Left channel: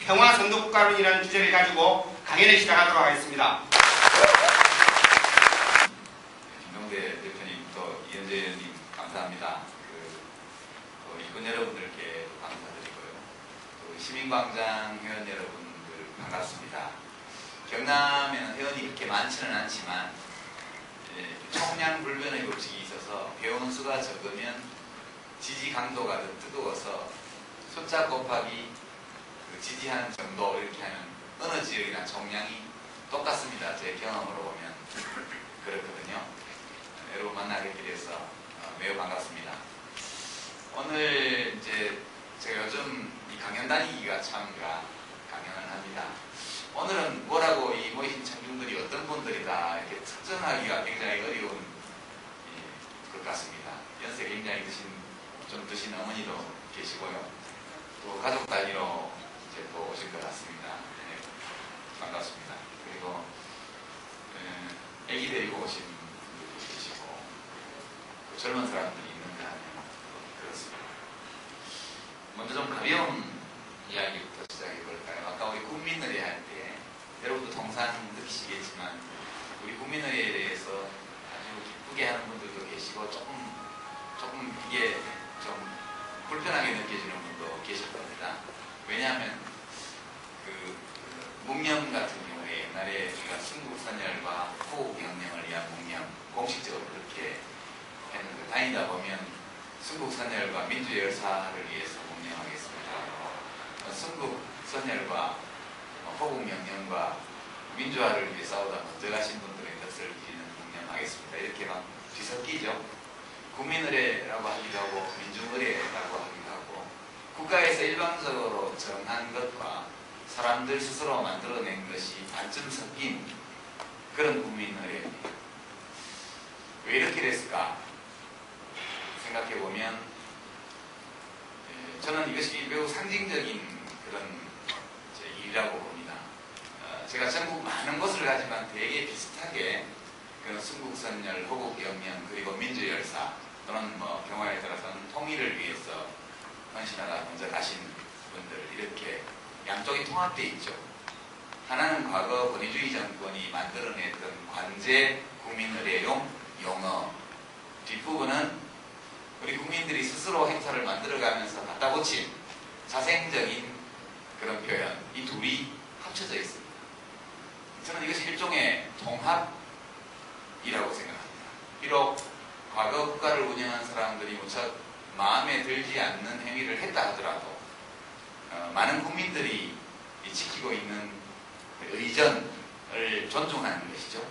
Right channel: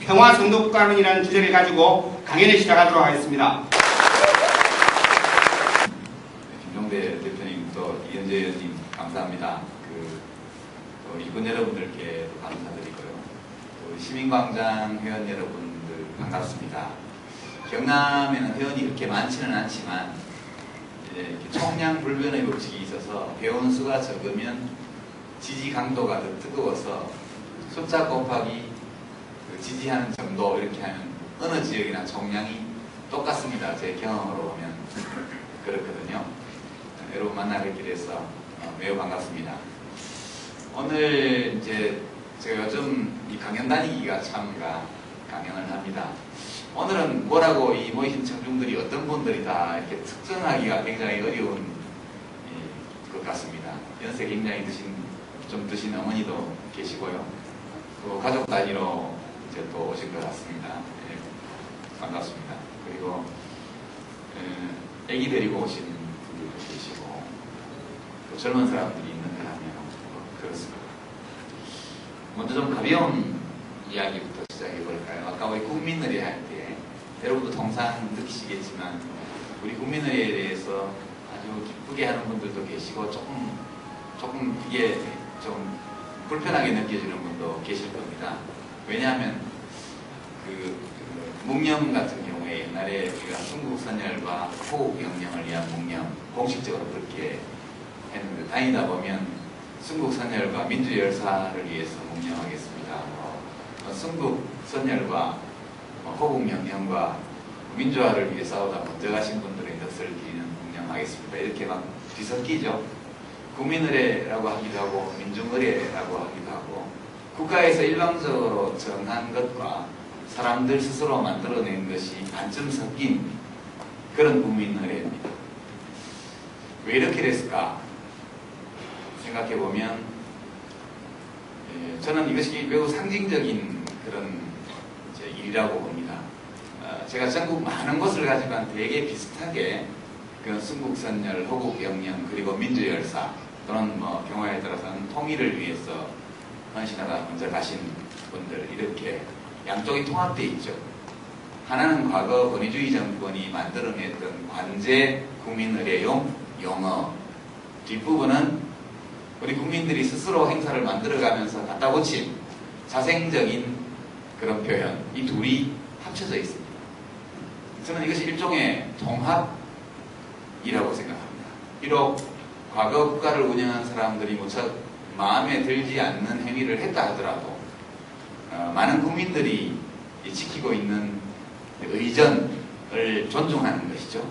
평화 선도국가론이라는 주제를 가지고 강연을 시작하도록 하겠습니다. 김종대 대표님 또 이현재 의원님 감사합니다. 일꾼 여러분들께 감사드리고요. 시민광장 회원 여러분들 반갑습니다. 경남에는 회원이 그렇게 많지는 않지만 총량불변의 법칙이 있어서 회원 수가 적으면 지지 강도가 더 뜨거워서 숫자 곱하기 지지하는 정도 이렇게 하면 어느 지역이나 총량이 똑같습니다. 제 경험으로 보면 그렇거든요. 여러분 만나뵙게 돼서 매우 반갑습니다. 오늘 이제 제가 요즘 이 강연 다니기가 참가 강연을 합니다. 오늘은 뭐라고 이 모이신 청중들이 어떤 분들이 다 이렇게 특정하기가 굉장히 어려운 것 같습니다. 연세 굉장히 좀 드신 어머니도 계시고요. 또 가족 단위로 이제 또 오신 것 같습니다. 네, 반갑습니다. 그리고 애기 데리고 오신 분들도 계시고 또 젊은 사람들이 있는 것 같네요. 그렇습니다. 먼저 좀 가벼운 이야기부터 시작해 볼까요? 아까 우리 국민의례 할 때 여러분도 통상 느끼시겠지만 우리 국민의례에 대해서 아주 기쁘게 하는 분들도 계시고 조금 이게 좀 불편하게 느껴지는 분도 계실 겁니다. 왜냐하면 묵념 같은 경우에 옛날에 우리가 순국선열과 호국영령을 위한 묵념 공식적으로 그렇게 했는데 다니다 보면 순국선열과 민주열사를 위해서 묵념하겠습니다. 순국선열과 호국명령과 민주화를 위해 싸우다 먼저 가신 분들의 넋을 기리는 묵념하겠습니다. 이렇게 막 뒤섞이죠. 국민의례라고 하기도 하고 민중의례라고 하기도 하고 국가에서 일방적으로 정한 것과 사람들 스스로 만들어낸 것이 반쯤 섞인 그런 국민의례입니다. 왜 이렇게 됐을까 생각해보면 저는 이것이 매우 상징적인 그런 일이라고 봅니다. 제가 전국 많은 곳을 가지만 되게 비슷하게 그 순국선열, 호국영령 그리고 민주열사 또는 뭐 경우에 들어서는 통일을 위해서 헌신하다 먼저 가신 분들 이렇게 양쪽이 통합되어 있죠. 하나는 과거 권위주의 정권이 만들어냈던 관제 국민의례용 용어, 뒷부분은 우리 국민들이 스스로 행사를 만들어가면서 갖다 붙인 자생적인 그런 표현, 이 둘이 합쳐져 있습니다. 저는 이것이 일종의 통합이라고 생각합니다. 비록 과거 국가를 운영한 사람들이 무척 마음에 들지 않는 행위를 했다 하더라도 많은 국민들이 지키고 있는 의전을 존중하는 것이죠.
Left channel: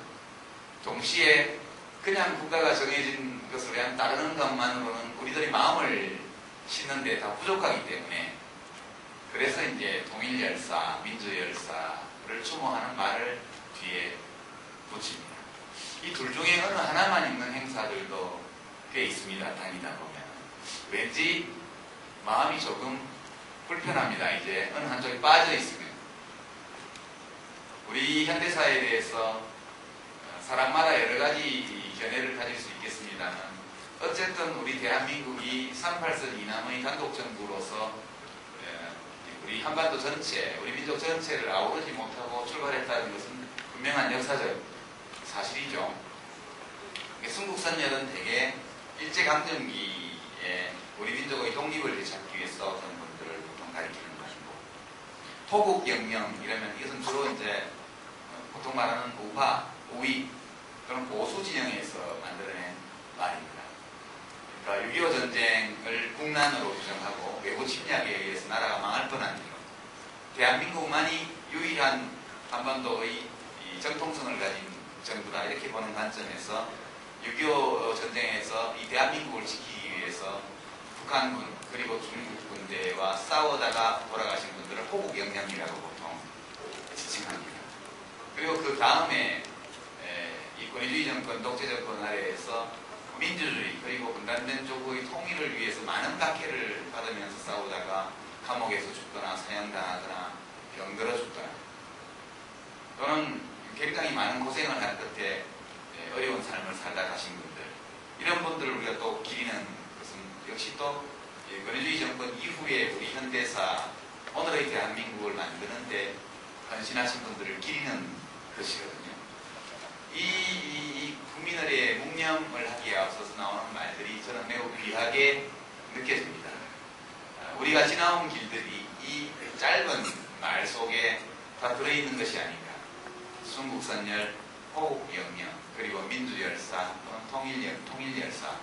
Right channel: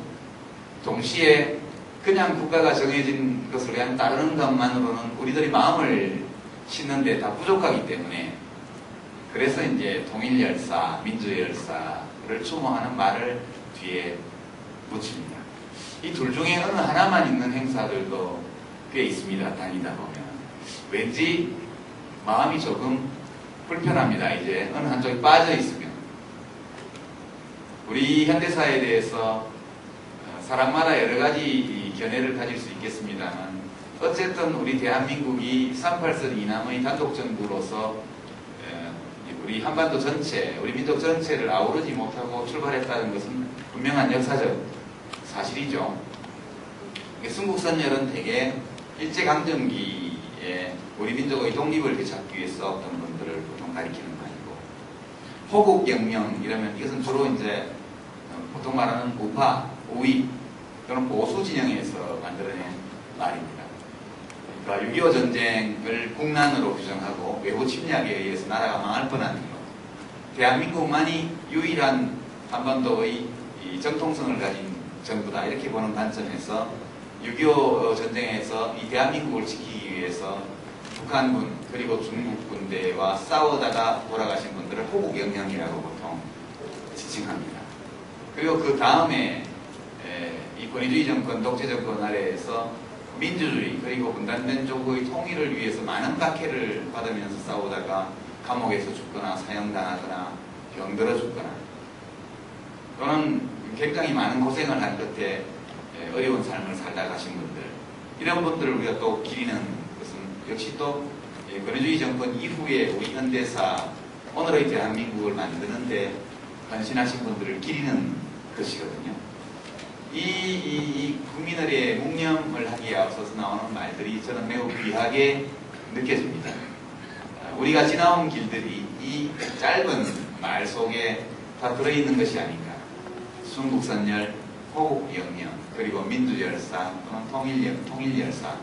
동시에 그냥 국가가 정해진 것을 그냥 따르는 것만으로는 우리들이 마음을 싣는데 다 부족하기 때문에 그래서 이제 통일열사, 민주열사를 추모하는 말을 뒤에 붙입니다. 이 둘 중에 어느 하나만 있는 행사들도 꽤 있습니다. 다니다 보면 왠지 마음이 조금 불편합니다. 이제 어느 한쪽에 빠져 있으면 우리 현대사에 대해서 사람마다 여러 가지 견해를 가질 수 있겠습니다만 어쨌든 우리 대한민국이 38선 이남의 단독정부로서 우리 한반도 전체, 우리 민족 전체를 아우르지 못하고 출발했다는 것은 분명한 역사적 사실이죠. 순국선열은 대개 일제강점기에 우리 민족의 독립을 되찾기 위해 싸웠던 분들을 보통 가리키는 말이고, 호국영령 이러면 이것은 주로 이제 보통 말하는 우파, 우위 또는 보수 진영에서 만들어낸 말입니다. 그러니까 6.25 전쟁을 국난으로 규정하고 외부 침략에 의해서 나라가 망할 뻔한 것, 대한민국만이 유일한 한반도의 이 정통성을 가진 정부다 이렇게 보는 관점에서 6.25 전쟁에서 이 대한민국을 지키기 위해서 북한군 그리고 중국 군대와 싸우다가 돌아가신 분들을 호국영령이라고 보통 지칭합니다. 그리고 그 다음에 이 권위주의 정권, 독재 정권 아래에서 민주주의 그리고 분단된 조국의 통일을 위해서 많은 박해를 받으면서 싸우다가 감옥에서 죽거나 사형당하거나 병들어 죽거나 또는 굉장히 많은 고생을 한 끝에 어려운 삶을 살다 가신 분들, 이런 분들을 우리가 또 기리는 것은 역시 또 권위주의 정권 이후에 우리 현대사 오늘의 대한민국을 만드는데 헌신하신 분들을 기리는 것이거든요. 이 국민의례 묵념을 하기에 앞서서 나오는 말들이 저는 매우 귀하게 느껴집니다. 우리가 지나온 길들이 이 짧은 말 속에 다 들어있는 것이 아닌가. 순국선열, 호국영령, 그리고 민주열상 또는 통일열상,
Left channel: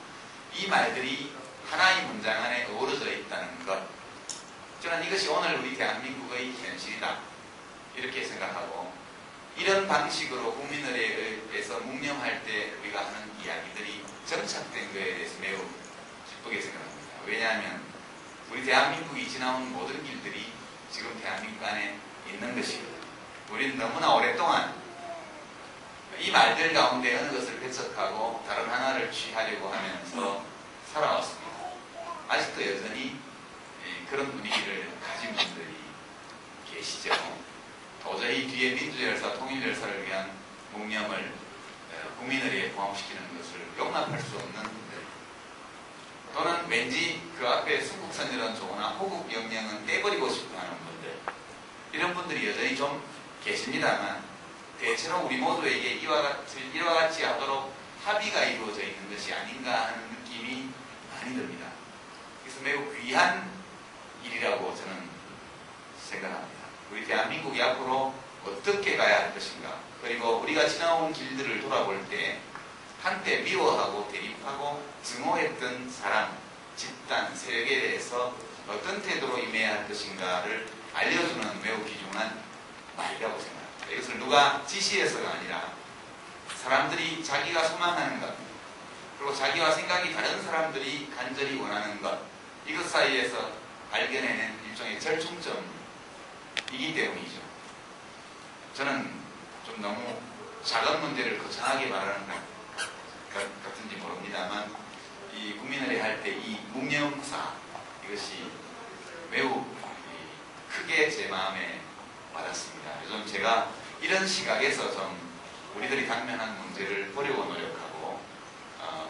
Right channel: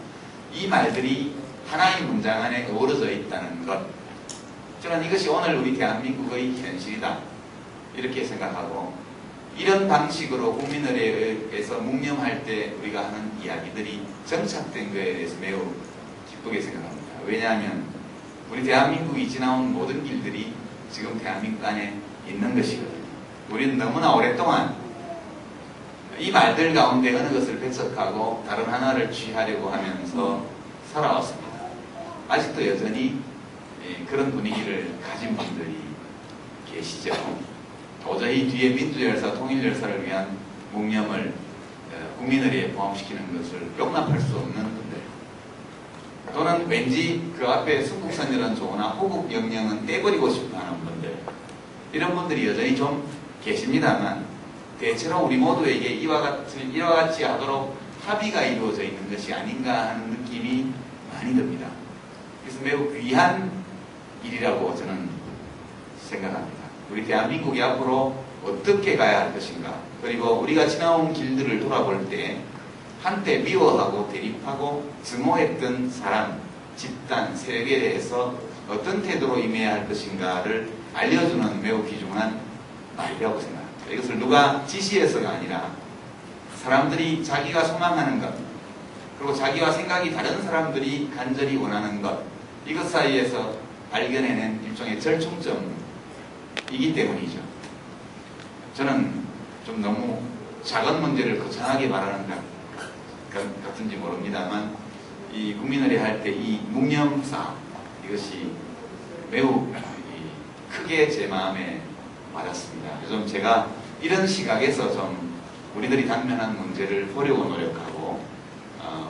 이 말들이 하나의 문장 안에 어우러져 있다는 것, 저는 이것이 오늘 우리 대한민국의 현실이다 이렇게 생각하고, 이런 방식으로 국민의례에서 묵념할 때 우리가 하는 이야기들이 정착된 것에 대해서 매우 기쁘게 생각합니다. 왜냐하면 우리 대한민국이 지나온 모든 길들이 지금 대한민국 안에 있는 것이거든요. 우리는 너무나 오랫동안 이 말들 가운데 어느 것을 배척하고 다른 하나를 취하려고 하면서 살아왔습니다. 아직도 여전히 그런 분위기를 가진 분들이 계시죠. 도저히 뒤에 민주열사, 통일열사를 위한 묵념을 국민의례에 포함시키는 것을 용납할 수 없는 분들, 또는 왠지 그 앞에 순국선열은 좋으나 호국영령은 떼버리고 싶어하는 분들, 이런 분들이 여전히 좀 계십니다만 대체로 우리 모두에게 이와 같이 하도록 합의가 이루어져 있는 것이 아닌가 하는 느낌이 많이 듭니다. 그래서 매우 귀한 일이라고 저는 생각합니다. 우리 대한민국이 앞으로 어떻게 가야 할 것인가, 그리고 우리가 지나온 길들을 돌아볼 때 한때 미워하고 대립하고 증오했던 사람, 집단, 세력에 대해서 어떤 태도로 임해야 할 것인가를 알려주는 매우 귀중한 말이라고 생각합니다. 이것을 누가 지시해서가 아니라 사람들이 자기가 소망하는 것, 그리고 자기와 생각이 다른 사람들이 간절히 원하는 것, 이것 사이에서 발견해낸 일종의 절충점이기 때문이죠. 저는 좀 너무 작은 문제를 거창하게 말하는 것 같은지 모릅니다만, 이 국민의례 할 때 이 묵념사, 이것이 매우 크게 제 마음에 와닿습니다. 요즘 제가 이런 시각에서 좀 우리들이 당면한 문제를 보려고 노력하고,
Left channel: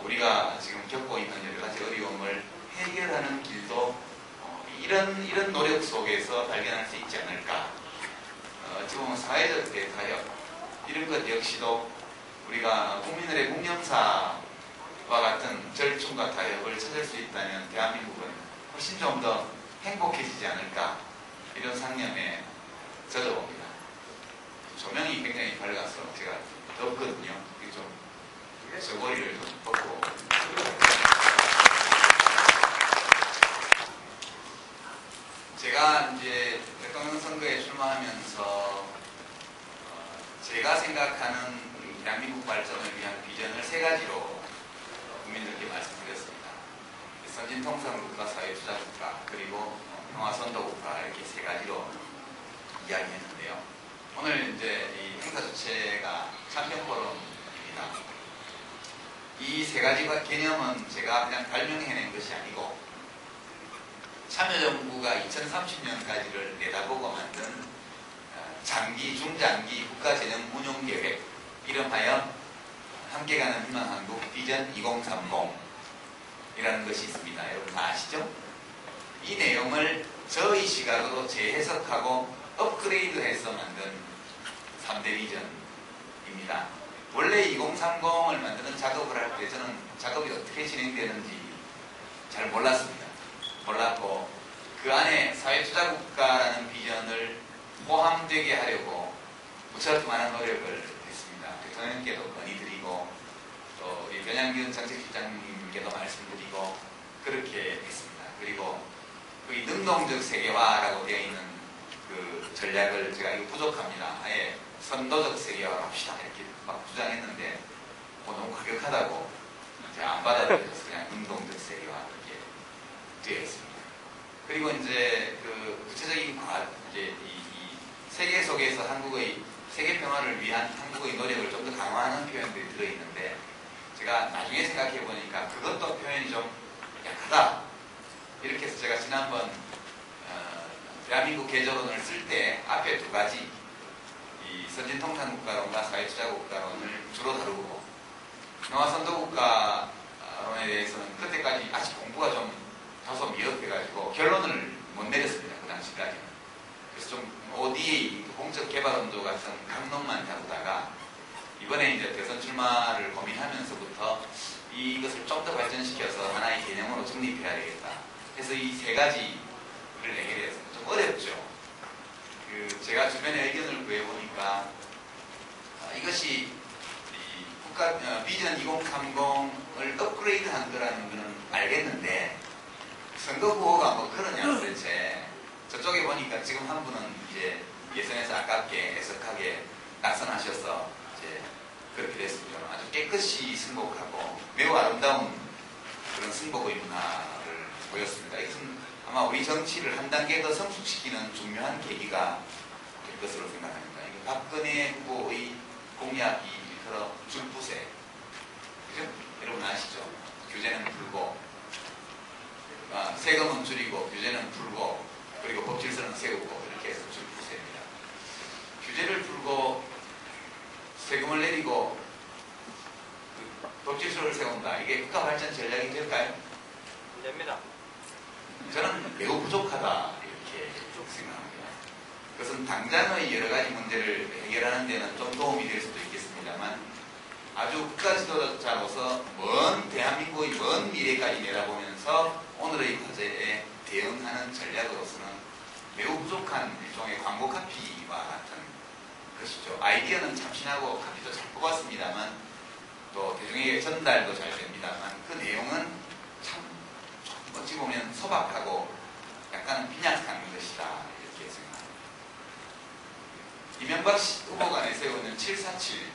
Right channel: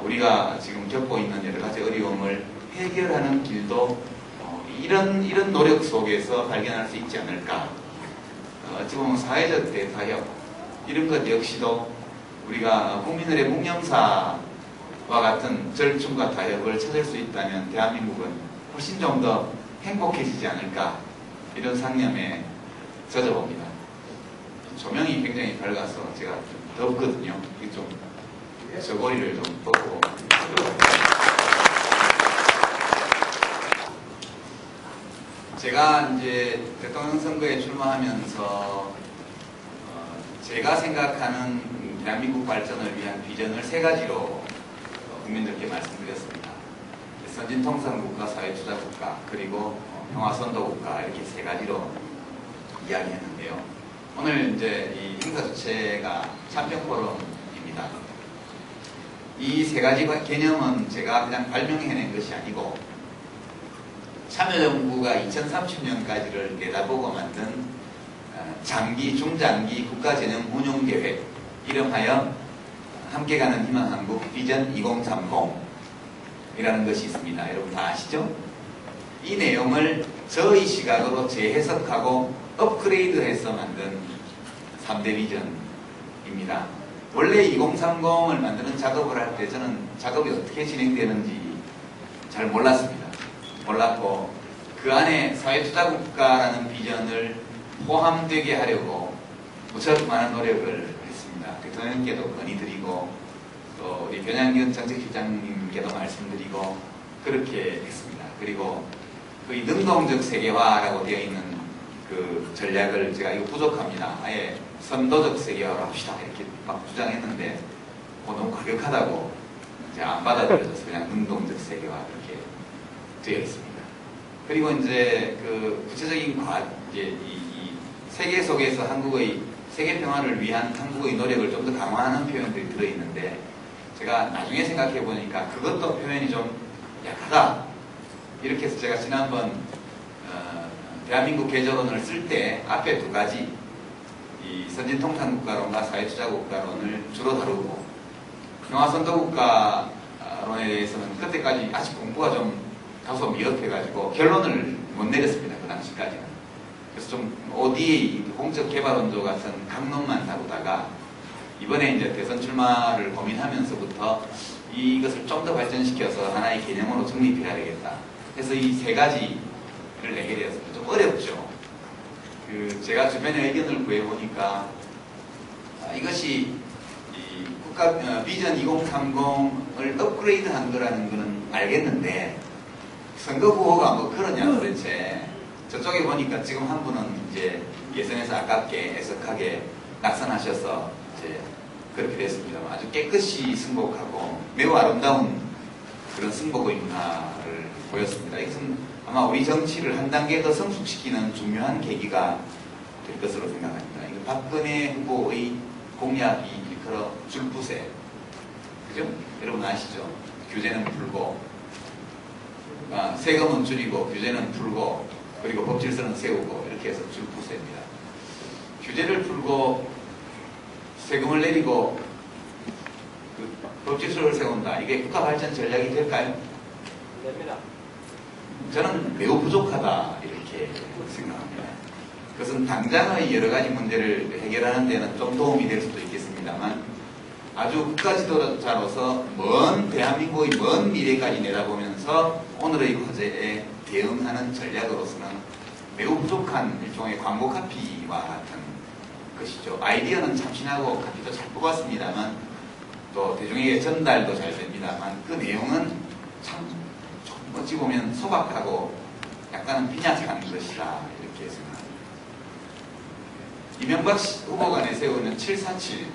우리가 지금 겪고 있는 여러 가지 어려움을 해결하는 길도 이런 노력 속에서 발견할 수 있지 않을까. 어찌 보면 사회적 대타협, 이런 것 역시도 우리가 국민의례 묵념사와 같은 절충과 타협을 찾을 수 있다면 대한민국은 훨씬 좀 더 행복해지지 않을까, 이런 상념에 젖어봅니다. 조명이 굉장히 밝아서 제가 좀 덥거든요. 좀 저고리를 좀 덮고. 제가 이제 대통령 선거에 출마하면서 제가 생각하는 대한민국 발전을 위한 비전을 세 가지로 국민들께 말씀드렸습니다. 선진통상국가, 사회주자국가, 그리고 평화선도국가, 이렇게 세 가지로 이야기했는데요. 오늘 이제 이 행사 주체가 참여포럼입니다. 이 세 가지 개념은 제가 그냥 발명해낸 것이 아니고 참여정부가 2030년까지를 내다보고 만든 장기, 중장기 국가전형 운용계획, 이름하여 함께 가는 희망 한국 비전 2030이라는 것이 있습니다. 여러분 다 아시죠? 이 내용을 저의 시각으로 재해석하고 업그레이드해서 만든 3대 비전입니다. 원래 2030을 만드는 작업을 할 때 저는 작업이 어떻게 진행되는지 잘 몰랐고 그 안에 사회투자국가라는 비전을 포함되게 하려고 무척 많은 노력을 했습니다. 대통령께도 건의드리고 또 우리 변양기은 정책실장님께도 말씀드리고 그렇게 했습니다. 그리고 거의 능동적 세계화라고 되어 있는 그 전략을 제가 이거 부족합니다. 아예 선도적 세계화로 합시다 이렇게 막 주장했는데 너무 과격하다고 제가 안 받아들여서 그냥 능동적 세계화 이렇게 되어 있습니다. 그리고 이제 그 구체적인 이제 이 세계 속에서 한국의 세계 평화를 위한 한국의 노력을 좀 더 강화하는 표현들이 들어있는데 제가 나중에 생각해 보니까 그것도 표현이 좀 약하다. 이렇게 해서 제가 지난번 대한민국 개조론을 쓸 때 앞에 두 가지 이 선진통상국가론과 사회투자국가론을 주로 다루고 평화선도국가론에 대해서는 그때까지 아직 공부가 좀 다소 미흡해가지고 결론을 못 내렸습니다. 그 당시까지는. 그래서 좀 ODA, 공적 개발 원조 같은 강론만 다루다가 이번에 이제 대선 출마를 고민하면서부터 이것을 좀 더 발전시켜서 하나의 개념으로 정립해야 되겠다. 그래서 이 세 가지를 내게 되었습니다. 좀 어렵죠. 제가 주변에 의견을 구해보니까 이것이 이 국가 비전 2030을 업그레이드한 거라는 거는 알겠는데 선거 구호가 뭐 그러냐 도대체. 저쪽에 보니까 지금 한 분은 이제 예선에서 아깝게 애석하게 낙선하셔서 이제 그렇게 됐습니다. 아주 깨끗이 승복하고 매우 아름다운 그런 승복의 문화를 보였습니다. 이것은 아마 우리 정치를 한 단계 더 성숙시키는 중요한 계기가 될 것으로 생각합니다. 박근혜 후보의 공약이 일컬어 줄부세. 그죠? 여러분 아시죠? 규제는 풀고, 세금은 줄이고, 규제는 풀고, 그리고 법질서는 세우고, 이렇게 해서 줄부세입니다. 규제를 풀고, 세금을 내리고, 법질서를 세운다. 이게 국가 발전 전략이 될까요? 됩니다. 저는 매우 부족하다. 이렇게 생각합니다. 그것은 당장의 여러 가지 문제를 해결하는 데는 좀 도움이 될 수도 있겠습니다만 아주 국가 지도자로서 먼 대한민국의 먼 미래까지 내다보면서 오늘의 과제에 대응하는 전략으로서는 매우 부족한 일종의 광고 카피와 같은 것이죠. 아이디어는 참신하고 카피도 잘 뽑았습니다만 또 대중에게 전달도 잘 됩니다만 그 내용은 참 어찌 보면 소박하고 약간 빈약한 것이다. 이렇게 생각합니다. 이명박 후보가 내세우는 747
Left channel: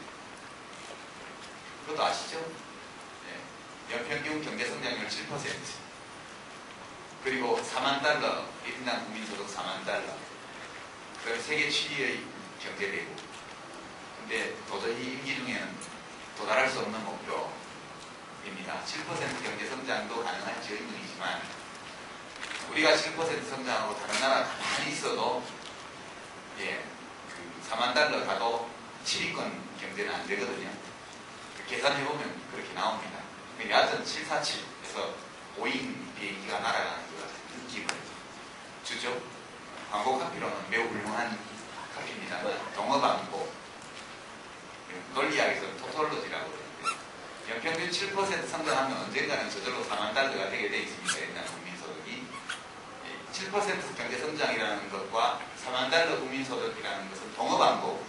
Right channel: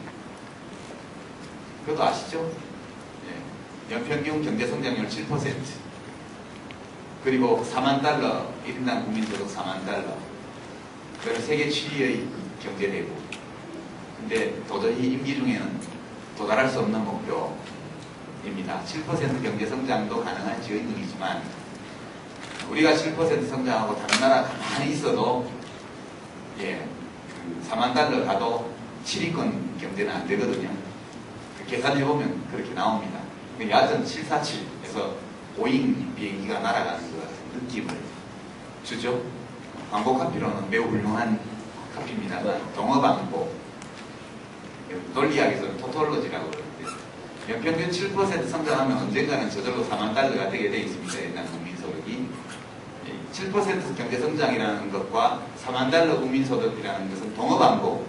그것도 아시죠? 예. 연평균 경제성장률 7% 그리고 4만 달러 1인당 국민소득 4만 달러 그리고 세계 7위의 경제대국 근데 도저히 임기 중에는 도달할 수 없는 목표입니다. 7% 경제성장도 가능한 지원이지만 우리가 7% 성장하고 다른 나라 가만히 있어도 예, 4만 달러 가도 7위권 경제는 안 되거든요. 계산해보면 그렇게 나옵니다. 야전 747에서 보잉 비행기가 날아가는 것 같은 느낌을 주죠. 광고 카피로는 매우 훌륭한 카피입니다만 동어방고 논리학에서는 토톨로지라고 그러는데 연평균 7% 성장하면 언젠가는 저절로 4만 달러가 되게 되어 있습니다. 옛날 국민소득이 7% 경제성장이라는 것과 4만 달러 국민소득이라는 것은 동어반복입니다.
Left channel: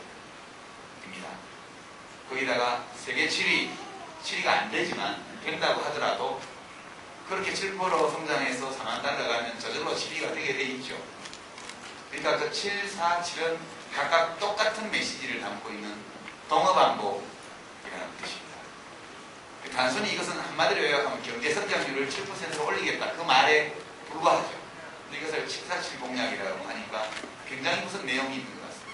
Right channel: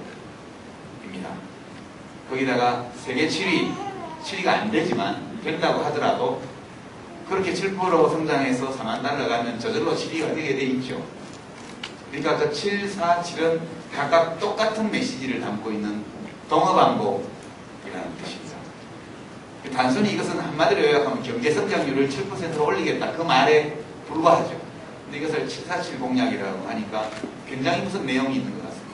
거기다가 세계 7위가 안 되지만 된다고 하더라도 그렇게 7% 성장해서 4만 달러 가면 저절로 7위가 되게 돼 있죠. 그러니까 그 7, 4, 7은 각각 똑같은 메시지를 담고 있는 동어반복이라는 뜻입니다. 단순히 이것은 한마디로 요약하면 경제성장률을 7%로 올리겠다 그 말에 불과하죠. 근데 이것을 747 공약이라고 하니까 굉장히 무슨 내용이 있는 것 같습니다.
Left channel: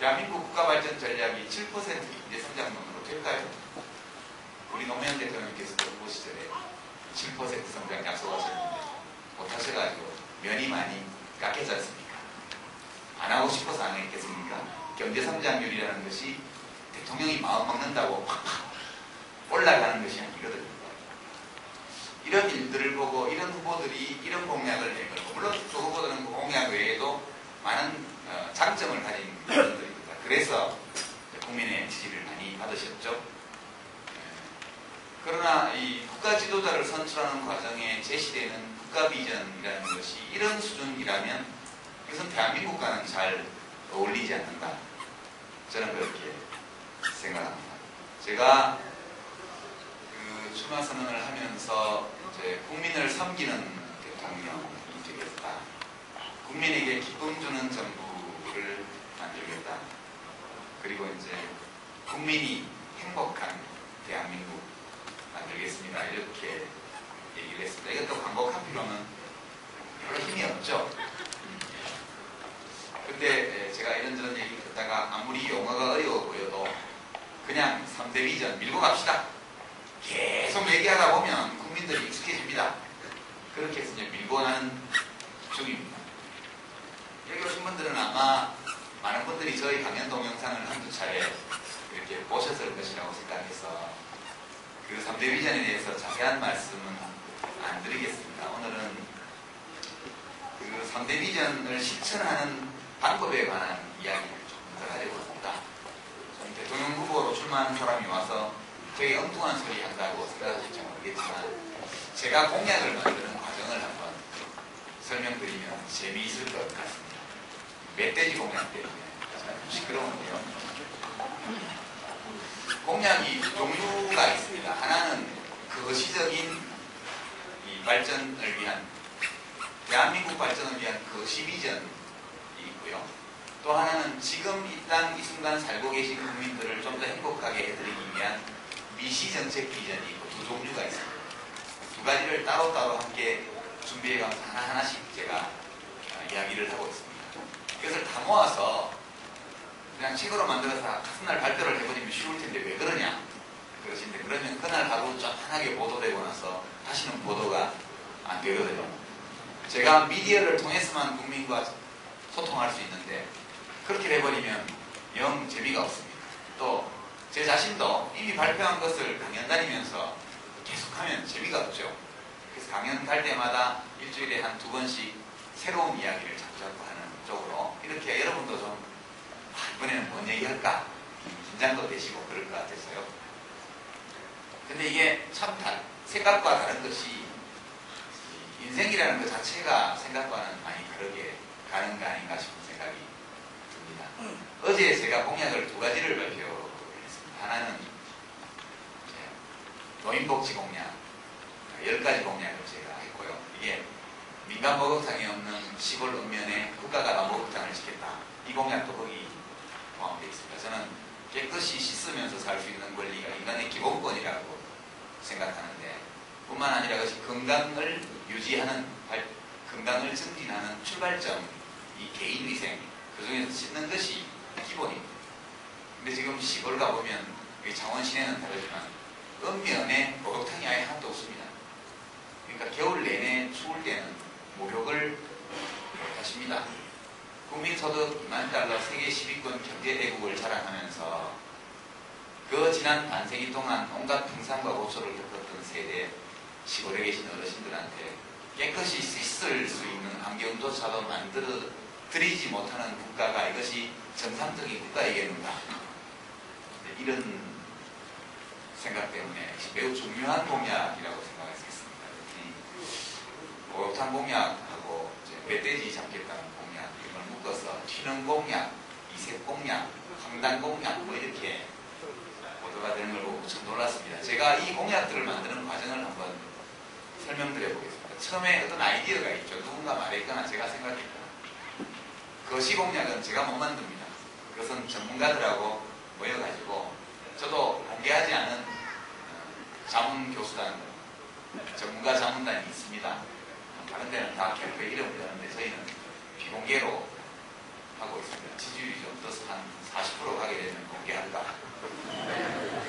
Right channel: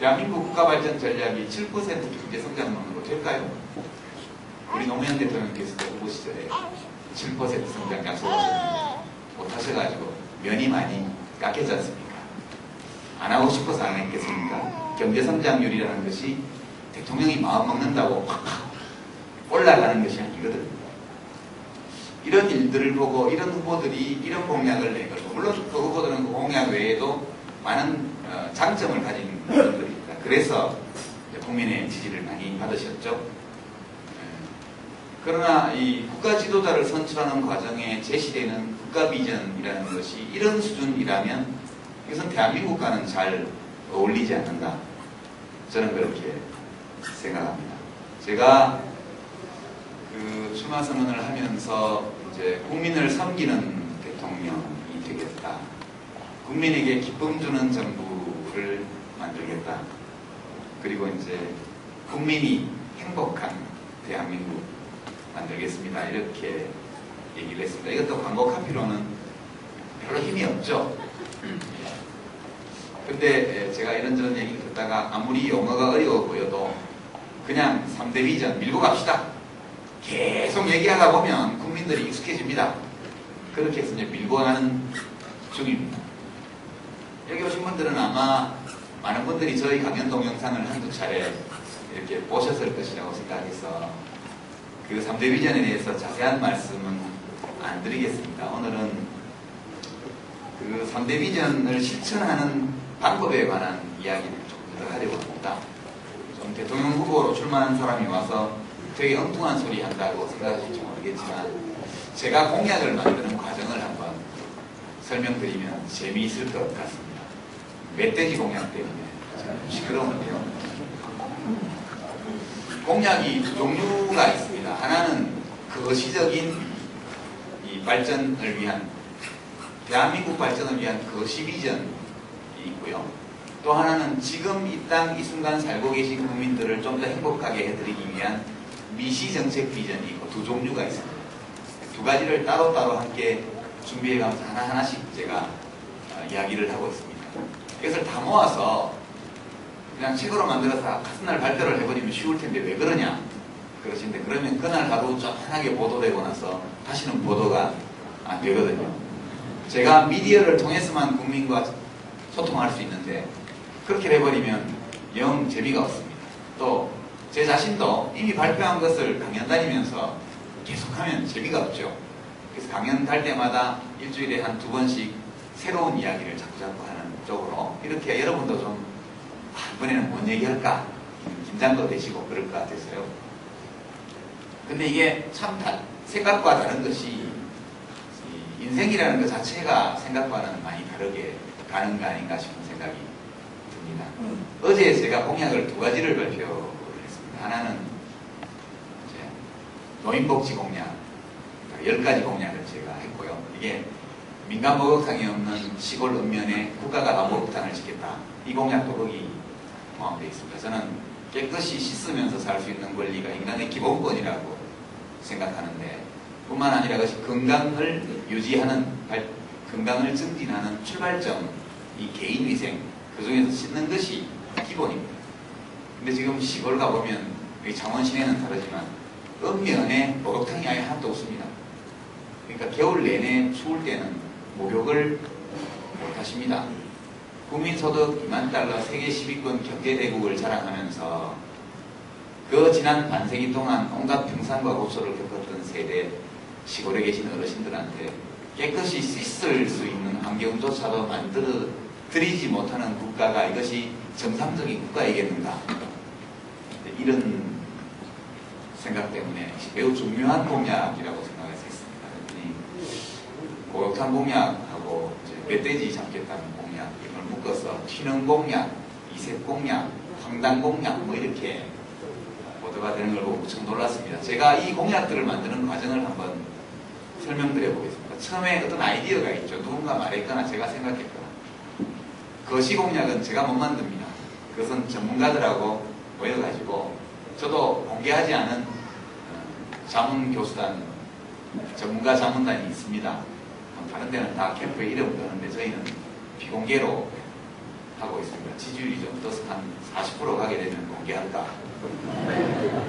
대한민국 국가발전 전략이 7% 경제성장만으로 될까요? 우리 노무현 대통령께서도 후보 시절에 7% 성장 약속하셨는데 못하셔가지고 면이 많이 깎였지 않습니까? 안 하고 싶어서 안 했겠습니까? 경제성장률이라는 것이 대통령이 마음 먹는다고 팍팍 올라가는 것이 아니거든요. 이런 일들을 보고 이런 후보들이 이런 공약을 내고 물론 그 후보들은 그 공약 외에도 많은 장점을 가진 분들입니다. 그래서 국민의 지지를 많이 받으셨죠. 그러나 이 국가 지도자를 선출하는 과정에 제시되는 국가 비전이라는 것이 이런 수준이라면 이것은 대한민국과는 잘 어울리지 않는다. 저는 그렇게 생각합니다. 제가 출마 선언을 하면서 이제 국민을 섬기는 대통령이 되겠다. 국민에게 기쁨 주는 정부를 만들겠다. 그리고 이제 국민이 행복한 대한민국 만들겠습니다. 이렇게 얘기를 했습니다. 이것도 광고 카피로는 별로 힘이 없죠. 근데 제가 이런저런 얘기 듣다가 아무리 용어가 어려워 보여도 그냥 3대 비전 밀고 갑시다. 계속 얘기하다 보면 국민들이 익숙해집니다. 그렇게 해서 이제 밀고 가는 중입니다. 여기 오신 분들은 아마 많은 분들이 저희 강연 동영상을 한두 차례 이렇게 보셨을 것이라고 생각해서 그 3대 비전에 대해서 자세한 말씀은 안 드리겠습니다. 오늘은 그 3대 비전을 실천하는 방법에 관한 이야기를 좀 더 하려고 합니다. 좀 대통령 후보로 출마하는 사람이 와서 되게 엉뚱한 소리 한다고 생각하실지 모르겠지만 제가 공약을 만드는 과정을 한번 설명드리면 재미있을 것 같습니다. 멧돼지 공약 때문에 시끄러운데요. 공약이 두 종류가 있습니다. 하나는 거시적인 이 발전을 위한 대한민국 발전을 위한 거시 비전이 있고요. 또 하나는 지금 이 땅 이 순간 살고 계신 국민들을 좀 더 행복하게 해드리기 위한 미시 정책 비전이 있고 두 종류가 있습니다. 두 가지를 따로따로 함께 준비해가면서 하나하나씩 제가 이야기를 하고 있습니다. 이것을 다 모아서 그냥 책으로 만들어서 같은 발표를 해버리면 쉬울 텐데 왜 그러냐 그러신데 그러면 그날 하루 쫙하게 보도되고 나서 다시는 보도가 안 되거든요. 제가 미디어를 통해서만 국민과 소통할 수 있는데 그렇게 해버리면 영 재미가 없습니다. 또 제 자신도 이미 발표한 것을 강연 다니면서 계속하면 재미가 없죠. 그래서 강연 갈 때마다 일주일에 한 2번씩 새로운 이야기를 자꾸 하는 쪽으로 이렇게 여러분도 좀 이번에는 뭔 얘기할까 긴장도 되시고 그럴 것 같아서요. 근데 이게 참 생각과 다른 것이 인생이라는 것 자체가 생각과는 많이 다르게 가는 거 아닌가 싶은 생각이 듭니다. 어제 제가 공약을 2가지를 발표를 했습니다. 하나는 노인복지 공약 10가지 공약을 제가 했고요. 이게 민간 목욕탕이 없는 시골 읍면에 국가가 다 목욕탕을 짓겠다. 이 공약도 거기 포함되어 있습니다. 저는 깨끗이 씻으면서 살 수 있는 권리가 인간의 기본권이라고 생각하는데 뿐만 아니라 그것이 건강을 유지하는, 건강을 증진하는 출발점, 이 개인위생, 그 중에서 씻는 것이 기본입니다. 근데 지금 시골 가보면, 창원 시내는 다르지만, 읍면에 목욕탕이 아예 하나도 없습니다. 그러니까 겨울 내내 추울 때는 목욕을 못하십니다. 국민소득 2만 달러 세계 10위권 경제대국을 자랑하면서 그 지난 반세기 동안 온갖 평산과 고초를 겪었던 세대, 시골에 계신 어르신들한테 깨끗이 씻을 수 있는 환경조차도 만들어 드리지 못하는 국가가 이것이 정상적인 국가이겠는가. 이런 생각 때문에 매우 중요한 공약이라고 생각해서 했습니다. 목욕탕 공약하고 멧돼지 잡겠다는 공약, 이걸 묶어서 튀는 공약, 이색 공약, 황당 공약 뭐 이렇게 보도가 되는 걸 보고 참 놀랐습니다. 제가 이 공약들을 만드는 과정을 한번 설명드려 보겠습니다. 처음에 어떤 아이디어가 있죠. 누군가 말했거나 제가 생각했거나. 거시 공약은 제가 못 만듭니다. 그것은 전문가들하고 모여가지고 저도 공개하지 않은 자문교수단, 전문가 자문단이 있습니다. 다른 데는 다 캠프에 이름을 넣는데 저희는 비공개로 하고 있습니다. 지지율이 좀 떠서 한 40% 가게 되면 공개할까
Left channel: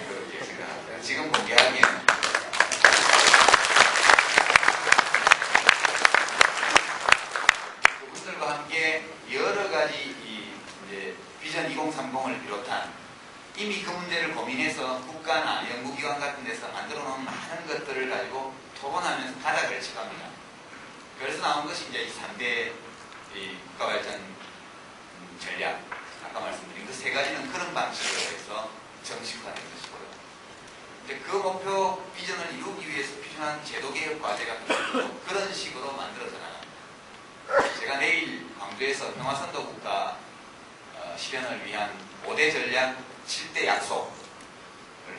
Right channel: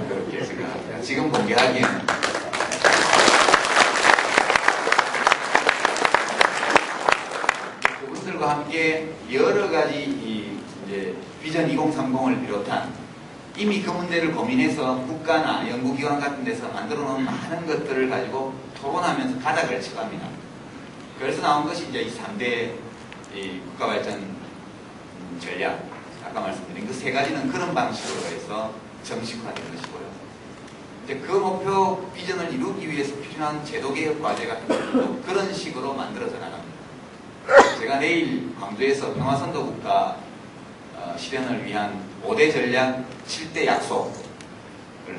그렇게 생각합니다. 지금 공개하기에는 그분들과 함께 여러 가지 이제 비전 2030을 비롯한 이미 그 문제를 고민해서 국가나 연구기관 같은 데서 만들어 놓은 많은 것들을 가지고 토론하면서 가닥을 쳐갑니다. 그래서 나온 것이 이제 이 3대 국가발전 전략, 아까 말씀드린 그 3가지는 그런 방식으로 해서 정식화된 것이고요. 근데 그 목표 비전을 이루기 위해서 필요한 제도개혁 과제 같은 것도 그런 식으로 만들어져 나갑니다. 제가 내일 광주에서 평화선도 국가 실현을 위한 5대 전략 7대 약속을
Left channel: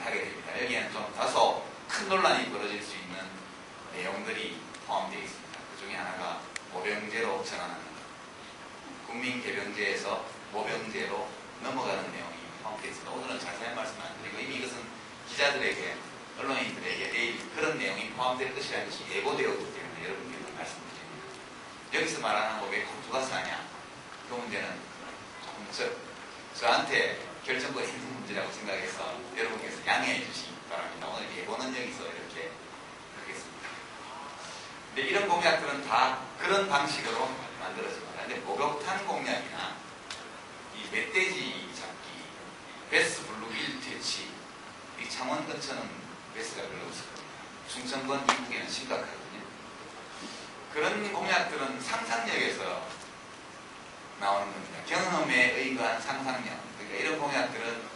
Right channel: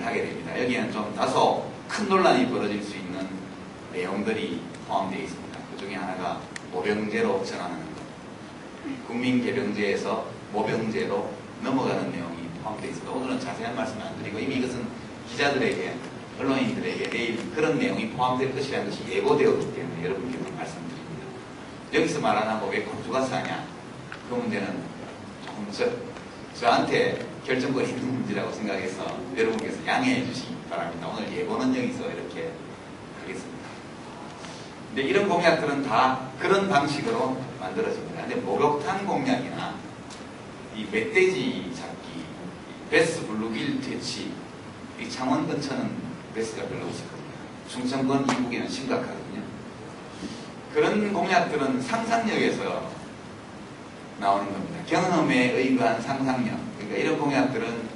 하게 됩니다. 여기에는 좀 다소 큰 논란이 벌어질 수 있는 내용들이 포함되어 있습니다. 그 중에 하나가 모병제로 전환하는 것. 국민개병제에서 모병제로 넘어가는 내용이 포함되어 있습니다. 오늘은 자세한 말씀 안 드리고 이미 이것은 기자들에게, 언론인들에게 내일 그런 내용이 포함될 것이라는 것이 예고되었기 때문에 여러분께 말씀드립니다. 여기서 말하는 왜 광주가 사냐? 그 문제는 조금 저한테 결정권이 있는 문제라고 생각해서 여러분께서 양해해 주시기 바랍니다. 오늘 예고는 여기서 이렇게 하겠습니다. 근데 이런 공약들은 다 그런 방식으로 만들어집니다. 근데 목욕탕 공약이나 이 멧돼지 잡기, 베스 블루길 퇴치, 이 창원 근처는 베스가 별로 없을 겁니다. 충청권 이북에는 심각하거든요. 그런 공약들은 상상력에서 나오는 겁니다. 경험에 의거한 상상력. 그러니까 이런 공약들은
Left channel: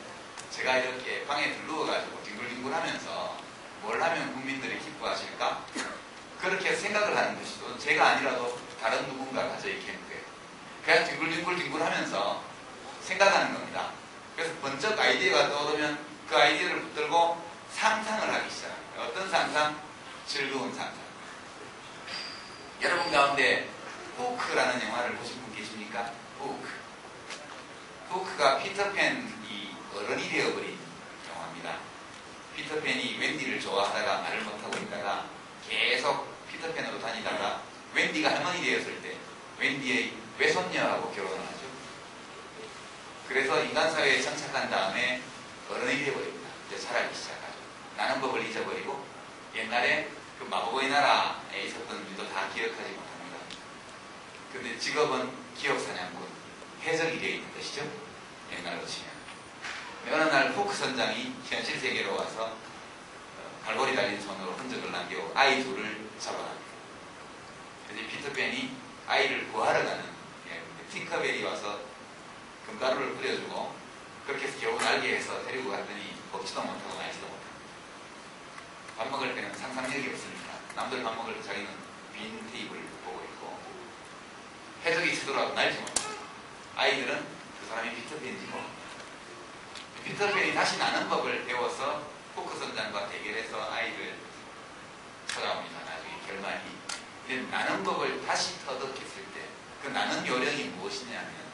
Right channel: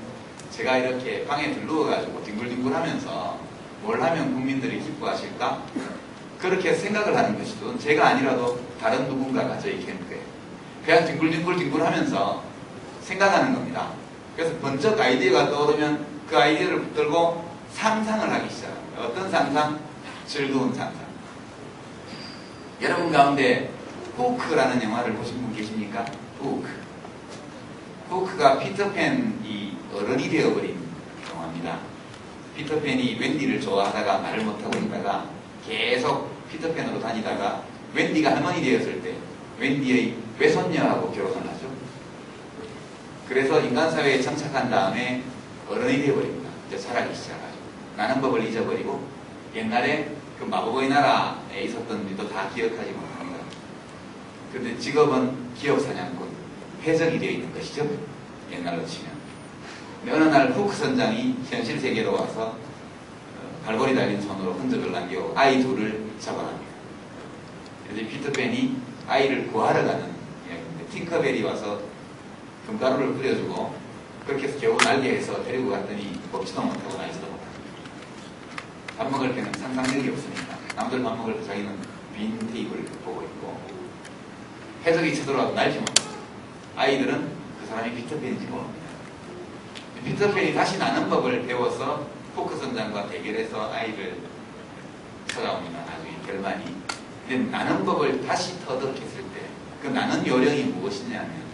제가 이렇게 방에 들누워가지고 뒹굴뒹굴하면서 뭘 하면 국민들이 기뻐하실까? 그렇게 생각을 하는 것이죠. 제가 아니라도 다른 누군가가 저희 캠프에 그냥 뒹굴뒹굴하면서 생각하는 겁니다. 그래서 번쩍 아이디어가 떠오르면 그 아이디어를 붙들고 상상을 하기 시작합니다. 어떤 상상? 즐거운 상상. 여러분 가운데 후크라는 영화를 보신 분 계십니까? 후크가 피터팬이 어른이 되어버린 영화입니다. 피터팬이 웬디를 좋아하다가 말을 못하고 있다가 계속 피터팬으로 다니다가 웬디가 할머니 되었을 때 웬디의 외손녀하고 결혼을 하죠. 그래서 인간사회에 정착한 다음에 어른이 되어버립니다. 이제 살아가기 시작하죠. 나는 법을 잊어버리고 옛날에 그 마법의 나라에 있었던 일도 다 기억하지 못합니다. 그런데 직업은 기업사냥꾼, 해적이 되어 있는 것이죠. 옛날로 치면. 어느 날 후크 선장이 현실 세계로 와서 갈고리 달린 손으로 흔적을 남기고 아이 둘을 잡아갑니다. 이제 피터팬이 아이를 구하러 가는 팅커벨이 와서 금가루를 뿌려주고 그렇게 해서 겨우 날개에서 데리고 갔더니 먹지도 못하고 말지도 못합니다. 밥 먹을 때는 상상력이 없으니까 남들 밥 먹을 때 자기는 빈 테이블을 보고 있고 해적이 쳐들어와도 날지 못합니다. 아이들은 그 사람이 피터팬인지 모릅니다. 피터팬이 다시 나는 법을 배워서 후크 선장과 대결해서 아이를 찾아옵니다. 나중에 결말이. 근데 나는 법을 다시 터득했을 때 그 나는 요령이 무엇이냐면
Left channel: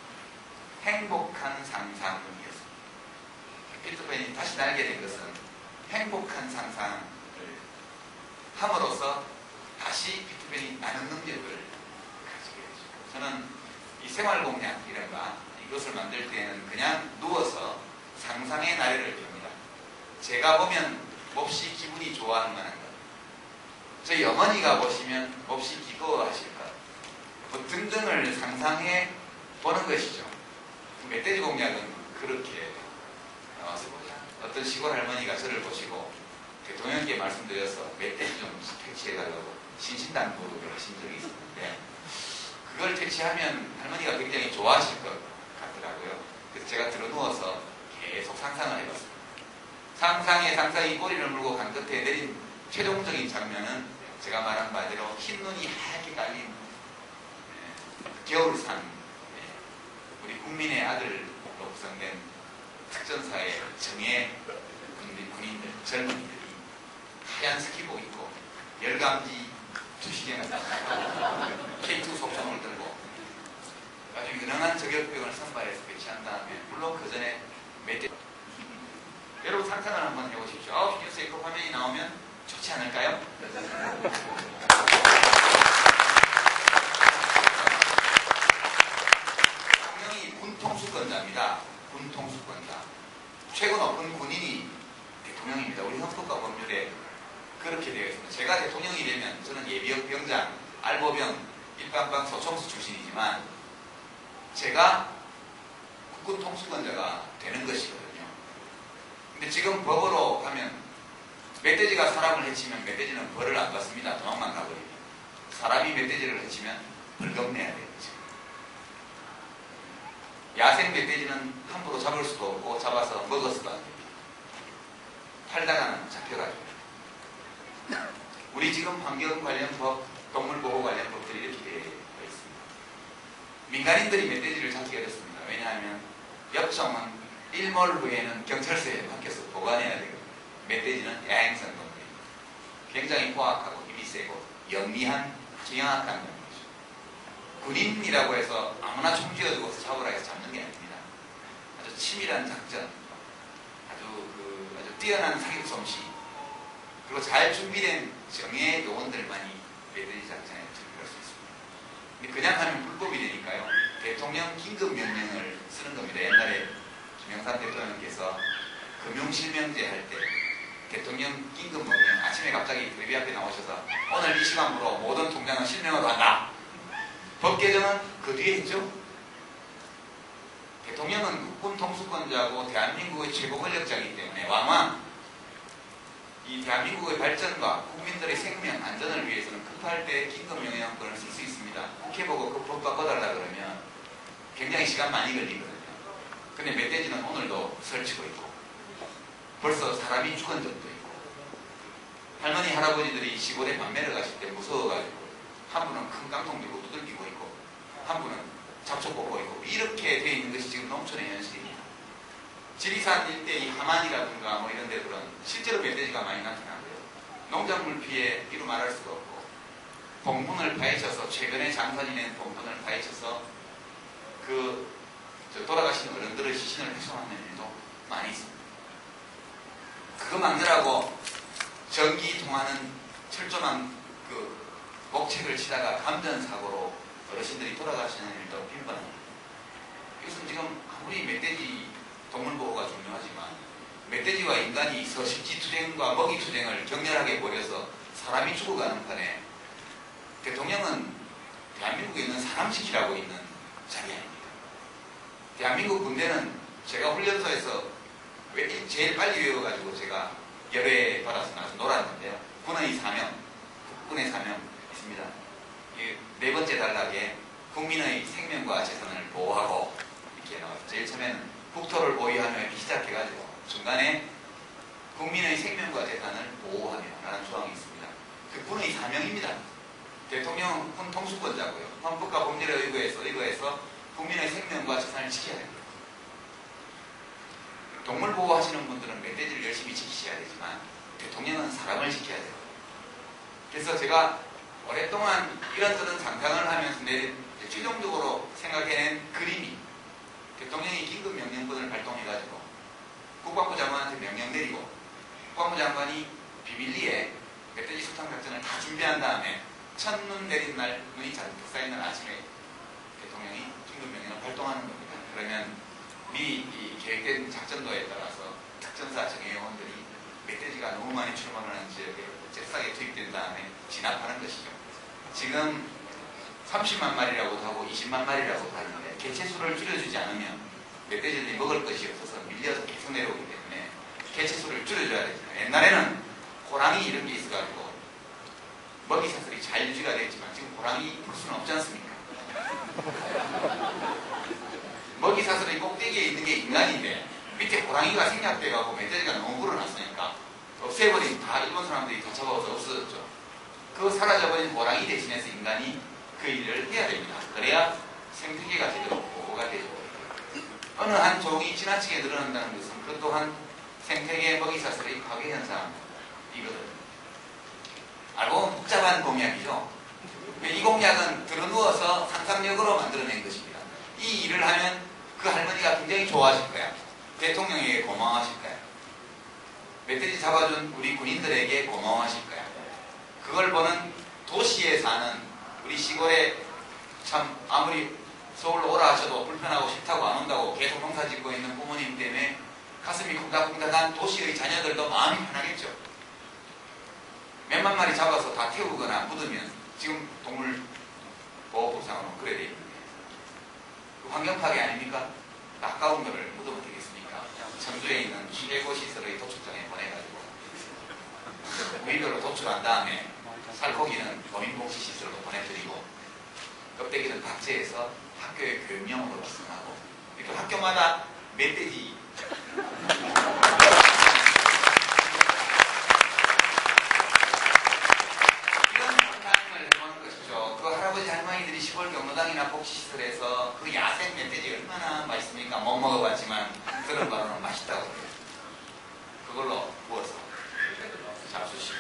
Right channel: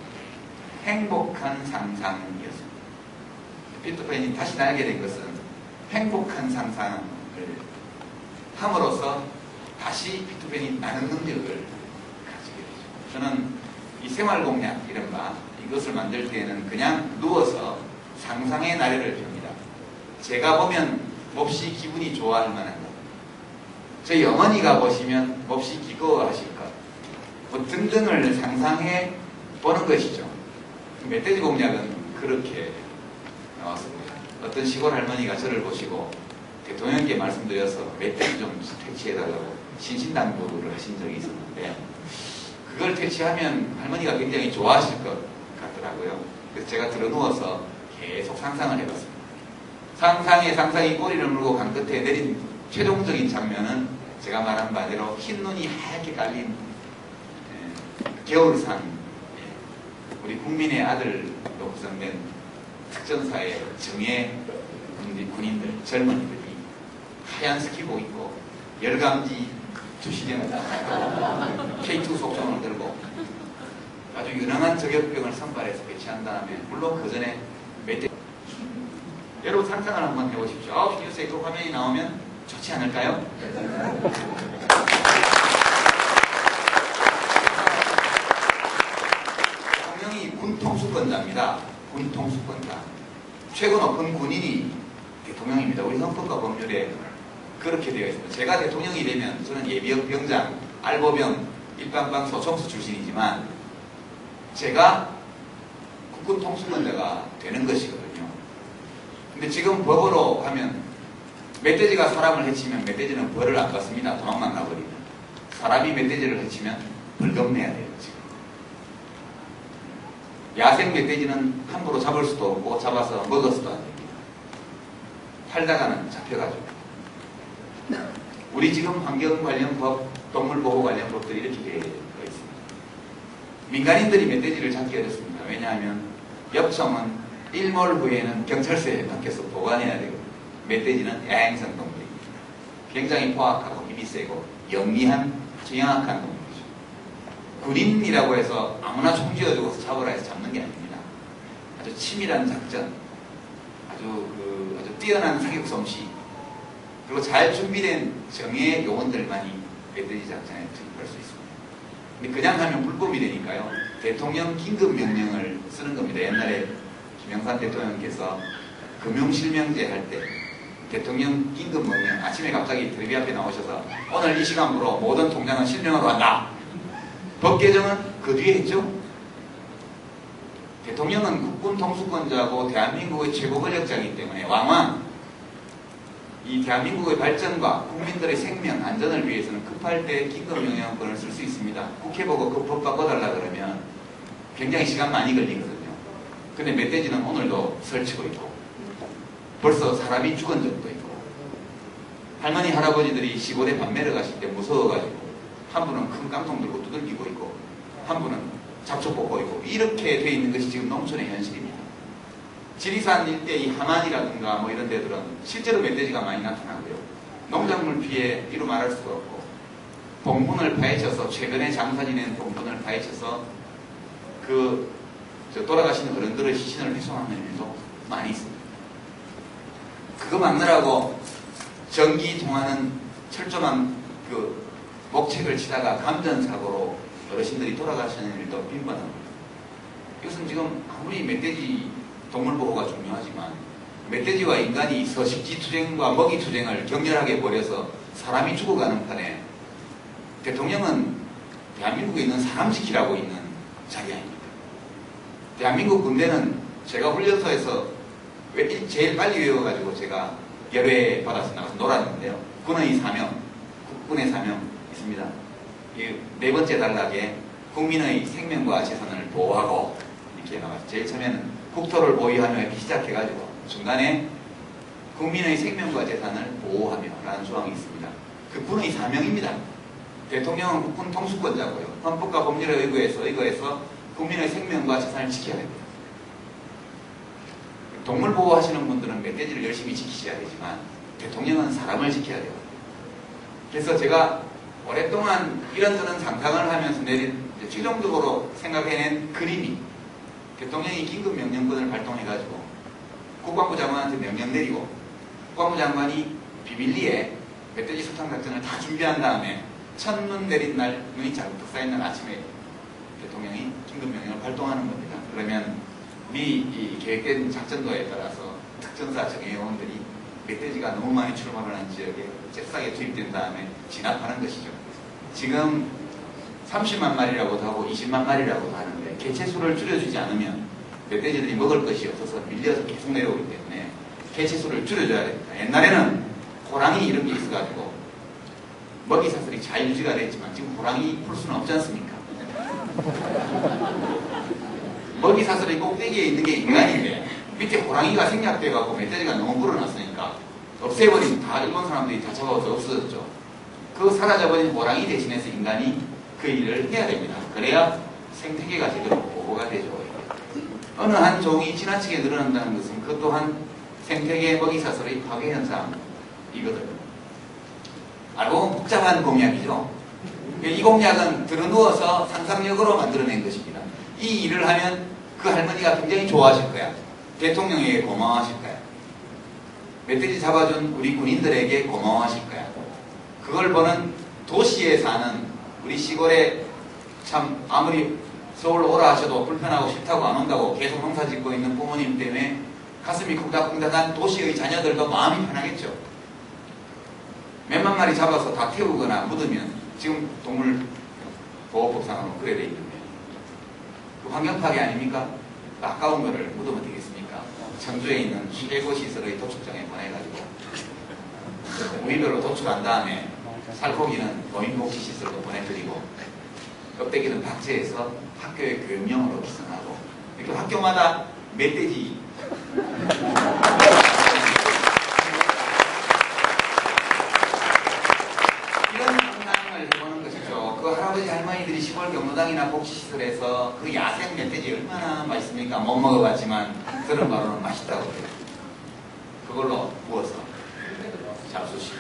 행복한 상상이었습니다. 피터팬이 다시 날게 된 것은 행복한 상상을 함으로써 다시 피터팬이 나는 능력을 가지게 되죠. 저는 이 생활공약 이른바 이것을 만들 때에는 그냥 누워서 상상의 나래를 펴니다. 제가 보면 몹시 기분이 좋아할 만한 것, 저희 어머니가 보시면 몹시 기꺼워하실 것, 뭐 등등을 상상해 보는 것이죠. 멧돼지 공약은 그렇게 나왔습니다. 어떤 시골 할머니가 저를 보시고 대통령께 말씀드려서 멧돼지 좀 퇴치해달라고 신신당부를 하신 적이 있었는데 그걸 퇴치하면 할머니가 굉장히 좋아하실 것 같더라고요. 그래서 제가 들어누워서 계속 상상을 해봤습니다. 상상이 꼬리를 물고 간 끝에 내린 최종적인 장면은 제가 말한 바대로 흰 눈이 하얗게 깔린 겨울산, 우리 국민의 아들로 구성된 특전사의 정예 군인들, 젊은이들이 하얀 스키복 입고 열감지 주시개를 K2 속성을 들고 아주 유능한 저격병을 선발해서 배치한 다음에 물론 그 전에 멧돼지 여러분 상상을 한번 해보십시오. 9시 뉴스에 그 화면이 나오면 좋지 않을까요? 대통령이 군통수권자입니다. 군통수권자. 최고 높은 군인이 대통령입니다. 우리 헌법과 법률에 그렇게 되어 있습니다. 제가 대통령이 되면 저는 예비역 병장, 알보병, 일반방 소총수 출신이지만 제가 국군 통수권자가 되는 것이거든요. 근데 지금 법으로 하면 멧돼지가 사람을 해치면 멧돼지는 벌을 안 받습니다. 도망만 가버리면. 사람이 멧돼지를 해치면 벌금 내야 돼요. 지금. 야생 멧돼지는 함부로 잡을 수도 없고 잡아서 먹어서도 안 됩니다. 팔다가는 잡혀가지고. 우리 지금 환경 관련 법, 동물 보호 관련 법들이 이렇게 되어 있습니다. 민간인들이 멧돼지를 잡기 어렵습니다. 왜냐하면 엽청은 일몰 후에는 경찰서에 맡겨서 보관해야 되고 멧돼지는 야행성 동물입니다. 굉장히 포악하고 힘이 세고 영리한 아주 영악한 동물이죠. 군인이라고 해서 아무나 총 쥐어주고서 잡으라 해서 잡는 게 아닙니다. 아주 치밀한 작전, 아주 뛰어난 사격 솜씨, 그리고 잘 준비된 정예 요원들만이 멧돼지 작전에 투입할 수 있습니다. 근데 그냥 하면 불법이 되니까요. 대통령 긴급 명령을 쓰는 겁니다. 옛날에 김영삼 대통령께서 금융실명제 할 때 대통령 긴급 명령, 아침에 갑자기 텔레비 앞에 나오셔서 오늘 이 시간부로 모든 통장은 실명하러 간다. 법 개정은 그 뒤에 했죠. 대통령은 국군 통수권자고 대한민국의 최고 권력자이기 때문에 왕왕 이 대한민국의 발전과 국민들의 생명, 안전을 위해서는 급할 때 긴급명령권을 쓸 수 있습니다. 국회 보고 그 법 바꿔달라 그러면 굉장히 시간 많이 걸리거든요. 근데 멧돼지는 오늘도 설치고 있고 벌써 사람이 죽은 적도 있고 할머니 할아버지들이 시골에 밤매를 가실 때 무서워가지고 한 분은 큰 깡통 들고 두들기고 있고 한 분은 잡초 뽑고 있고 이렇게 돼 있는 것이 지금 농촌의 현실입니다. 지리산 일대 이 함안이라든가 뭐 이런 데들은 실제로 멧돼지가 많이 나타나고요. 농작물 피해 이루 말할 수가 없고 봉분을 파헤쳐서 최근에 장사 지낸 봉분을 파헤쳐서 돌아가신 어른들의 시신을 훼손하는 일도 많이 있습니다. 그거 막느라고 전기 통하는 철조망 목책을 치다가 감전사고로 어르신들이 돌아가시는 일도 빈번합니다. 이것은 지금 아무리 멧돼지 동물보호가 중요하지만 멧돼지와 인간이 서식지투쟁과 먹이투쟁을 격렬하게 벌여서 사람이 죽어가는 판에 대통령은 대한민국에 있는 사람 지키라고 있는 자리 아닙니다. 대한민국 군대는 제가 훈련소에서 제일 빨리 외워가지고 제가 열애 받아서 나가서 놀았는데요. 군의 사명, 국군의 사명 있습니다. 네 번째 단락에 국민의 생명과 재산을 보호하고 이렇게 나왔죠. 제일 처음에는 국토를 보유하며 이렇게 시작해가지고 중간에 국민의 생명과 재산을 보호하며 라는 조항이 있습니다. 그 군의 사명입니다. 대통령은 국군 통수권자고요. 헌법과 법률에 의거해서 국민의 생명과 재산을 지켜야 됩니다. 동물 보호하시는 분들은 멧돼지를 열심히 지키셔야 되지만 대통령은 사람을 지켜야 돼요. 그래서 제가 오랫동안 이런저런 상상을 하면서 최종적으로 생각해낸 그림이 대통령이 긴급명령권을 발동해가지고 국방부 장관한테 명령 내리고 국방부 장관이 비밀리에 멧돼지 소탕작전을 다 준비한 다음에 첫눈 내린 날, 눈이 잔뜩 쌓인 날 아침에 대통령이 긴급명령을 발동하는 겁니다. 그러면 이 계획된 작전도에 따라서 특전사 정예요원들이 멧돼지가 너무 많이 출몰을 하는 지역에 잽싸게 투입된 다음에 진압하는 것이죠. 지금 30만 마리라고도 하고 20만 마리라고도 하는데 개체수를 줄여주지 않으면 멧돼지들이 먹을 것이 없어서 밀려서 계속 내려오기 때문에 개체수를 줄여줘야 됩니다. 옛날에는 호랑이 이런 게 있어가지고 먹이 사슬이 잘 유지가 됐지만 지금 호랑이 풀 수는 없지 않습니까? 먹이 사슬이 꼭대기에 있는 게 인간인데 밑에 호랑이가 생략돼가고 멧돼지가 너무 불어났으니까 없애버린 다 일본 사람들이 다 잡아서 없어졌죠. 그 사라져버린 호랑이 대신해서 인간이 그 일을 해야 됩니다. 그래야 생태계가 제대로 보호가 되죠. 어느 한 종이 지나치게 늘어난다는 것은 그 또한 생태계 먹이사슬의 파괴 현상이거든요. 알고 보면 복잡한 공약이죠. 이 공약은 들어누워서 상상력으로 만들어낸 것입니다. 이 일을 하면 그 할머니가 굉장히 좋아하실 거야. 대통령에게 고마워하실 거야. 멧돼지 잡아준 우리 군인들에게 고마워하실 거야. 그걸 보는 도시에 사는 우리 시골에 참 아무리 서울 오라 하셔도 불편하고 싫다고 안 온다고 계속 농사 짓고 있는 부모님 때문에 가슴이 쿵닥쿵닥한 도시의 자녀들도 마음이 편하겠죠. 몇만 마리 잡아서 다 태우거나 묻으면 지금 동물보호법상으로 그래 돼 있는데 환경 파괴 아닙니까? 아까운 거를 묻으면 되겠습니까? 청주에 있는 최고시설의 도축장에 보내가지고 부위별로 도출한 다음에 살코기는 고민복지시설로 보내드리고 껍데기는 박제해서 학교의 교육용으로 기증하고 이렇게 학교마다 멧돼지 이런 상상을 해보는 것이죠. 그 할아버지 할머니들이 시골 경로당이나 복지시설에서 그 야생 멧돼지 얼마나 맛있습니까? 못 먹어봤지만 그런 바로는 맛있다고 해요. 그걸로 구워서 잡수시.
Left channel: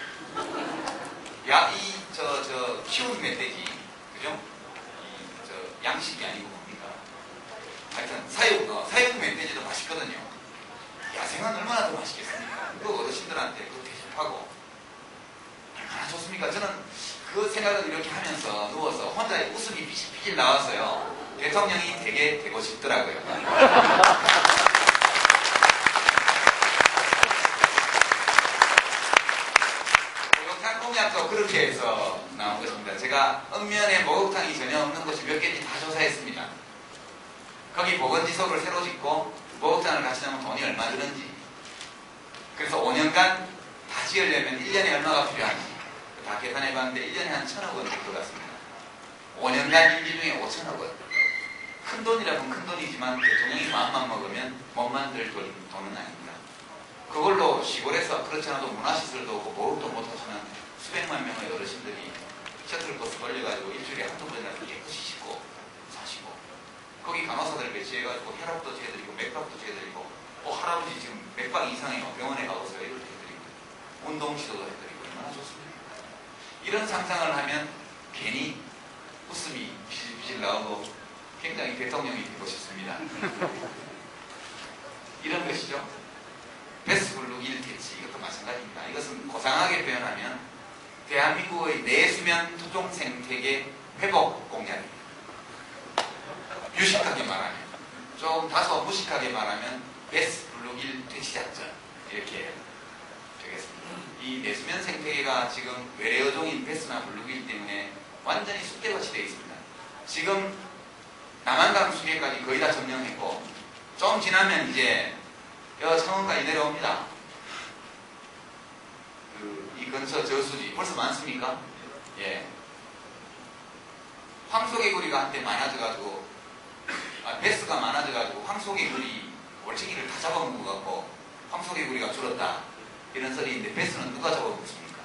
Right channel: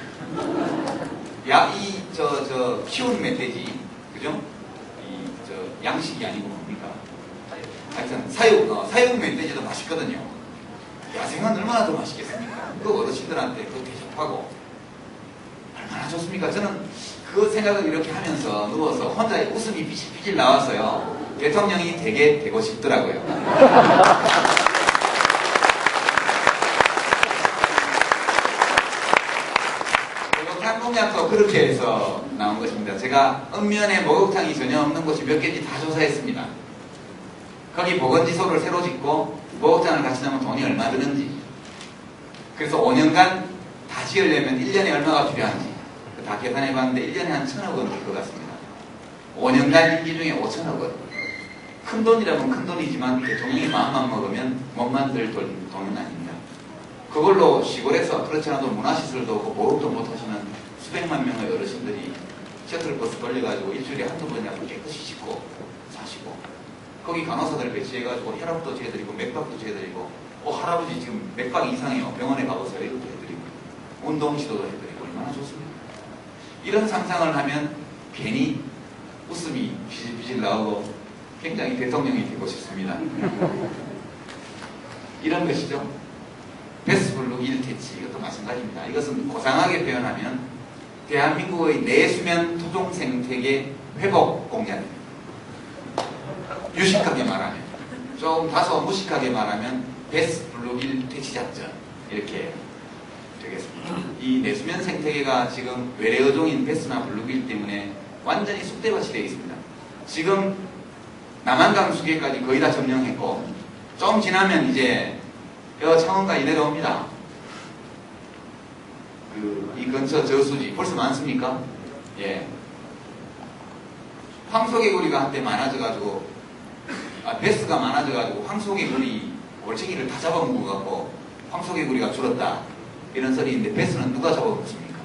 키운 멧돼지, 그죠? 양식이 아니고 뭡니까? 하여튼, 사육 멧돼지도 맛있거든요. 야생은 얼마나 더 맛있겠습니까? 그 어르신들한테 그 대접하고, 얼마나 좋습니까? 저는 그 생각을 이렇게 하면서 누워서 혼자 웃음이 삐질삐질 나와서요. 대통령이 되게 되고 싶더라고요. 공약도 그렇게 해서 나온 것입니다. 제가 읍면에 목욕탕이 전혀 없는 곳이 몇 개인지 다 조사했습니다. 거기 보건지소를 새로 짓고 목욕탕을 같이 넣으면 돈이 얼마 드는지. 그래서 5년간 다 지으려면 1년에 얼마가 필요한지 다 계산해 봤는데 1년에 한 1,000억 원 될 것 같습니다. 5년간 임기 중에 5,000억 원. 큰 돈이라면 큰 돈이지만 대통령이 마음만 먹으면 못 만들 돈은 아닙니다. 그걸로 시골에서 그렇지 않아도 문화시설도 없고 보험도 못하시는 수백만 명의 어르신들이 셔틀버스 돌려가지고 일주일에 한두 번이라도 깨끗이 씻고 사시고, 거기 간호사들 배치해가지고 혈압도 재해드리고 맥박도 재해드리고, 할아버지 지금 맥박 이상이요, 병원에 가보세요, 이것도 해드리고 운동시도도 해드리고, 얼마나 좋습니까? 이런 상상을 하면 괜히 웃음이 비질비질 나오고 굉장히 대통령이 되고 싶습니다. 이런 것이죠. 베스블룩 1퇴치, 이것도 마찬가지입니다. 이것은 고상하게 표현하면 대한민국의 내수면 토종 생태계 회복 공약입니다. 유식하게 말하면, 좀 다소 무식하게 말하면 베스블룩 1퇴치 작전, 이렇게 되겠습니다. 이 내수면 생태계가 지금 외래어종인 베스나 블루길 때문에 완전히 쑥대밭이 되어 있습니다. 지금 남한강 수계까지 거의 다 점령했고, 좀 지나면 이제 창원까지 내려옵니다. 이 근처 저수지 벌써 많습니까? 예. 황소개구리가 한때 많아져가지고, 베스가 많아져가지고 황소개구리 월척이를 다 잡아먹은 것 같고 황소개구리가 줄었다, 이런 썰이 있는데, 베스는 누가 잡아먹습니까?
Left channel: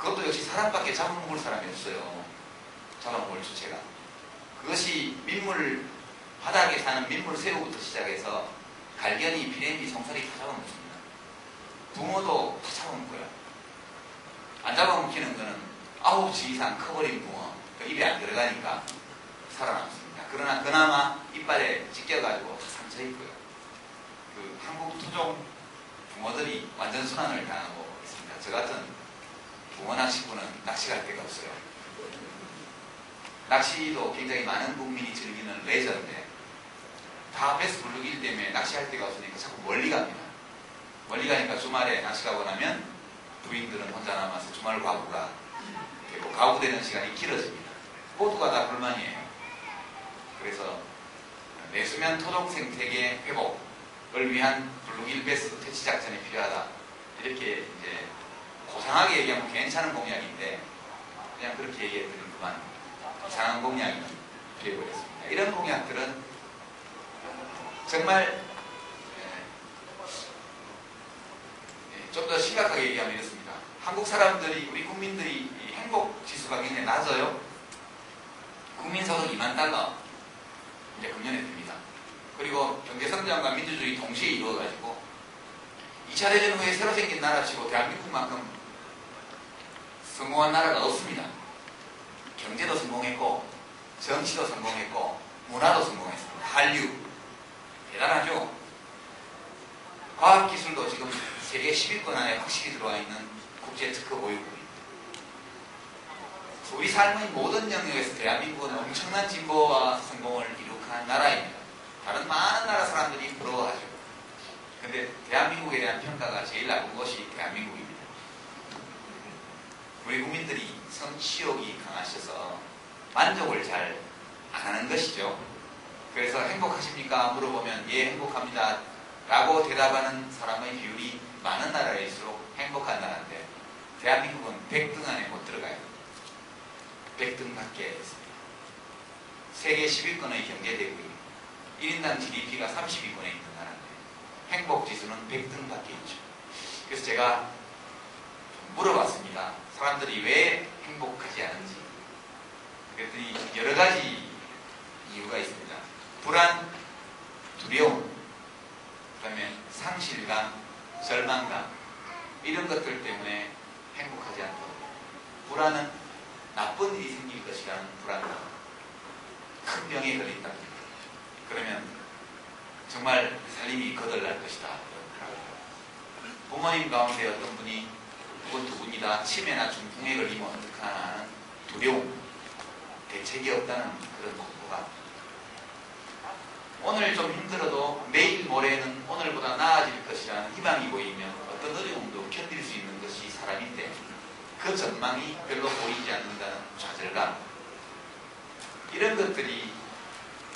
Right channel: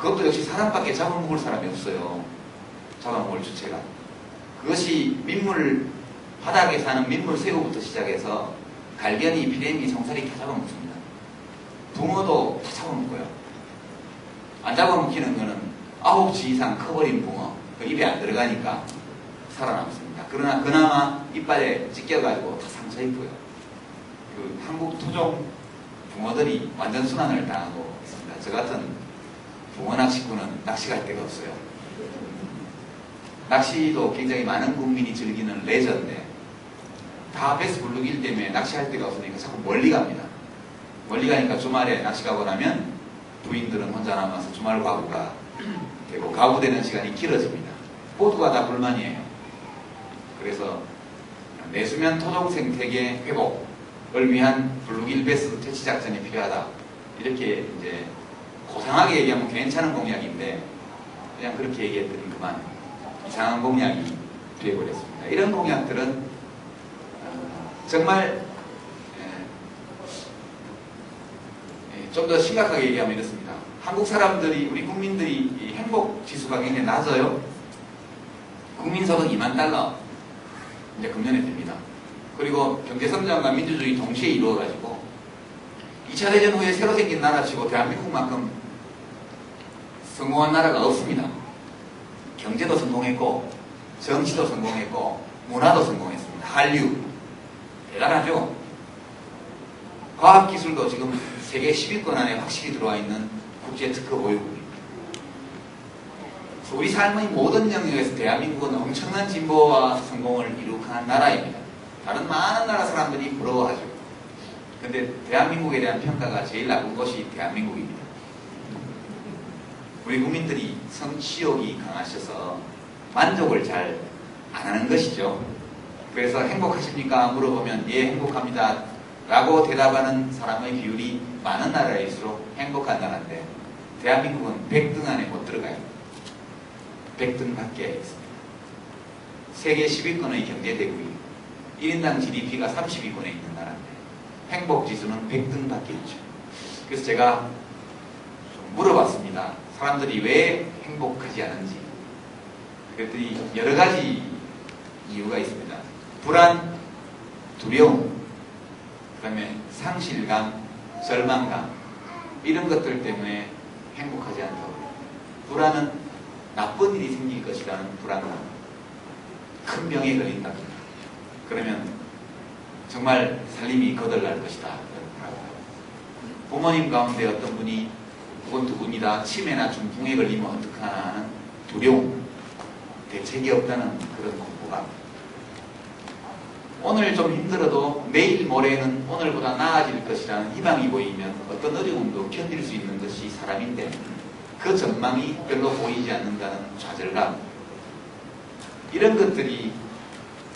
그것도 역시 사람밖에 잡아먹을 사람이 없어요. 잡아먹을 주체가. 그것이 민물, 바닥에 사는 민물 새우부터 시작해서 갈견이, 피레미, 송사리 다 잡아먹습니다. 붕어도 다 잡아먹고요. 안 잡아먹히는 거는 9치 이상 커버린 붕어, 그 입에 안 들어가니까 살아남습니다. 그러나 그나마 이빨에 찢겨가지고 다 상처있고요. 그 한국 토종 붕어들이 완전 순환을 당하고 있습니다. 저 같은 붕어 낚시꾼은 낚시 갈 데가 없어요. 낚시도 굉장히 많은 국민이 즐기는 레저인데, 다 베스 블루길 때문에 낚시할 데가 없으니까 자꾸 멀리 갑니다. 멀리 가니까 주말에 낚시 가고 나면 부인들은 혼자 남아서 주말 과부가 되고, 과부되는 시간이 길어집니다. 모두가 다 불만이에요. 그래서 내수면 토종 생태계 회복을 위한 블루길 베스 퇴치 작전이 필요하다, 이렇게 이제 고상하게 얘기하면 괜찮은 공약인데 그냥 그렇게 얘기해드린 그만 이상한 공약이 되어버렸습니다. 이런 공약들은 정말 좀 더 심각하게 얘기하면 이렇습니다. 한국 사람들이, 우리 국민들이 이 행복 지수가 굉장히 낮아요. 국민소득 2만 달러 이제 금년에 됩니다. 그리고 경제성장과 민주주의 동시에 이루어가지고 2차 대전 후에 새로 생긴 나라치고 대한민국만큼 성공한 나라가 없습니다. 경제도 성공했고 정치도 성공했고 문화도 성공했습니다. 한류 대단하죠. 과학기술도 지금 세계 10위권 안에 확실히 들어와 있는 국제 특허 보유국입니다. 우리 삶의 모든 영역에서 대한민국은 엄청난 진보와 성공을 이룩한 나라입니다. 다른 많은 나라 사람들이 부러워하죠. 그런데 대한민국에 대한 평가가 제일 나쁜 것이 대한민국입니다. 우리 국민들이 성취욕이 강하셔서 만족을 잘 안 하는 것이죠. 그래서 행복하십니까? 물어보면 예, 행복합니다 라고 대답하는 사람의 비율이 많은 나라일수록 행복한 나라인데, 대한민국은 100등 안에 못 들어가요. 100등 밖에 있습니다. 세계 10위권의 경제대국입니다. 1인당 GDP가 30위권에 있는 나라인데 행복지수는 100등 밖에 있죠. 그래서 제가 좀 물어봤습니다. 사람들이 왜 행복하지 않은지. 그랬더니 여러 가지 이유가 있습니다. 불안, 두려움, 그 다음에 상실감, 절망감, 이런 것들 때문에 행복하지 않다고. 불안은 나쁜 일이 생길 것이라는 불안감, 큰 병에 걸린다. 그러면 정말 살림이 거덜날 것이다. 부모님 가운데 어떤 분이 혹은 두 분이다 치매나 중풍에 걸리면 어떡하나 하는 두려움, 대책이 없다는 그런 공포감. 오늘 좀 힘들어도 내일 모레는 오늘보다 나아질 것이라는 희망이 보이면 어떤 어려움도 견딜 수 있는 것이 사람인데, 그 전망이 별로 보이지 않는다는 좌절감, 이런 것들이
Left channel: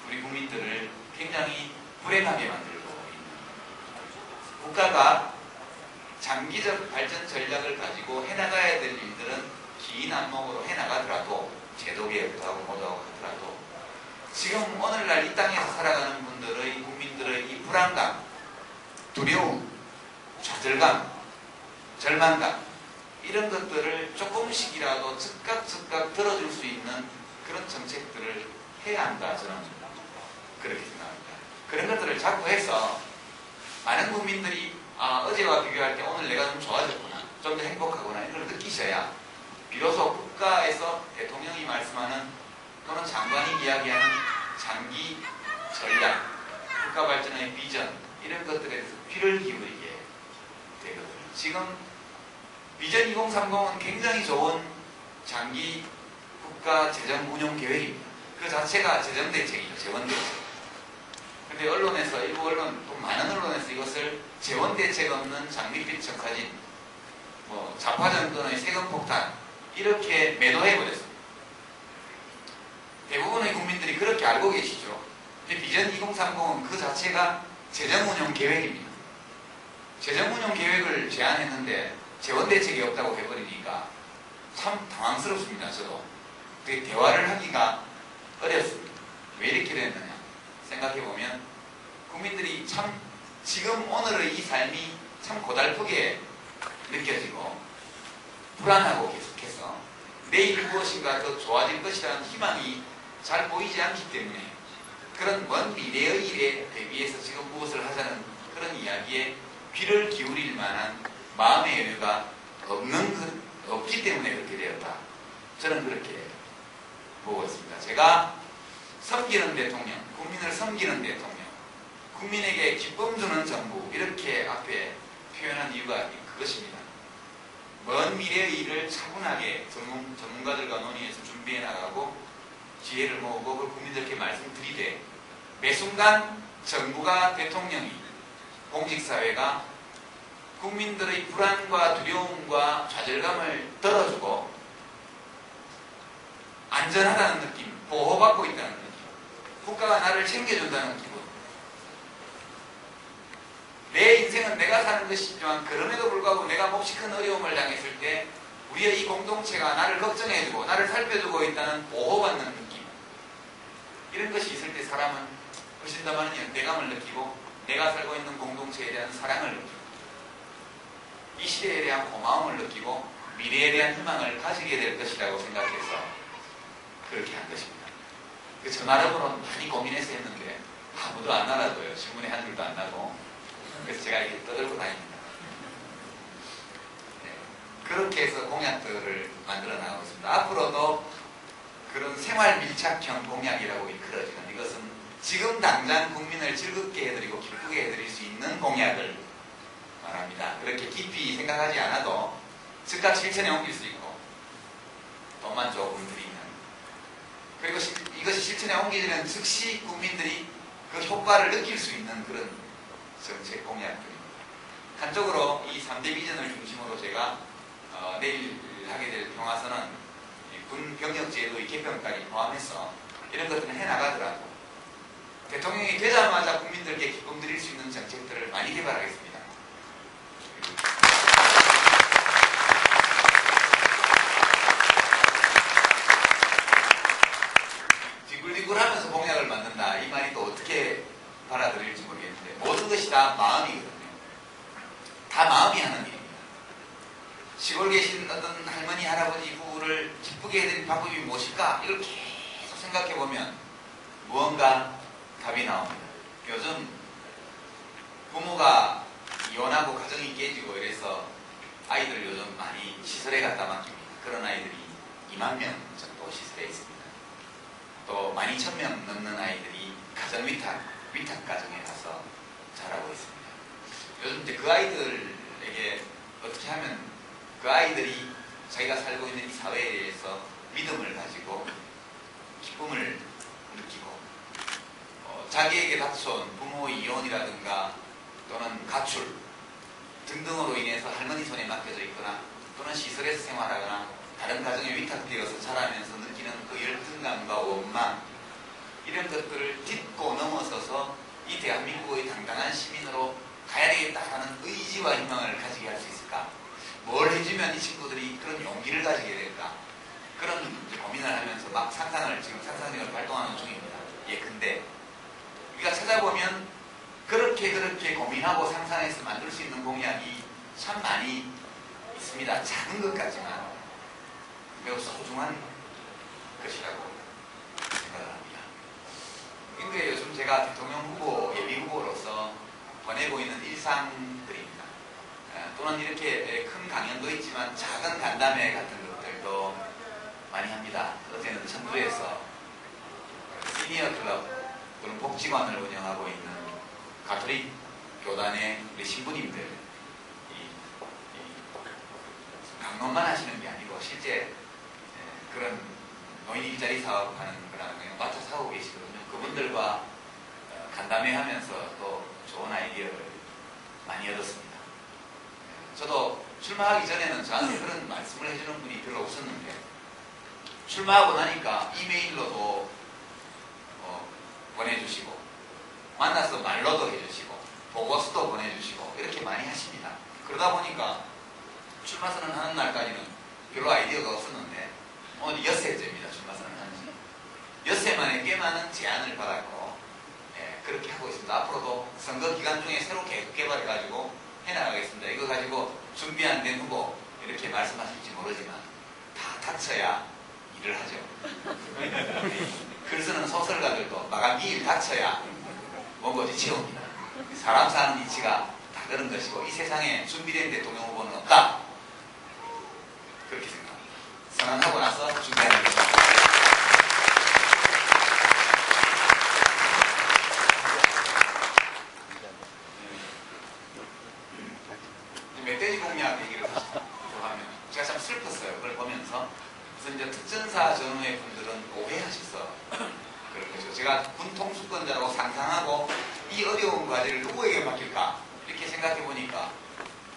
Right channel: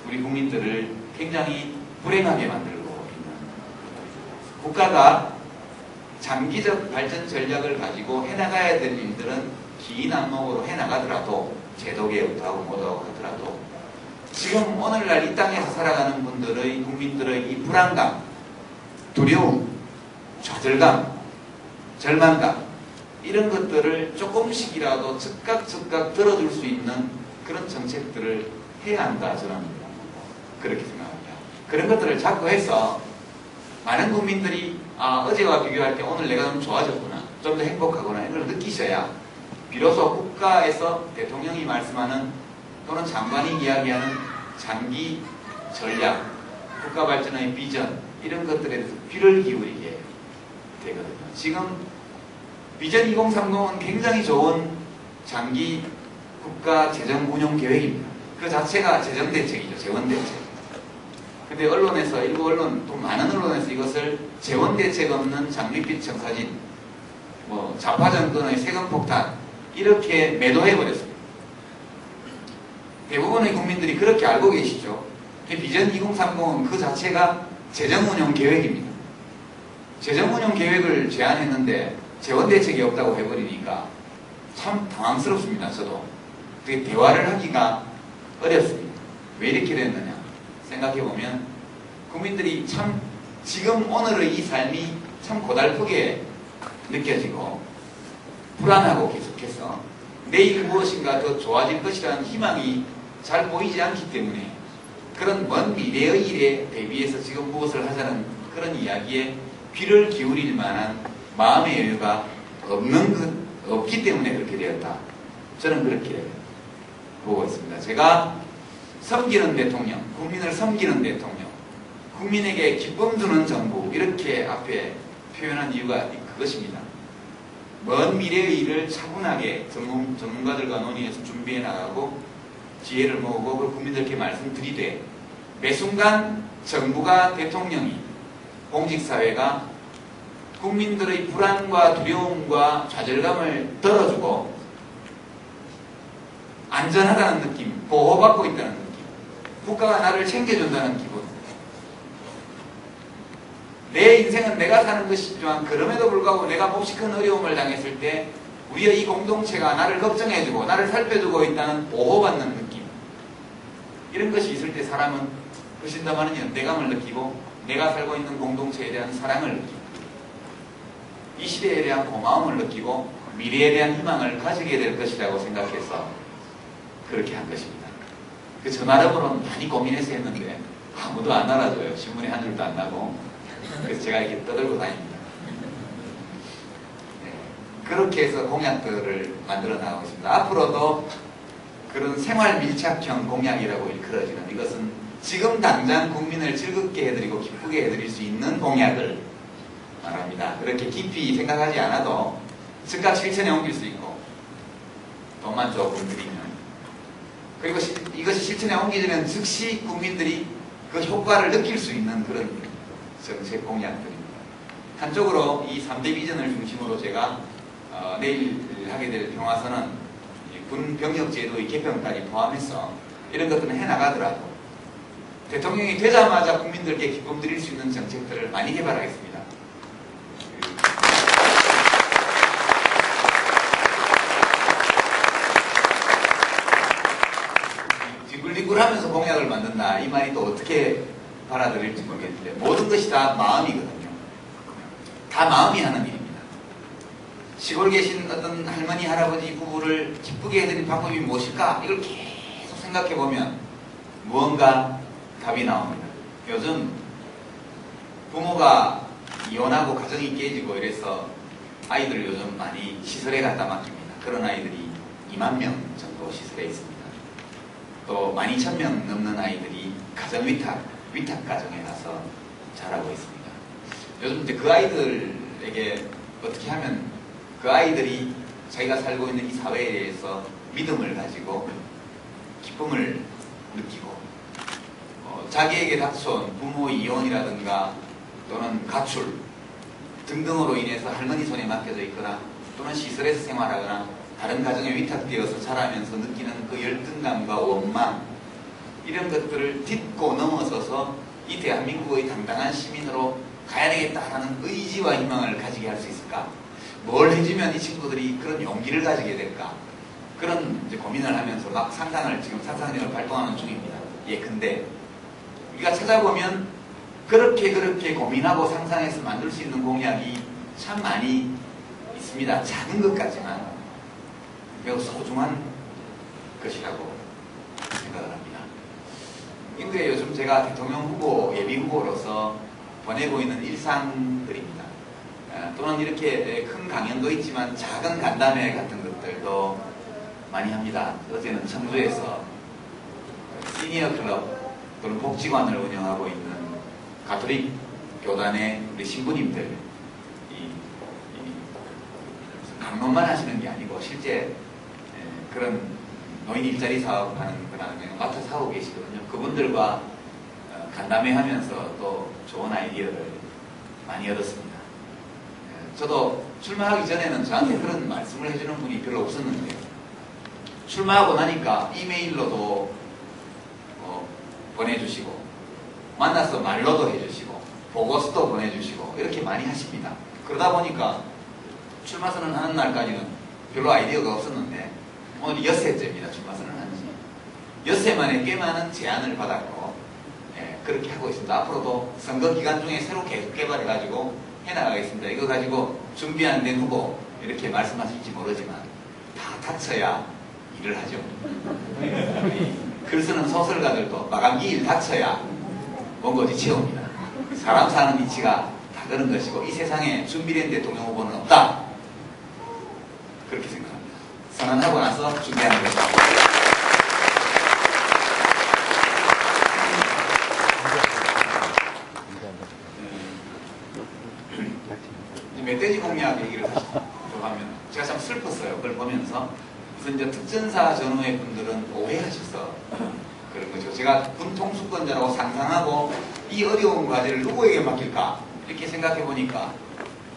우리 국민들을 굉장히 불행하게 만들고 있는, 국가가 장기적 발전 전략을 가지고 해나가야 될 일들은 긴 안목으로 해나가더라도 제도개혁도 하고 뭐도 하더라도 지금 오늘날 이 땅에서 살아가는 분들의 국민들의 이 불안감, 두려움, 좌절감, 절망감 이런 것들을 조금씩이라도 즉각 들어줄 수 있는 그런 정책들을 해야 한다 저는 그렇게 생각합니다. 그런 것들을 자꾸 해서 많은 국민들이 어제와 비교할 때 오늘 내가 좀 좋아졌구나, 좀 더 행복하구나 이걸 느끼셔야 비로소 국가에서 대통령이 말씀하는 또는 장관이 이야기하는 장기 전략, 국가 발전의 비전 이런 것들에 대해서 귀를 기울이게 되거든요. 지금 비전 2030은 굉장히 좋은 장기 국가 재정 운용 계획입니다. 그 자체가 재정 대책이죠. 재원 대책. 근데 언론에서 일부 언론 또 많은 언론에서 이것을 재원 대책 없는 장밋빛 청사진, 뭐 좌파 정권의 세금 폭탄 이렇게 매도해 버렸습니다. 대부분의 국민들이 그렇게 알고 계시죠. 비전 2030은 그 자체가 재정운용 계획입니다. 재정운용 계획을 제안했는데 재원대책이 없다고 해버리니까 참 당황스럽습니다. 저도 대화를 하기가 어렵습니다. 왜 이렇게 됐느냐 생각해보면 국민들이 참 지금 오늘의 이 삶이 참 고달프게 느껴지고 불안하고 계속해서 내일 무엇인가 더 좋아질 것이라는 희망이 잘 보이지 않기 때문에 그런 먼 미래의 일에 대비해서 지금 무엇을 하자는 그런 이야기에 귀를 기울일 만한 마음의 여유가 없기 때문에 그렇게 되었다. 저는 그렇게 보고 있습니다. 제가 섬기는 대통령, 국민을 섬기는 대통령, 국민에게 기쁨 주는 정부 이렇게 앞에 표현한 이유가 그것입니다. 먼 미래의 일을 차분하게 전문가들과 논의해서 준비해 나가고 지혜를 모으고 그걸 국민들께 말씀드리되 매 순간 정부가 대통령이 공직사회가 국민들의 불안과 두려움과 좌절감을 덜어주고 안전하다는 느낌, 보호받고 있다는 느낌, 국가가 나를 챙겨준다는 기분. 내 인생은 내가 사는 것이지만 그럼에도 불구하고 내가 몹시 큰 어려움을 당했을 때 우리의 이 공동체가 나를 걱정해주고 나를 살펴주고 있다는 보호받는 느낌. 이런 것이 있을 때 사람은 훨씬더많은 연대감을 느끼고 내가 살고 있는 공동체에 대한 사랑을 느끼고 이 시대에 대한 고마움을 느끼고 미래에 대한 희망을 가지게 될 것이라고 생각해서 그렇게 한 것입니다. 그 전화로는 많이 고민해서 했는데 아무도 안 알아줘요. 신문에 한 줄도 안 나고. 그래서 제가 이렇게 떠들고 다닙니다. 네. 그렇게 해서 공약들을 만들어 나가고 있습니다. 앞으로도 그런 생활 밀착형 공약이라고 일컬어지는 이것은 지금 당장 국민을 즐겁게 해드리고 기쁘게 해드릴 수 있는 공약을 말합니다. 그렇게 깊이 생각하지 않아도 즉각 실천에 옮길 수 있고 돈만 조금 드리면 그리고 이것이 실천에 옮기지는 즉시 국민들이 그 효과를 느낄 수 있는 그런 정책 공약들입니다. 한쪽으로 이 3대 비전을 중심으로 제가 내일 하게 될 평화선언 군 병력제도의 개편까지 포함해서 이런 것들은 해나가더라도 대통령이 되자마자 국민들께 기쁨 드릴 수 있는 정책들을 많이 개발하겠습니다. 뒤굴뒤굴하면서 공약을 만든다. 이 말이 또 어떻게 받아들일지 모르겠는데 모든 것이 다 마음이거든요. 다 마음이 하는 일입니다. 시골 계신 어떤 할머니, 할아버지 부부를 기쁘게 해드릴 방법이 무엇일까? 이걸 계속 생각해보면 무언가 답이 나옵니다. 요즘 부모가 이혼하고 가정이 깨지고 이래서 아이들 요즘 많이 시설에 갖다 맡깁니다. 그런 아이들이 2만 명 정도 시설에 있습니다. 또 12,000명 넘는 아이들이 가정 위탁 가정에 가서 자라고 있습니다. 요즘 이제 그 아이들에게 어떻게 하면 그 아이들이 자기가 살고 있는 이 사회에 대해서 믿음을 가지고 기쁨을 느끼고 자기에게 닥쳐온 부모 이혼이라든가 또는 가출 등등으로 인해서 할머니 손에 맡겨져 있거나 또는 시설에서 생활하거나 다른 가정에 위탁되어서 자라면서 느끼는 그 열등감과 원망 이런 것들을 딛고 넘어서서 이 대한민국의 당당한 시민으로 가야 되겠다라는 의지와 희망을 가지게 할 수 있을까? 뭘 해주면 이 친구들이 그런 용기를 가지게 될까? 그런 이제 고민을 하면서 막 상상을 지금 상상력을 발동하는 중입니다. 예컨대 우리가 찾아보면 그렇게 고민하고 상상해서 만들 수 있는 공약이 참 많이 있습니다. 작은 것 같지만 매우 소중한 것이라고 생각을 합니다. 인도에 요즘 제가 대통령 후보, 예비 후보로서 보내고 있는 일상들입니다. 또는 이렇게 큰 강연도 있지만 작은 간담회 같은 것들도 많이 합니다. 어제는 청주에서 시니어 클럽 또는 복지관을 운영하고 있는 가톨릭 교단의 우리 신부님들 강론만 하시는 게 아니고 실제 그런 노인 일자리 사업하는 거나 그냥 맡아서 하고 계시거든요. 그분들과 간담회 하면서 또 좋은 아이디어를 많이 얻었습니다. 저도 출마하기 전에는 저한테 그런 말씀을 해주는 분이 별로 없었는데 출마하고 나니까 이메일로도 보내주시고 만나서 말로도 해주시고 보고서도 보내주시고 이렇게 많이 하십니다. 그러다 보니까 출마 선언하는 날까지는 별로 아이디어가 없었는데 오늘 여새째입니다. 출마 선언하는 지. 여새만에 꽤 많은 제안을 받았고 그렇게 하고 있습니다. 앞으로도 선거 기간 중에 새로 계속 개발해가지고 해나가겠습니다. 이거 가지고 준비 안 된 후보 이렇게 말씀하실지 모르지만 다 닥쳐야 일을 하죠. 글 쓰는 소설가들도 마감기일 닥쳐야 원고지 채웁니다. 사람 사는 이치가 다 그런 것이고 이 세상에 준비된 대통령 후보는 없다. 그렇게 생각합니다. 선언하고 나서 준비하는 것입니다. 멧돼지 공약 얘기를 하면 제가 참 슬펐어요. 그걸 보면서 우선 이제 특전사 전후의 분들은 오해하셔서 그런 거죠. 제가 군 통수권자라고 상상하고 이 어려운 과제를 누구에게 맡길까 이렇게 생각해 보니까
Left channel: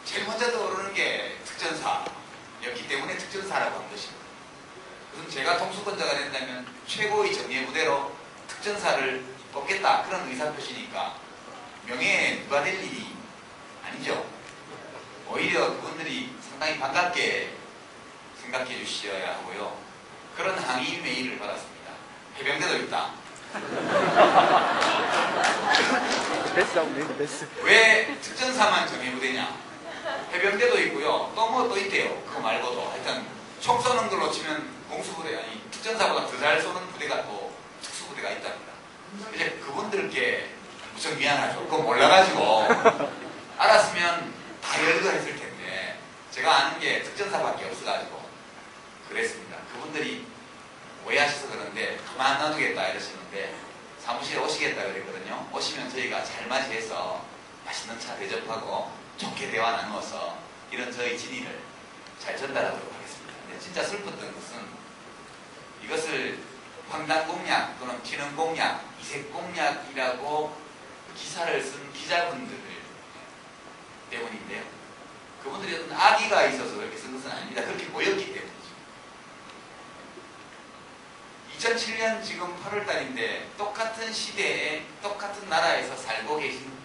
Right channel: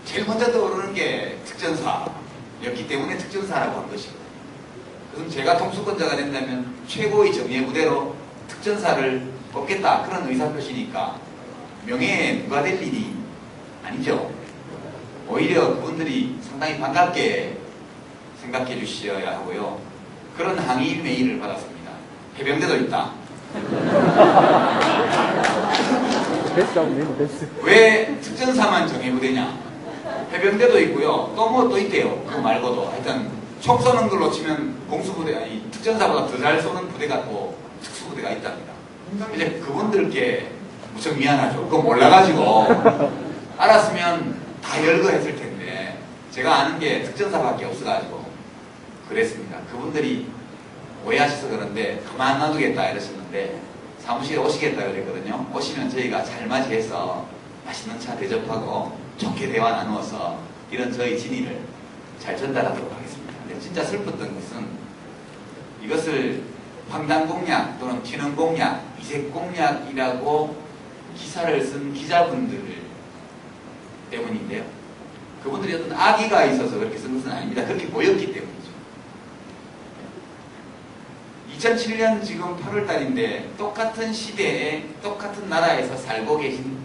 제일 먼저 떠오르는 게 특전사였기 때문에 특전사라고 한 것이고, 그럼 제가 통수권자가 된다면 최고의 정예 부대로 특전사를 뽑겠다 그런 의사표시니까 명예에 누가 될 일이 아니죠. 오히려 그분들이 상당히 반갑게 생각해 주셔야 하고요. 그런 항의 메일을 받았습니다. 해병대도 있다. 왜 특전사만 정예부대냐? 해병대도 있고요. 또 뭐 또 있대요. 그거 말고도 하여튼 총 쏘는 걸로 치면 공수부대, 아니 특전사보다 더 잘 쏘는 부대가 또 특수부대가 있답니다. 이제 그분들께 무척 미안하죠. 그거 몰라가지고 알았으면 다 열거했을 텐데 제가 아는 게 특전사밖에 없어가지고 그랬습니다. 그분들이 오해하셔서 그런데 그만 놔두겠다 이러셨는데 사무실에 오시겠다 그랬거든요. 오시면 저희가 잘 맞이해서 맛있는 차 대접하고 좋게 대화 나누어서 이런 저희 진의를 잘 전달하도록 하겠습니다. 근데 진짜 슬펐던 것은 이것을 황당 공약 또는 기능 공약, 이색 공약이라고 기사를 쓴 기자분들 때문인데요. 그분들이 어떤 악의가 있어서 그렇게 쓴 것은 아닙니다. 그렇게 보였기 때문이죠. 2007년 지금 8월달인데 똑같은 시대에 똑같은 나라에서 살고 계신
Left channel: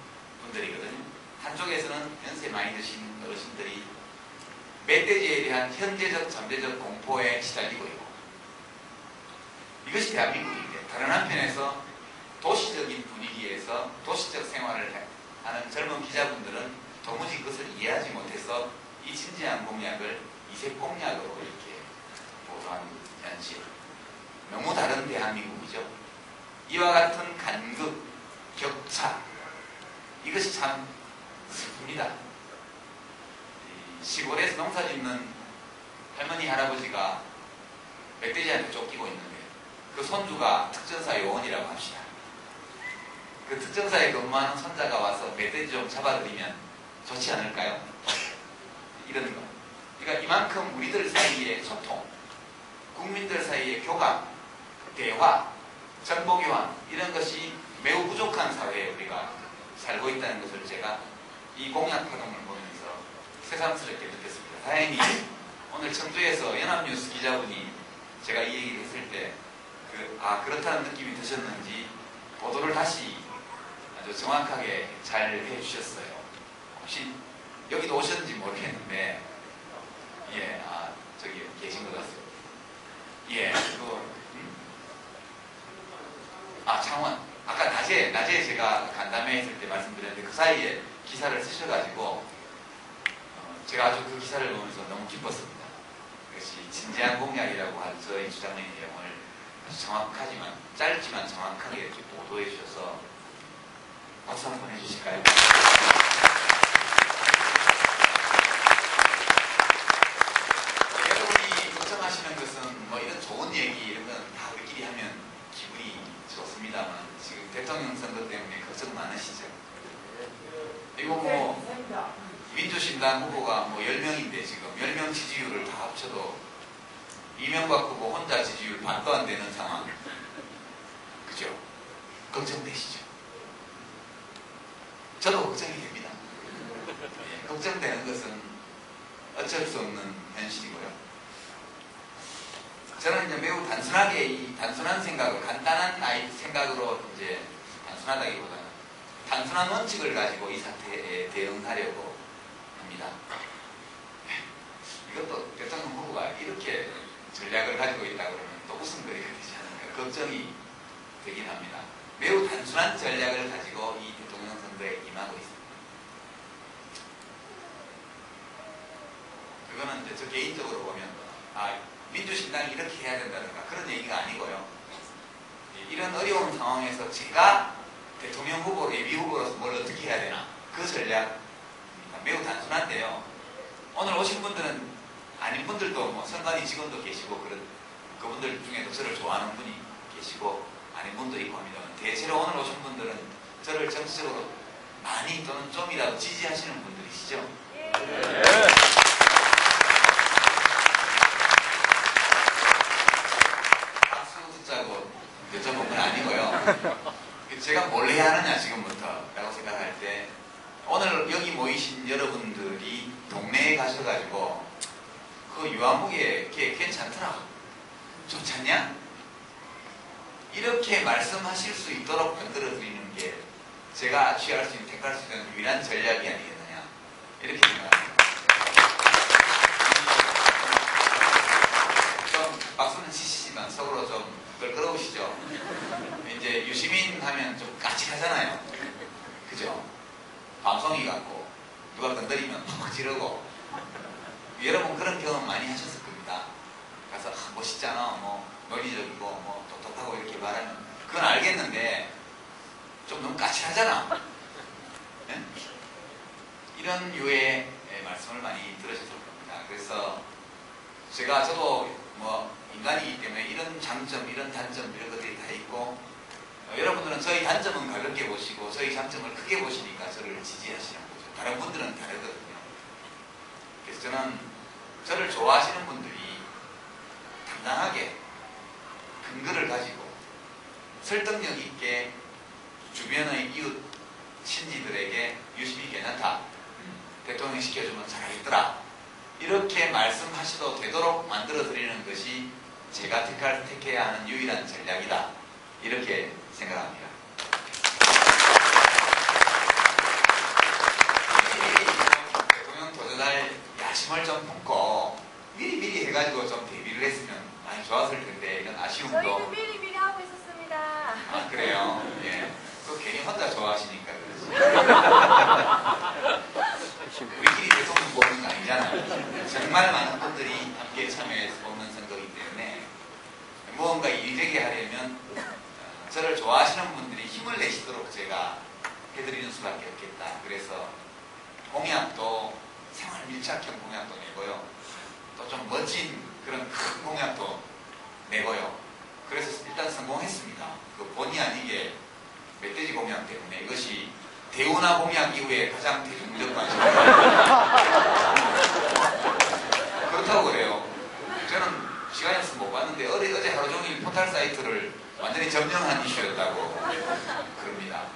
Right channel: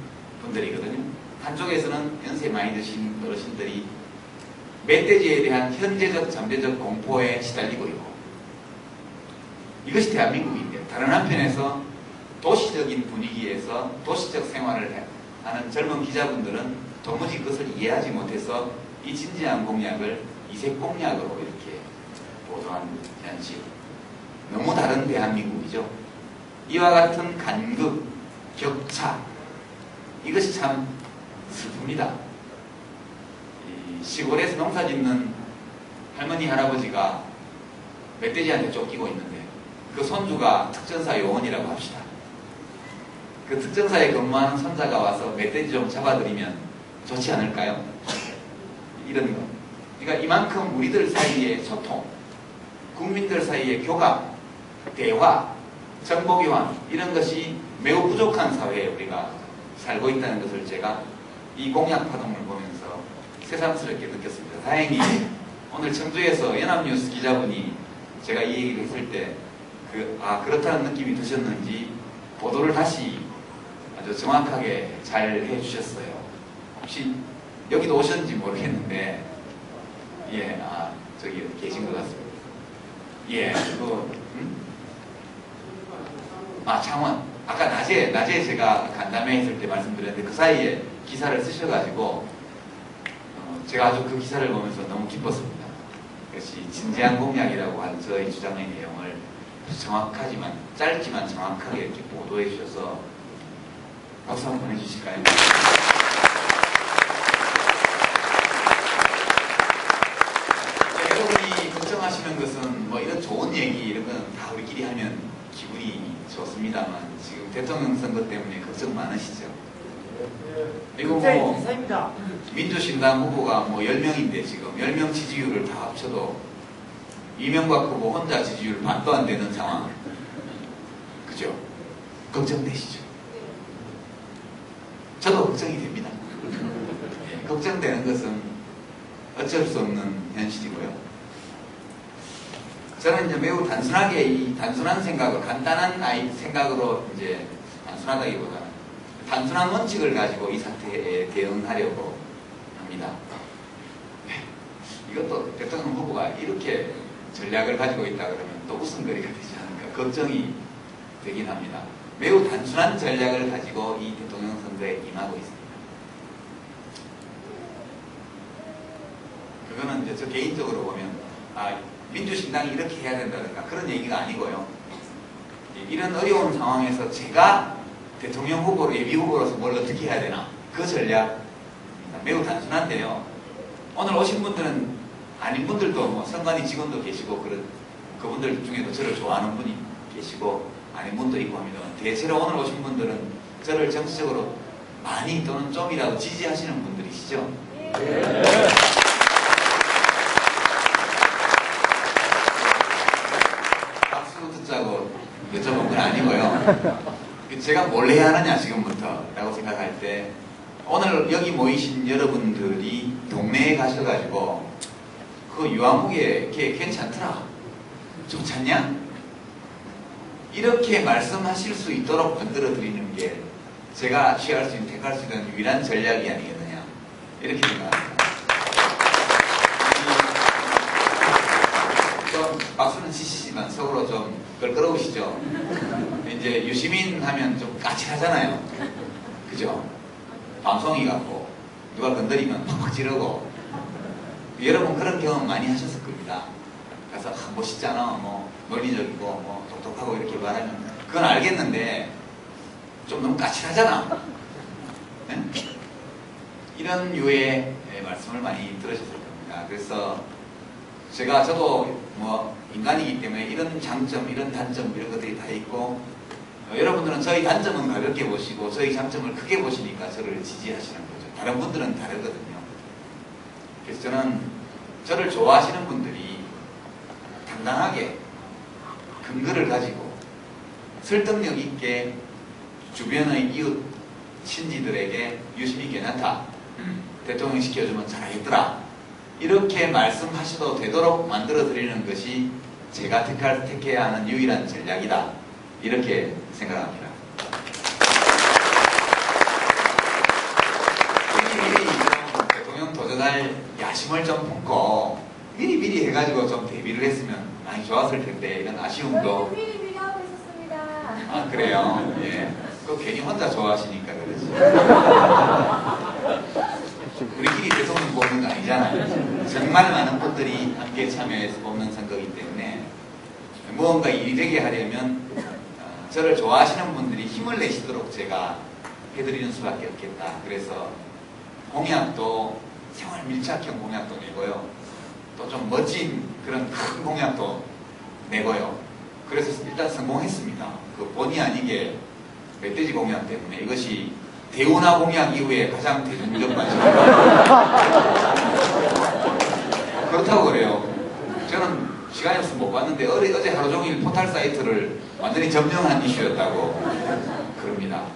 분들이거든요. 한쪽에서는 연세 많이 드신 어르신들이 멧돼지에 대한 현재적 잠재적 공포에 시달리고 있고, 이것이 대한민국인데 다른 한편에서 도시적인 분위기에서 도시적 생활을 하는 젊은 기자분들은 도무지 그것을 이해하지 못해서 이 진지한 공약을 이색 공약으로 이렇게 보도한 현실. 너무 다른 대한민국이죠. 이와 같은 간극, 격차, 이것이 참 슬픕니다. 시골에서 농사 짓는 할머니, 할아버지가 멧돼지한테 쫓기고 있는데 그 손주가 특전사 요원이라고 합시다. 그 특전사에 근무하는 손자가 와서 멧돼지 좀 잡아드리면 좋지 않을까요? 이런 거. 그러니까 이만큼 우리들 사이의 소통, 국민들 사이의 교감, 대화, 정보교환 이런 것이 매우 부족한 사회에 우리가 살고 있다는 것을 제가 이 공약 파동을 보면서 새삼스럽게 느꼈습니다. 다행히 오늘 청주에서 연합뉴스 기자분이 제가 이 얘기를 했을 때 그렇다는 느낌이 드셨는지 보도를 다시 아주 정확하게 잘 해주셨어요. 혹시 여기도 오셨는지 모르겠는데, 예, 저기 계신 것 같습니다. 예, 창원. 아까 낮에 제가 간담회 했을 때 말씀드렸는데 그 사이에 기사를 쓰셔가지고 제가 아주 그 기사를 보면서 너무 기뻤습니다. 그것이 진지한 공약이라고 한 저의 주장의 내용을 정확하지만 짧지만 정확하게 이렇게 보도해 주셔서 박수 한번 보내주실까요? 여러분이 걱정하시는 것은 뭐 이런 좋은 얘기 이런 건 다 우리끼리 하면 기분이 좋습니다만 지금 대통령 선거 때문에 걱정 많으시죠? 그리고 뭐 민주신당 후보가 뭐 10명인데 지금 10명 지지율을 다 합쳐도 이명박 후보 혼자 지지율 반도 안 되는 상황. 그죠? 걱정되시죠? 저도 걱정이 됩니다. 걱정되는 것은 어쩔 수 없는 현실이고요. 저는 이제 매우 단순하게 이 단순한 생각을 간단한 생각으로 이제 단순하다기보다는 단순한 원칙을 가지고 이 사태에 대응하려고 합니다. 이것도 대통령 후보가 이렇게 전략을 가지고 있다 그러면 또 웃음거리가 되지 않을까 걱정이 되긴 합니다. 매우 단순한 전략을 가지고 이 대통령 선거에 임하고 있습니다. 그거는 이제 저 개인적으로 보면 민주신당이 이렇게 해야 된다든가 그런 얘기가 아니고요. 이런 어려운 상황에서 제가 대통령 후보로 예비 후보로서 뭘 어떻게 해야 되나 그 전략 매우 단순한데요. 오늘 오신 분들은 아닌 분들도 뭐 선관위 직원도 계시고 그분들 중에도 저를 좋아하는 분이 계시고 아닌 분도 있고 합니다만 대체로 오늘 오신 분들은 저를 정치적으로 많이 또는 좀이라도 지지하시는 분들이시죠. 네. 박수 듣자고 여쭤본 건 아니고요. 제가 뭘 해야 하느냐 지금부터 라고 생각할 때 오늘 여기 모이신 여러분들이 동네에 가셔가지고 그 유아무개 걔 괜찮더라 좋지 않냐? 이렇게 말씀하실 수 있도록 만들어 드리는 게 제가 취할 수 있는 택할 수 있는 유일한 전략이 아니겠느냐 이렇게 생각합니다. 좀 박수는 치시지만 속으로 좀 껄끄러우시죠? 이제 유시민 하면 좀 까칠하잖아요. 그죠? 방송이 같고 누가 건드리면 팍팍 지르고 여러분 그런 경험 많이 하셨을 겁니다. 가서 멋있잖아, 뭐 논리적이고 뭐 똑똑하고 이렇게 말하면 그건 알겠는데 좀 너무 까칠하잖아. 네? 이런 유의 말씀을 많이 들으셨을 겁니다. 그래서 저도 뭐 인간이기 때문에 이런 장점, 이런 단점 이런 것들이 다 있고 여러분들은 저희 단점은 가볍게 보시고 저희 장점을 크게 보시니까 저를 지지하시는 거죠. 다른 분들은 다르거든요. 그래서 저는 저를 좋아하시는 분들이 당당하게 근거를 가지고 설득력 있게 주변의 이웃 친지들에게 유심히 괜찮다. 대통령 시켜주면 잘하겠더라. 이렇게 말씀하셔도 되도록 만들어 드리는 것이 제가 택해야 하는 유일한 전략이다. 이렇게 생각합니다. 미리 대통령 도전할 야심을 좀 품고 미리 해가지고 좀 대비를 했으면 많이 좋았을 텐데 이런 아쉬움도. 저희도 미리 하고 있었습니다. 아 그래요? 예. 그 괜히 혼자 좋아하시니까 그러지. 우리끼리 대통령 뽑는 거 아니잖아요. 정말 많은 분들이 함께 참여해서 뽑는 선거이기 때문에 무언가 이되게 하려면 저를 좋아하시는 분들이 힘을 내시도록 제가 해드리는 수밖에 없겠다. 그래서 공약도 생활 밀착형 공약도 내고요. 또 좀 멋진 그런 큰 공약도 내고요. 그래서 일단 성공했습니다. 그 본의 아니게 멧돼지 공약 때문에 이것이 대운하 공약 이후에 가장 대중적 관심입니다. 그렇다고 그래요. 저는 시간이 없어서 못 봤는데 어제 하루 종일 포털 사이트를 완전히 점령한 이슈였다고 그럽니다.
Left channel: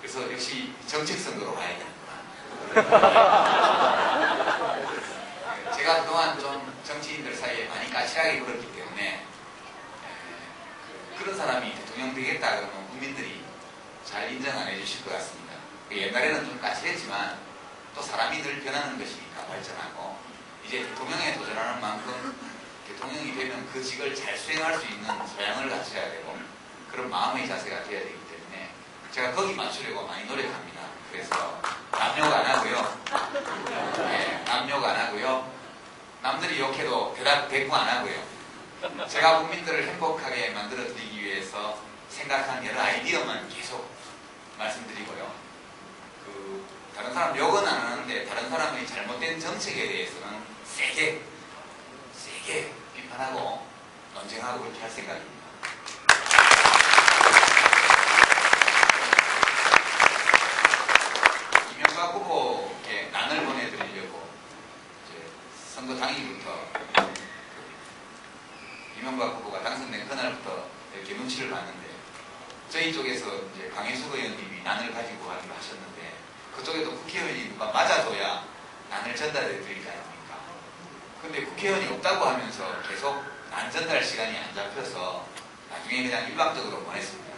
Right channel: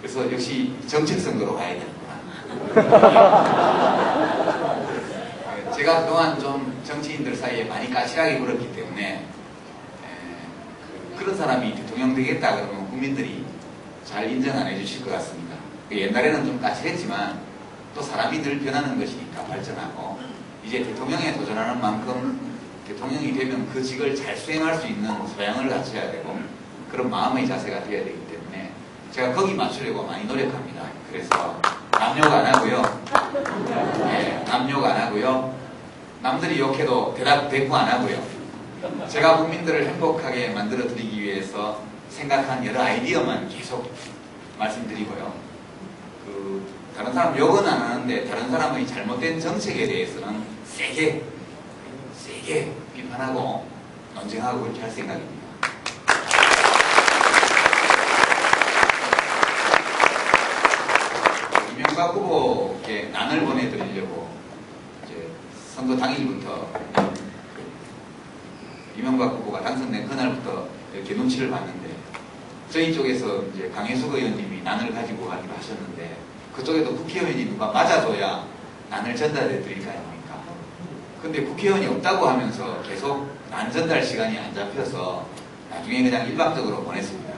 그래서 역시 정책 선거로 가야 되는구나. 제가 그동안 좀 정치인들 사이에 많이 까칠하게 굴었기 때문에 그런 사람이 대통령 되겠다 그러면 국민들이 잘 인정 안 해주실 것 같습니다. 옛날에는 좀 까칠했지만 또 사람이 늘 변하는 것이니까 발전하고 이제 대통령에 도전하는 만큼 대통령이 되면 그 직을 잘 수행할 수 있는 소양을 갖춰야 되고 그런 마음의 자세가 되어야 되기 때문에 제가 거기 맞추려고 많이 노력합니다. 그래서 남욕 안 하고요. 네, 남욕 안 하고요. 남들이 욕해도 대꾸 안 하고요. 제가 국민들을 행복하게 만들어 드리기 위해서 생각한 여러 아이디어만 계속 말씀드리고요. 다른 사람 욕은 안 하는데 다른 사람의 잘못된 정책에 대해서는 세게 비판하고 논쟁하고 그렇게 할 생각입니다. 이명박 후보께 난을 보내드리려고 이제 선거 당일부터 이명박 후보가 당선된 그날부터 이렇게 눈치를 봤는데 저희 쪽에서 이제 강혜숙 의원님이 난을 가지고 가기로 하셨는데 그쪽에도 국회의원이 누가 맞아줘야 난을 전달해 드릴 거 아닙니까? 근데 국회의원이 없다고 하면서 계속 난 전달 시간이 안 잡혀서 나중에 그냥 일방적으로 보냈습니다.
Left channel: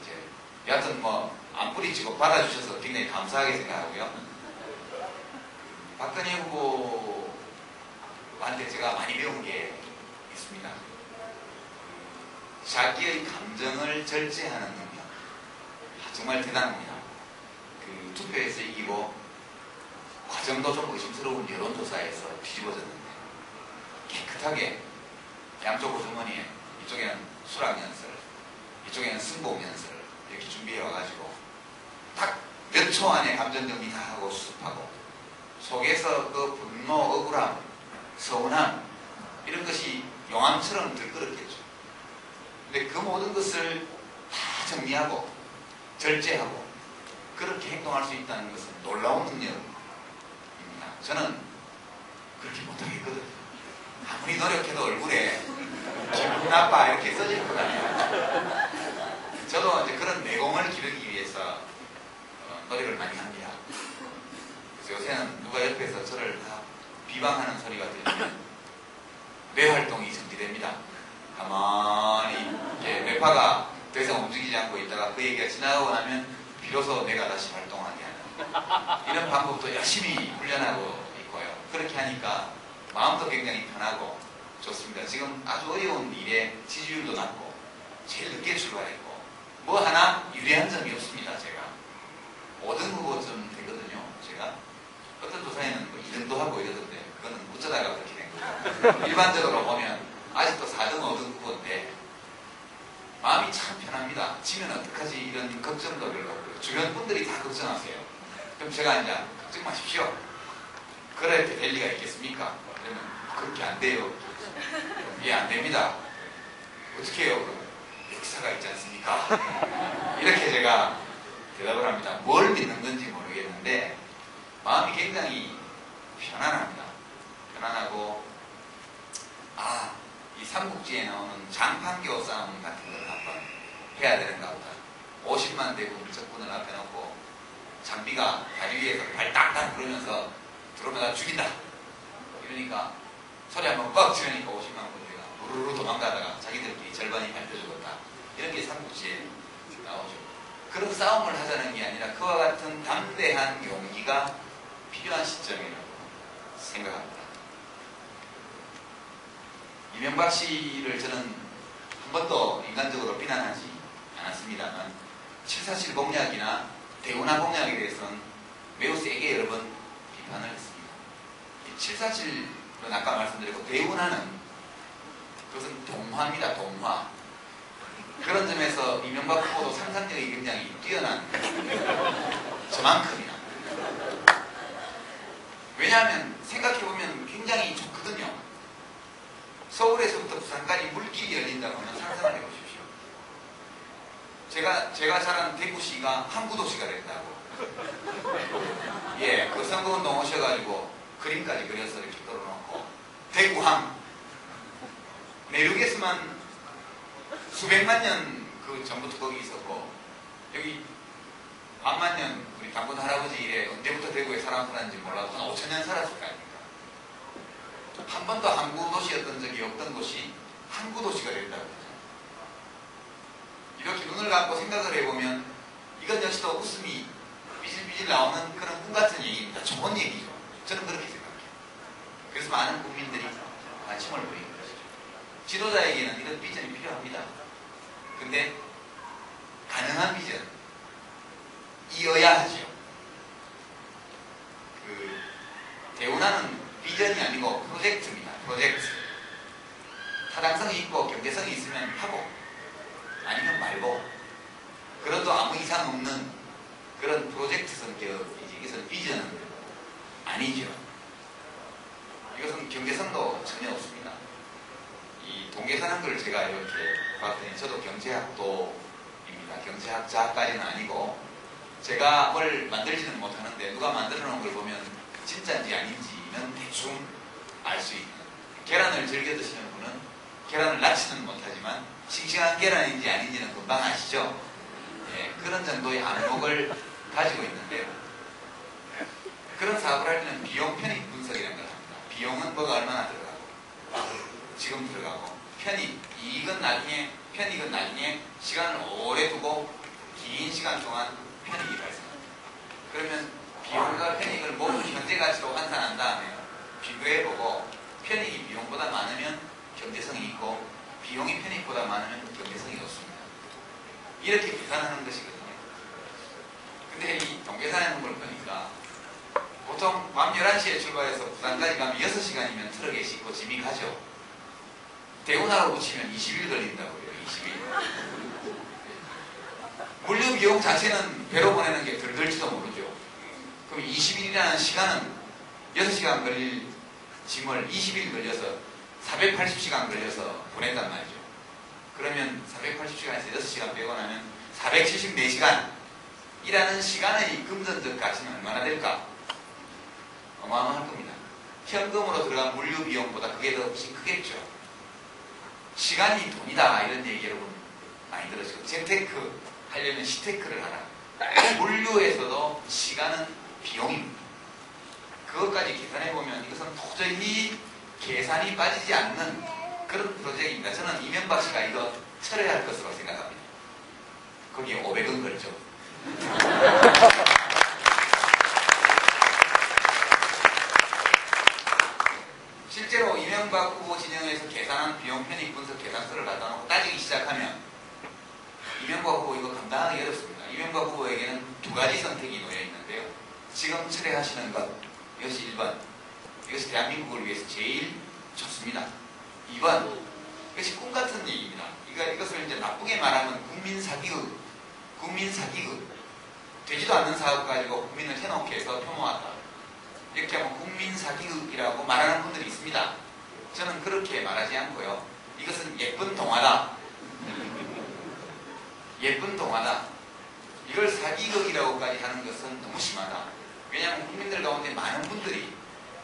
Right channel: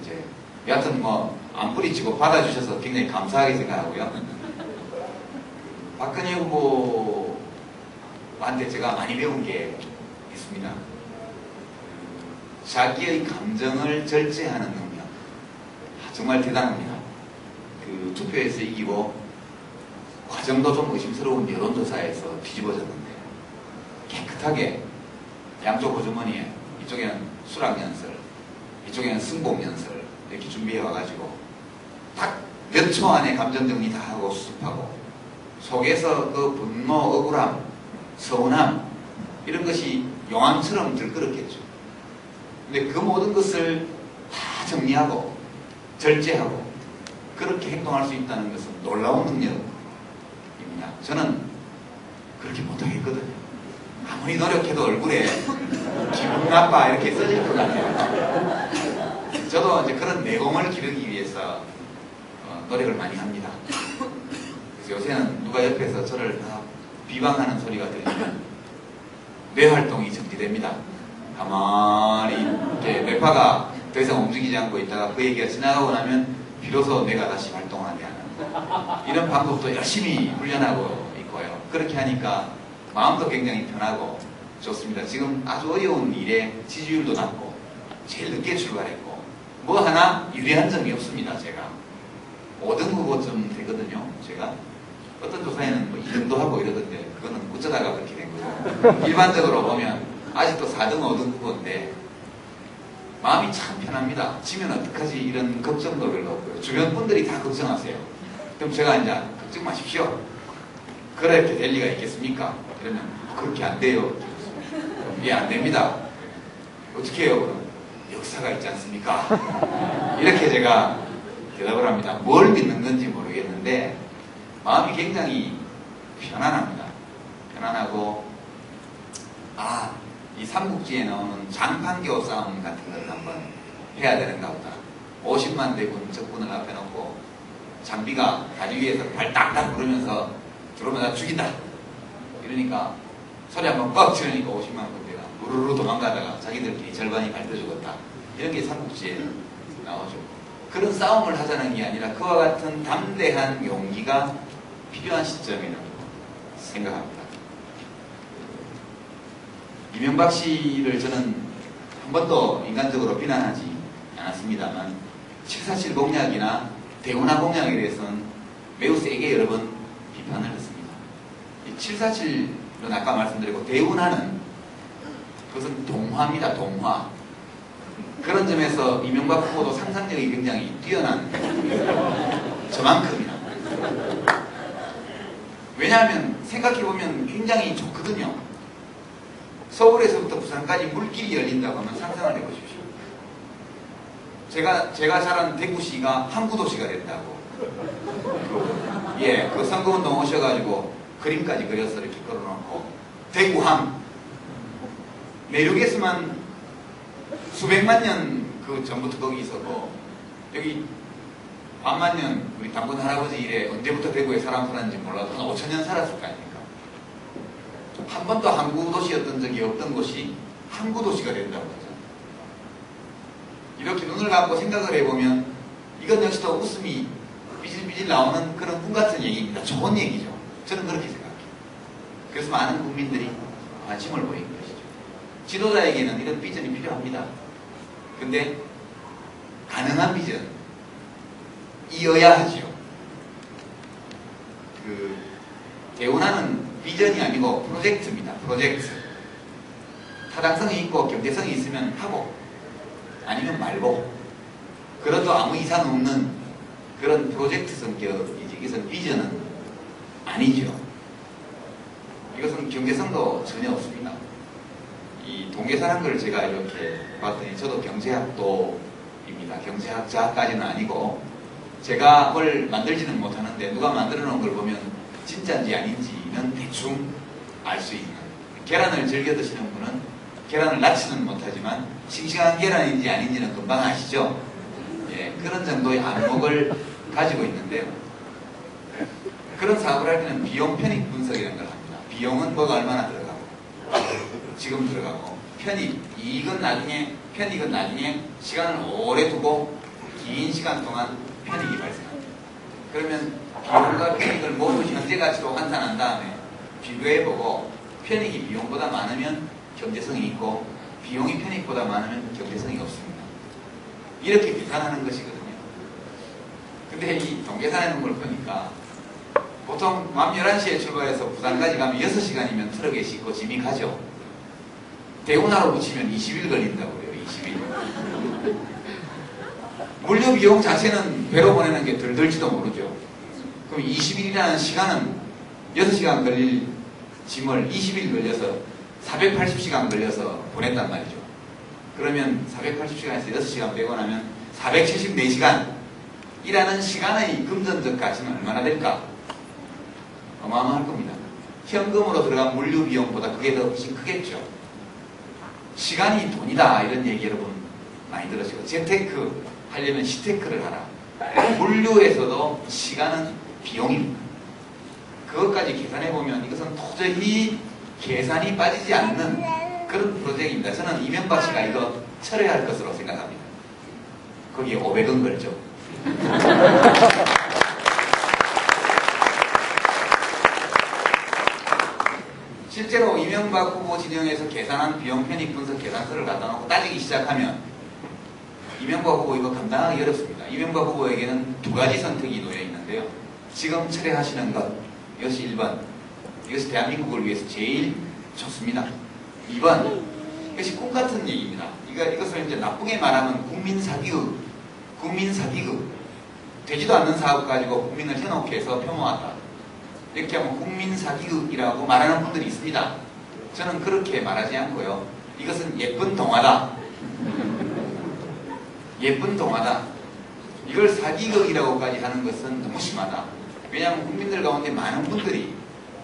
이제 여하튼 뭐 안 뿌리치고 받아주셔서 굉장히 감사하게 생각하고요. 박근혜 후보한테 제가 많이 배운 게 있습니다. 자기의 감정을 절제하는 능력. 정말 대단합니다. 투표에서 이기고 과정도 좀 의심스러운 여론조사에서 뒤집어졌는데 깨끗하게 양쪽 호주머니에 이쪽에는 수락연설, 이쪽에는 승복연설 이렇게 준비해 와가지고 딱 몇 초 안에 감정정리 다 하고 수습하고 속에서 그 분노, 억울함, 서운함 이런 것이 용암처럼 들끓었겠죠. 근데 그 모든 것을 다 정리하고 절제하고 그렇게 행동할 수 있다는 것은 놀라운 능력입니다. 저는 그렇게 못하겠거든요. 아무리 노력해도 얼굴에 기분 나빠 이렇게 써질 것 같아요. 저도 이제 그런 내공을 기르기 위해서 노력을 많이 합니다. 그래서 요새는 누가 옆에서 저를 다 비방하는 소리가 들리면 뇌활동이 정지됩니다. 가만히 이렇게 뇌파가 더 이상 움직이지 않고 있다가 그 얘기가 지나가고 나면 비로소 뇌가 다시 활동하게 하는 이런 방법도 열심히 훈련하고 있고요. 그렇게 하니까 마음도 굉장히 편하고 좋습니다. 지금 아주 어려운 일에 지지율도 낮고 제일 늦게 출발했고 뭐 하나 유리한 점이 없습니다. 제가 5등 후보쯤 되거든요. 제가 어떤 조사에는 뭐 2등도 하고 이러던데 그거는 어쩌다가 그렇게 된 거고 일반적으로 보면 아직도 4등, 5등 후보인데 마음이 참 편합니다. 지면 어떡하지 이런 걱정도 별로 없고요. 주변 분들이 다 걱정하세요. 그럼 제가 이제 걱정 마십시오. 그렇게 될 리가 있겠습니까? 그러면 그렇게 안 돼요. 예, 안 됩니다. 어떻게 해요? 그럼 역사가 있지 않습니까? 이렇게 제가 대답을 합니다. 뭘 믿는 건지 모르겠는데 마음이 굉장히 편안합니다. 편안하고 이 삼국지에 나오는 장판교 싸움 같은 걸 한번 해야 되는가 보다. 50만 대군 적군을 앞에 놓고 장비가 다리 위에서 발 딱딱 부르면서 들어오면 다 죽인다. 이러니까 소리 한번 뻑 치르니까 50만 군대가 우르르 도망가다가 자기들끼리 절반이 밟혀 죽었다. 이런 게 삼국지에 나오죠. 그런 싸움을 하자는 게 아니라 그와 같은 담대한 용기가 필요한 시점이라고 생각합니다. 이명박 씨를 저는 한 번도 인간적으로 비난하지 않았습니다만 747 공약이나 대운하 공약에 대해서는 매우 세게 여러 번 비판을 했습니다. 747은 아까 말씀드렸고 대운하는 그것은 동화입니다. 동화. 그런 점에서 이명박 후보도 상상력이 굉장히 뛰어난 저만큼이나. 왜냐하면 생각해보면 굉장히 좋거든요. 서울에서부터 부산까지 물길이 열린다고 하면 상상을 해보십시오. 제가 자란 대구시가 항구도시가 된다고. 예, 그 선거운동 오셔가지고 그림까지 그려서 이렇게 걸어놓고 대구항 내륙에서만 수백만 년 그 전부터 거기 있었고 여기 반만 년 우리 당군 할아버지 이래 언제부터 대구에 사람 살았는지 몰라도 한 5,000년 살았을 거 아닙니까? 한 번도 항구도시였던 적이 없던 곳이 항구도시가 된다고 하죠. 이렇게 눈을 감고 생각을 해보면 이건 역시 또 웃음이 삐질삐질 삐질 나오는 그런 꿈 같은 얘기입니다. 좋은 얘기죠. 저는 그렇게 생각해요. 그래서 많은 국민들이 관심을 보이는 것이죠. 지도자에게는 이런 비전이 필요합니다. 근데 가능한 비전이어야 하죠. 대운하는 비전이 아니고 프로젝트입니다. 프로젝트. 타당성이 있고 경제성이 있으면 하고 아니면 말고, 그래도 아무 이상 없는 그런 프로젝트 성격이지, 이것은 비전은 아니죠. 이것은 경제성도 전혀 없습니다. 이 동계산한 걸 제가 이렇게 봤더니 저도 경제학도입니다. 경제학자까지는 아니고 제가 뭘 만들지는 못하는데 누가 만들어 놓은 걸 보면 진짜인지 아닌지는 대충 알 수 있는, 계란을 즐겨 드시는 분은 계란을 낳지는 못하지만 싱싱한 계란인지 아닌지는 금방 아시죠? 예, 그런 정도의 안목을 가지고 있는데요. 그런 사업을 할 때는 비용 편익 분석이라는 걸 합니다. 비용은 뭐가 얼마나 들어가고 지금 들어가고, 이익은 나중에, 편익은 나중에 시간을 오래 두고 긴 시간 동안 편익이 발생합니다. 그러면 비용과 편익을 모두 현재 가치로 환산한 다음에 비교해보고 편익이 비용보다 많으면 경제성이 있고 비용이 편익보다 많으면 경제성이 없습니다. 이렇게 계산하는 것이거든요. 근데 이 동계산하는 걸 보니까 보통 밤 11시에 출발해서 부산까지 가면 6시간이면 트럭에 싣고 짐이 가죠. 대운하로 붙이면 20일 걸린다고 해요. 20일. 물류 비용 자체는 배로 보내는 게 덜 들지도 모르죠. 그럼 20일이라는 시간은 6시간 걸릴 짐을 20일 걸려서 480시간 걸려서 보낸단 말이죠. 그러면 480시간에서 6시간 빼고 나면 474시간 이라는 시간의 금전적 가치는 얼마나 될까? 어마어마할 겁니다. 현금으로 들어간 물류 비용보다 그게 더 훨씬 크겠죠. 시간이 돈이다 이런 얘기 여러분 많이 들으시고, 재테크 하려면 시테크를 하라. 물류에서도 시간은 비용입니다. 그것까지 계산해보면 이것은 도저히 계산이 빠지지 않는 그런 프로젝트입니다. 저는 이명박 씨가 이거 철회할 것으로 생각합니다. 거기에 500원 걸죠. 실제로 이명박 후보 진영에서 계산한 비용 편익 분석 계산서를 갖다 놓고 따지기 시작하면 이명박 후보 이거 감당하기 어렵습니다. 이명박 후보에게는 두 가지 선택이 놓여 있는데요. 지금 철회하시는 것, 이것이 1번. 이것이 대한민국을 위해서 제일 좋습니다. 2번. 이것이 꿈같은 얘기입니다. 이것을 이제 나쁘게 말하면 국민 사기극. 되지도 않는 사업 가지고 국민을 현혹해 해서 폄하하다. 이렇게 하면 국민 사기극이라고 말하는 분들이 있습니다. 저는 그렇게 말하지 않고요. 이것은 예쁜 동화다. 예쁜 동화다. 이걸 사기극이라고까지 하는 것은 너무 심하다. 왜냐하면 국민들 가운데 많은 분들이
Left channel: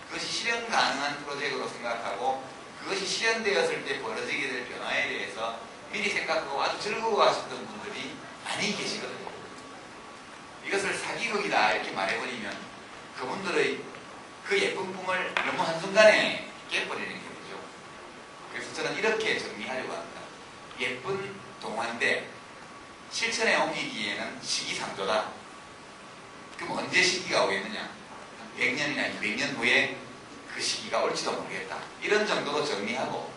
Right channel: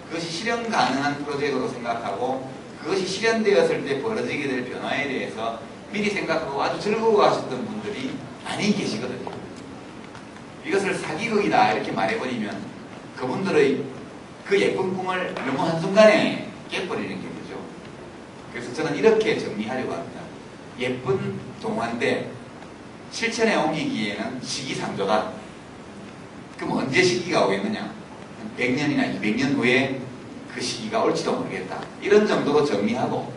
그것이 실현 가능한 프로젝트로 생각하고 그것이 실현되었을 때 벌어지게 될 변화에 대해서 미리 생각하고 아주 즐거워하셨던 분들이 많이 계시거든요. 이것을 사기극이다 이렇게 말해버리면 그분들의 그 예쁜 꿈을 너무 한순간에 깨버리는 게 되죠. 그래서 저는 이렇게 정리하려고 합니다. 예쁜 동화인데 실천에 옮기기에는 시기상조다. 그럼 언제 시기가 오겠느냐? 한 100년이나 200년 후에 그 시기가 올지도 모르겠다. 이런 정도로 정리하고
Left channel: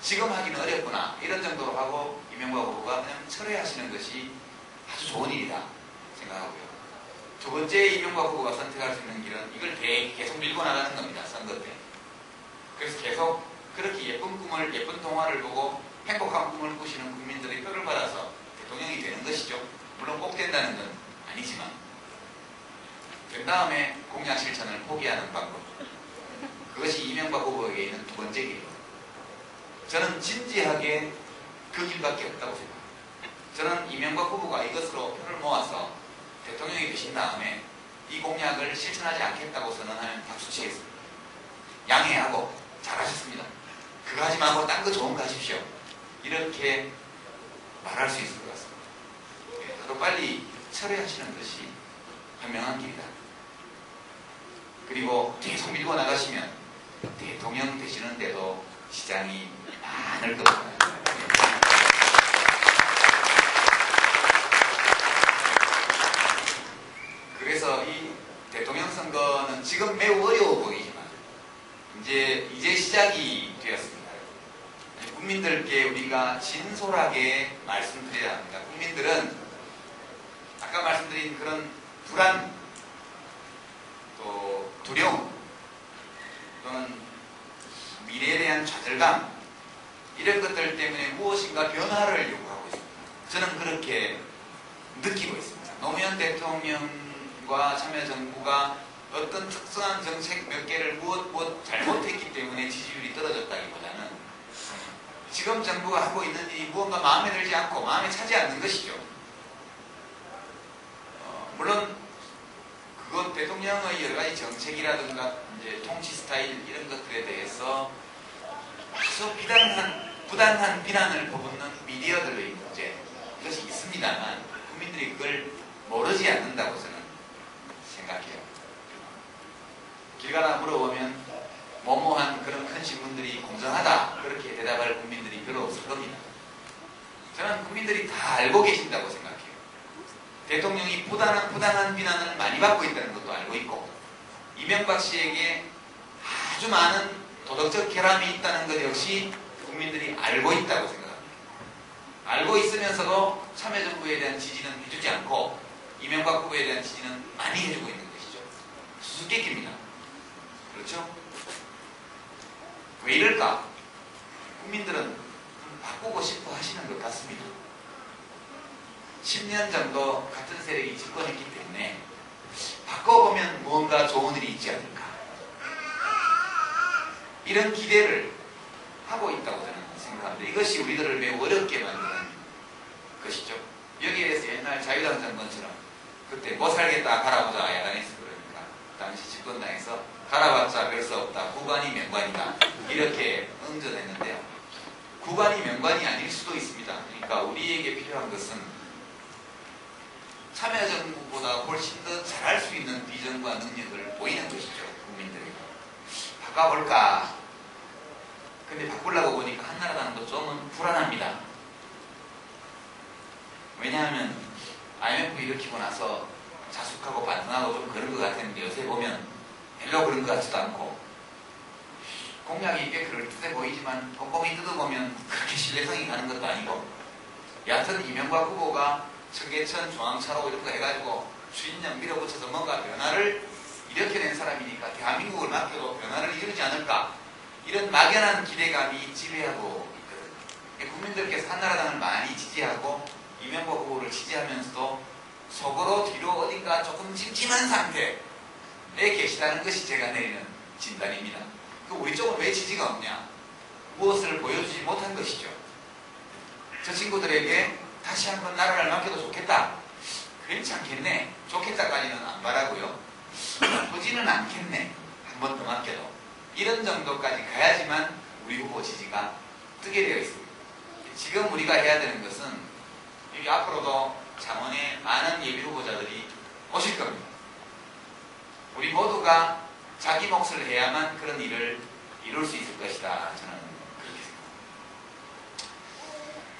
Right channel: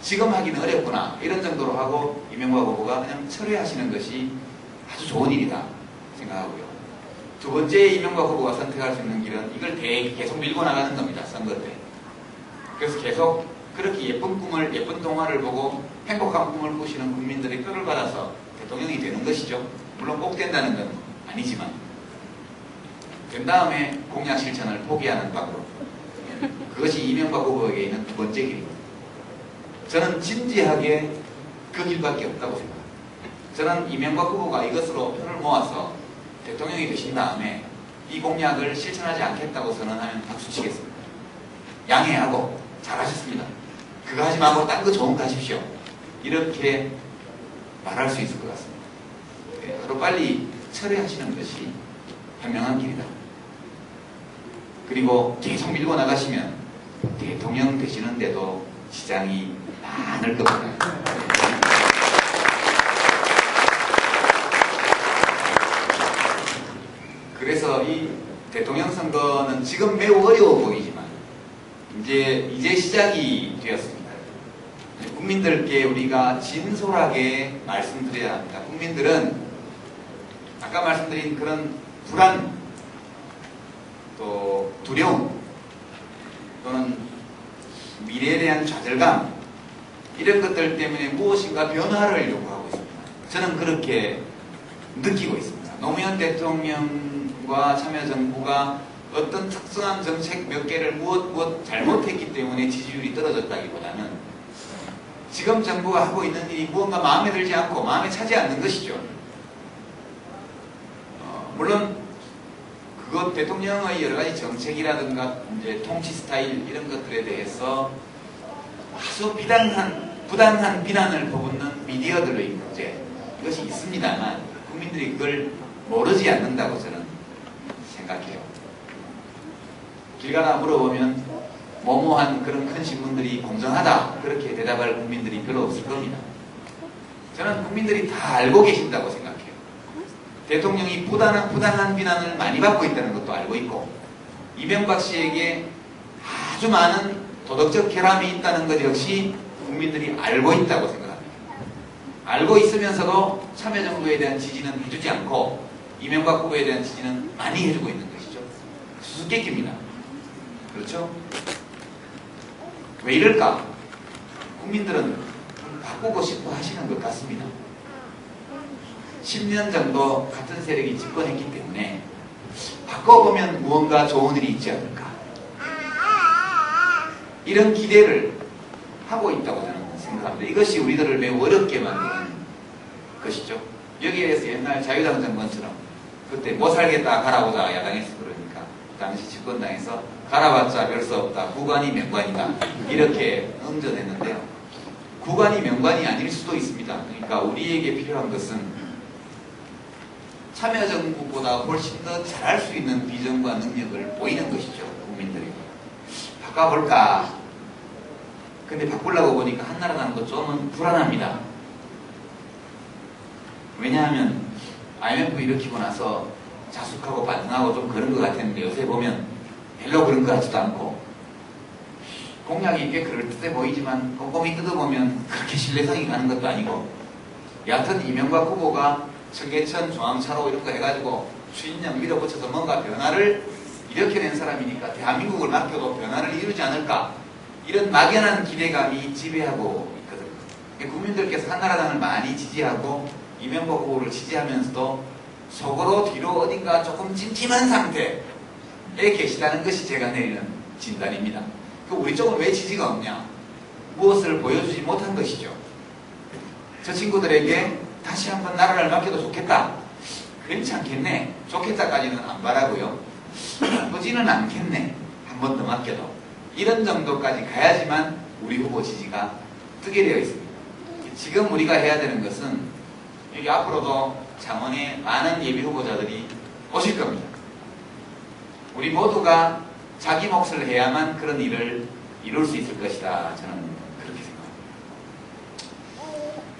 지금 하기는 어렵구나. 이런 정도로 하고 이명박 후보가 그냥 철회하시는 것이 아주 좋은 일이다 생각하고요. 두 번째 이명박 후보가 선택할 수 있는 길은 이걸 계속 밀고 나가는 겁니다. 선거 때. 그래서 계속 그렇게 예쁜 꿈을, 예쁜 동화를 보고 행복한 꿈을 꾸시는 국민들의 표를 받아서 대통령이 되는 것이죠. 물론 꼭 된다는 건 아니지만 된 다음에 공약 실천을 포기하는 방법. 그것이 이명박 후보에게 있는 두 번째 길입니다. 저는 진지하게 그 길밖에 없다고 생각합니다. 저는 이명박 후보가 이것으로 표를 모아서 대통령이 되신 다음에 이 공약을 실천하지 않겠다고 선언하면 박수 치겠습니다. 양해하고 잘하셨습니다. 그거 하지 말고 딴 거 좋은 거 하십시오. 이렇게 말할 수 있을 것 같습니다. 하루 빨리 철회하시는 것이 현명한 길이다. 그리고 계속 밀고 나가시면 대통령 되시는데도 시장이 많을 겁니다. 우리가 진솔하게 말씀드려야 합니다. 국민들은 아까 말씀드린 그런 불안, 또 두려움, 또는 미래에 대한 좌절감, 이런 것들 때문에 무엇인가 변화를 요구하고 있습니다. 저는 그렇게 느끼고 있습니다. 노무현 대통령과 참여정부가 어떤 특수한 정책 몇 개를 무엇 잘못했기 때문에 지지율이 떨어졌다기보다는 지금 정부가 하고 있는 일이 무언가 마음에 들지 않고 마음에 차지 않는 것이죠. 물론 그것 대통령의 여러 가지 정책이라든가 이제 통치 스타일 이런 것들에 대해서 아주 부당한 비난을 퍼붓는 미디어들의 문제, 이것이 있습니다만 국민들이 그걸 모르지 않는다고 저는 생각해요. 길 가다 물어보면 뭐뭐한 그런 큰 신문들이 공정하다 그렇게 대답할 국민들이 별로 없을 겁니다. 저는 국민들이 다 알고 계신다고 생각해요. 대통령이 부당한 비난을 많이 받고 있다는 것도 알고 있고, 이명박 씨에게 아주 많은 도덕적 결함이 있다는 것 역시 국민들이 알고 있다고 생각합니다. 알고 있으면서도 참여정부에 대한 지지는 해주지 않고 이명박 후보에 대한 지지는 많이 해주고 있는 것이죠. 수수께끼입니다. 그렇죠? 왜 이럴까? 국민들은 바꾸고 싶어 하시는 것 같습니다. 10년 정도 같은 세력이 집권했기 때문에 바꿔보면 무언가 좋은 일이 있지 않을까, 이런 기대를 하고 있다고 저는 생각합니다. 이것이 우리들을 매우 어렵게 만드는 것이죠. 여기에 대해서 옛날 자유당 정권처럼 그때 못 살겠다 가라보자 야당에서 그러니까 당시 집권당에서 가라봤자 별 수 없다, 구관이 명관이다 이렇게 응전했는데요. 구관이 명관이 아닐 수도 있습니다. 그러니까 우리에게 필요한 것은 참여정부보다 훨씬 더 잘할 수 있는 비전과 능력을 보이는 것이죠. 국민들에게. 바꿔볼까? 근데 바꾸려고 보니까 한나라당도 좀은 불안합니다. 왜냐하면 IMF 일으키고 나서 자숙하고 반성하고 좀 그런 것 같았는데 요새 보면 별로 그런 것 같지도 않고, 공약이 꽤 그럴듯해 보이지만 꼼꼼히 뜯어보면 그렇게 신뢰성이 가는 것도 아니고, 여하튼 이명박 후보가 청계천, 중앙차로 이런 거 해가지고 추진력 밀어붙여서 뭔가 변화를 일으켜낸 사람이니까 대한민국을 맡겨도 변화를 이루지 않을까, 이런 막연한 기대감이 지배하고 있거든요. 국민들께서 한나라당을 많이 지지하고 이명박 후보를 지지하면서도 속으로 뒤로 어딘가 조금 찜찜한 상태에 계시다는 것이 제가 내리는 진단입니다. 우리 쪽은 왜 지지가 없냐? 무엇을 보여주지 못한 것이죠. 저 친구들에게 다시 한번 나라를 맡겨도 좋겠다, 괜찮겠네, 좋겠다까지는 안 바라고요. 나쁘지는 않겠네, 한 번 더 맡겨도, 이런 정도까지 가야지만 우리 후보 지지가 뜨게 되어 있습니다. 지금 우리가 해야 되는 것은 여기 앞으로도 창원에 많은 예비 후보자들이 오실 겁니다. 우리 모두가 자기 몫을 해야만 그런 일을 이룰 수 있을 것이다, 저는 그렇게 생각합니다.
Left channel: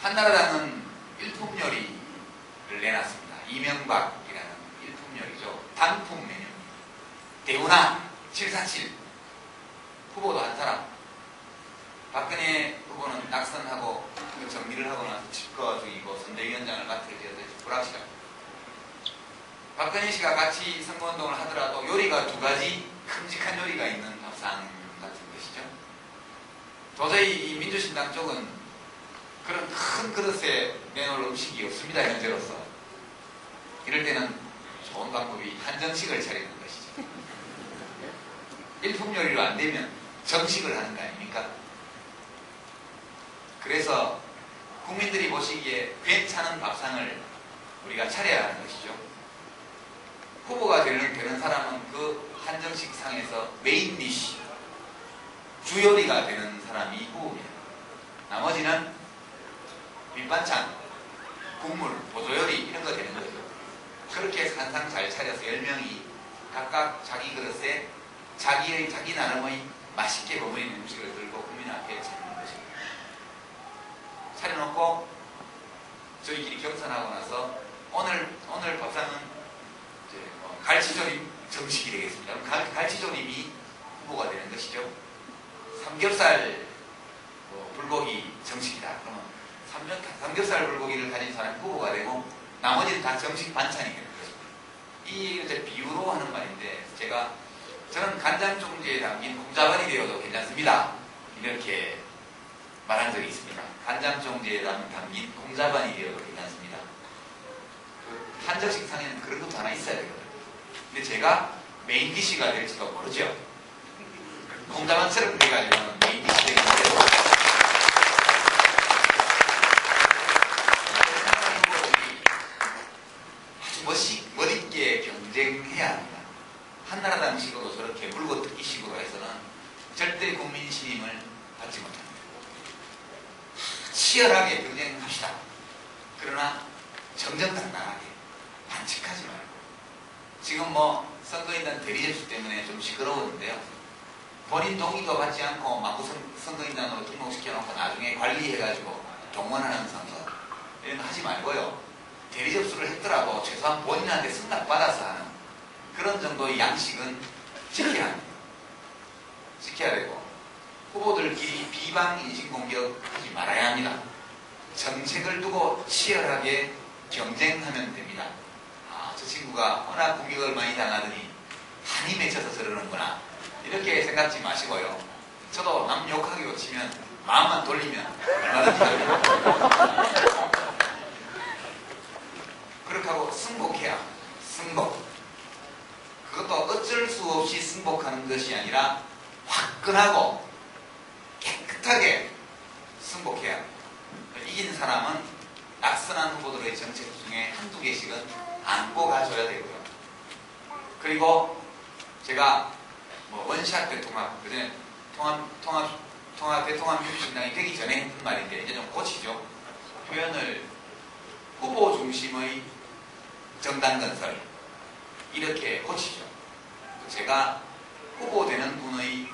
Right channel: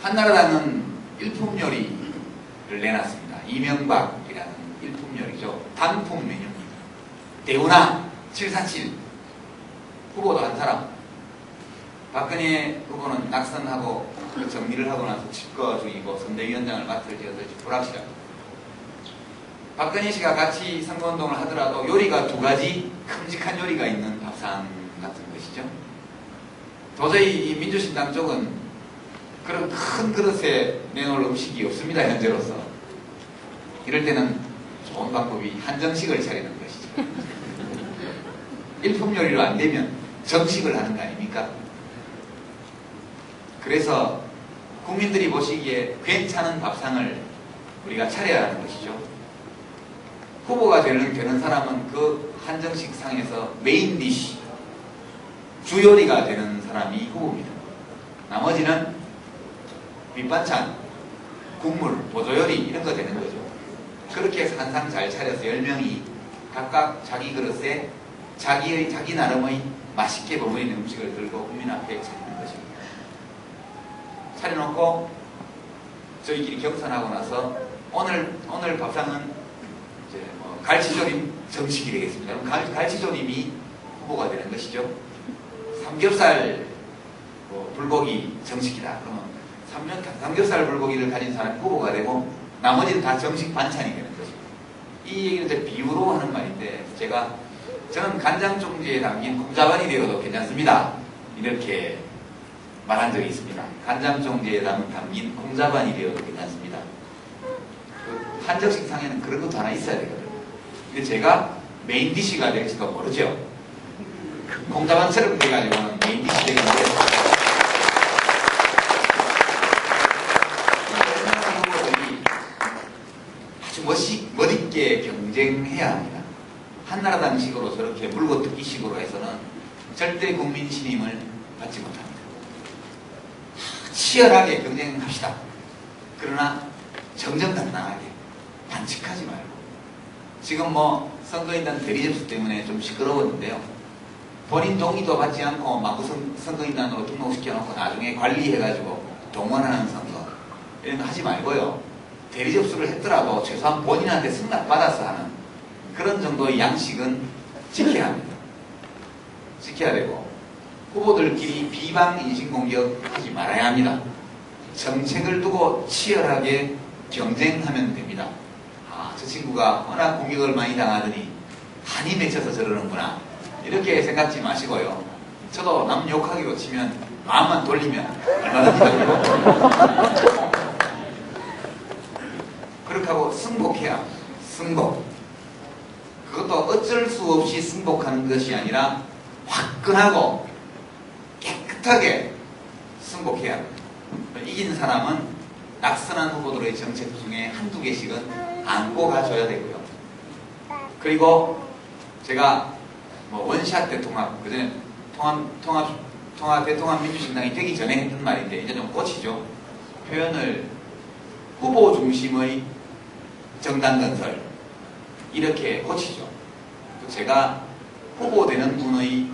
한나라당은 일품 요리를 내놨습니다. 이명박이라는 일품 요리죠. 단품 메뉴입니다. 대우나 747 후보도 한 사람, 박근혜 후보는 낙선하고 그 정리를 하고 나서 집거 중이고 선대위원장을 맡을 지어서 불확실합니다. 박근혜 씨가 같이 선거운동을 하더라도 요리가 두 가지 큼직한 요리가 있는 밥상 같은 것이죠. 도저히 이 민주신당 쪽은 그런 큰 그릇에 내놓을 음식이 없습니다, 현재로서. 이럴 때는 좋은 방법이 한정식을 차리는 것이죠. 일품 요리로 안 되면 정식을 하는 거 아닙니까? 그래서 국민들이 보시기에 괜찮은 밥상을 우리가 차려야 하는 것이죠. 후보가 되는 사람은 그 한정식 상에서 메인 디시, 주요리가 되는 사람이 후보입니다. 나머지는 밑반찬, 국물, 보조요리 이런 거 되는 거죠. 그렇게 해서 한 상 잘 차려서 10명이 각각 자기 그릇에 자기 나름의 맛있게 버무리는 음식을 들고 국민 앞에 차리는 것입니다. 차려놓고 저희끼리 경선하고 나서 오늘 밥상은 이제 갈치조림 정식이 되겠습니다. 그럼 갈치조림이 후보가 되는 것이죠. 삼겹살, 불고기 정식이다. 그러면 삼겹살 불고기를 가진 사람이 후보가 되고 나머지는 다 정식 반찬이 되는 거죠. 이 얘기를 비유로 하는 말인데 저는 간장 종지에 담긴 콩자반이 되어도 괜찮습니다. 이렇게 말한 적이 있습니다. 간장 종지에 담긴 콩자반이 되어도 괜찮습니다. 그 한정식 상에는 그런 것도 하나 있어야 되거든요. 근데 제가 메인 디시가 될지도 모르죠. 콩자반처럼 돼가지고는 메인 디시 되는데 아주 멋있게 경쟁해야 합니다. 한나라당식으로 저렇게 물고 뜯기식으로 해서는 절대 국민 신임을 받지 못합니다. 치열하게 경쟁합시다. 그러나 정정당당하게 반칙하지 말고 지금 선거인단 대리접수 때문에 좀 시끄러웠는데요. 본인 동의도 받지 않고 마구 선거인단으로 등록시켜놓고 나중에 관리해가지고 동원하는 선거 이런 거 하지 말고요. 대리접수를 했더라도 최소한 본인한테 승낙받아서 하는 그런 정도의 양식은 지켜야 합니다. 지켜야 되고 후보들끼리 비방 인신공격 하지 말아야 합니다. 정책을 두고 치열하게 경쟁하면 됩니다. 저 친구가 워낙 공격을 많이 당하더니 한이 맺혀서 저러는구나 이렇게 생각지 마시고요. 저도 남 욕하기로 치면 마음만 돌리면 얼마든지 돌리고 그렇게 하고 승복해야 합니다. 승복. 그것도 어쩔 수 없이 승복하는 것이 아니라 화끈하고 깨끗하게 승복해야 합니다. 이긴 사람은 낙선한 후보들의 정책 중에 한두 개씩은 안고 가줘야 되고요. 그리고 제가 원샷 대통합, 그전에 대통합민주신당이 되기 전에 했던 말인데 이제 좀 고치죠. 표현을 후보 중심의 정당 건설 이렇게 고치죠. 제가 후보되는 분의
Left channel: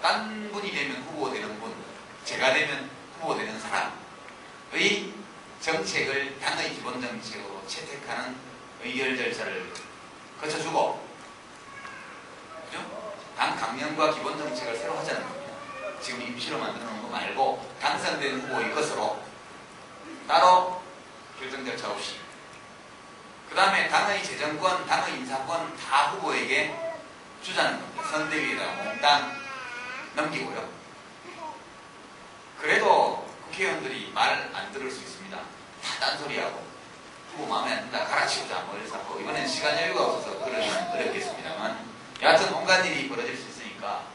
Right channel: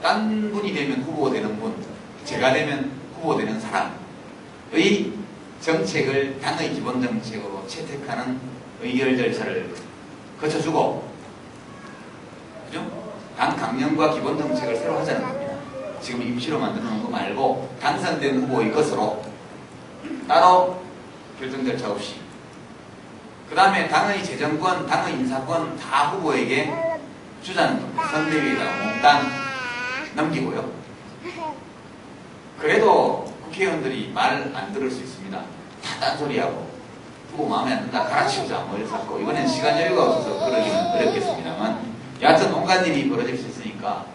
딴 분이 되면 후보되는 분, 제가 되면 후보되는 사람의 정책을 당의 기본 정책으로 채택하는 의결 절차를 거쳐주고, 그죠? 당 강령과 기본 정책을 새로 하자는 겁니다. 지금 임시로 만들어 놓은 거 말고 당선된 후보의 것으로 따로 결정 절차 없이. 그 다음에 당의 재정권, 당의 인사권 다 후보에게 주자는 겁니다. 선대위에다가 몽땅 넘기고요. 그래도 국회의원들이 말 안 들을 수 있습니다. 다 딴소리하고 후보 마음에 안 든다 갈아치우자 머리 잡고 이번엔 시간 여유가 없어서 그러기는 어렵겠습니다만 여하튼 온갖 일이 벌어질 수 있으니까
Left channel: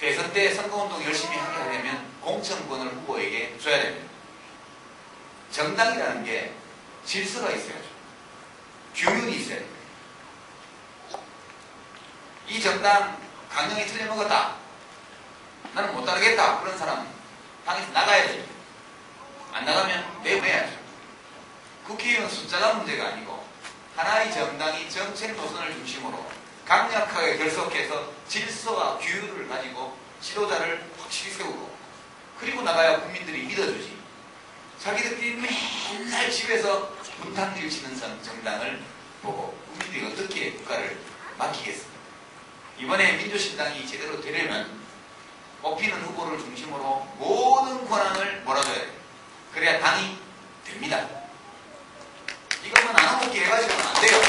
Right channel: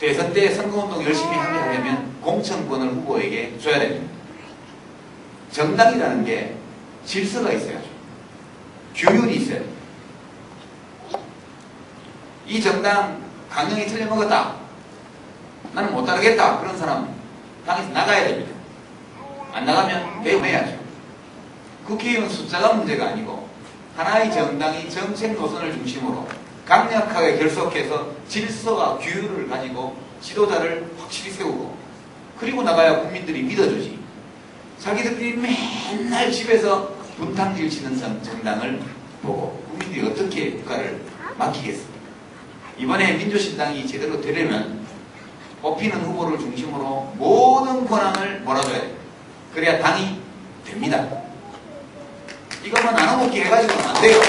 대선 때 선거운동 열심히 하려면 공천권을 후보에게 줘야 됩니다. 정당이라는 게 질서가 있어야죠. 규율이 있어야 됩니다. 이 정당 강령이 틀려먹었다. 나는 못 따르겠다. 그런 사람 당에서 나가야 됩니다. 안 나가면 내보내야죠. 국회의원 숫자가 문제가 아니고 하나의 정당이 정책 노선을 중심으로 강력하게 결속해서 질서와 규율을 가지고 지도자를 확실히 세우고 그리고 나가야 국민들이 믿어주지. 자기들끼리 맨날 집에서 분탕질 치는 정당을 보고 국민들이 어떻게 국가를 맡기겠습니까? 이번에 민주신당이 제대로 되려면 뽑히는 후보를 중심으로 모든 권한을 몰아줘야 돼요. 그래야 당이 됩니다. 이것만 나눠먹기 해가지고는 안 돼요.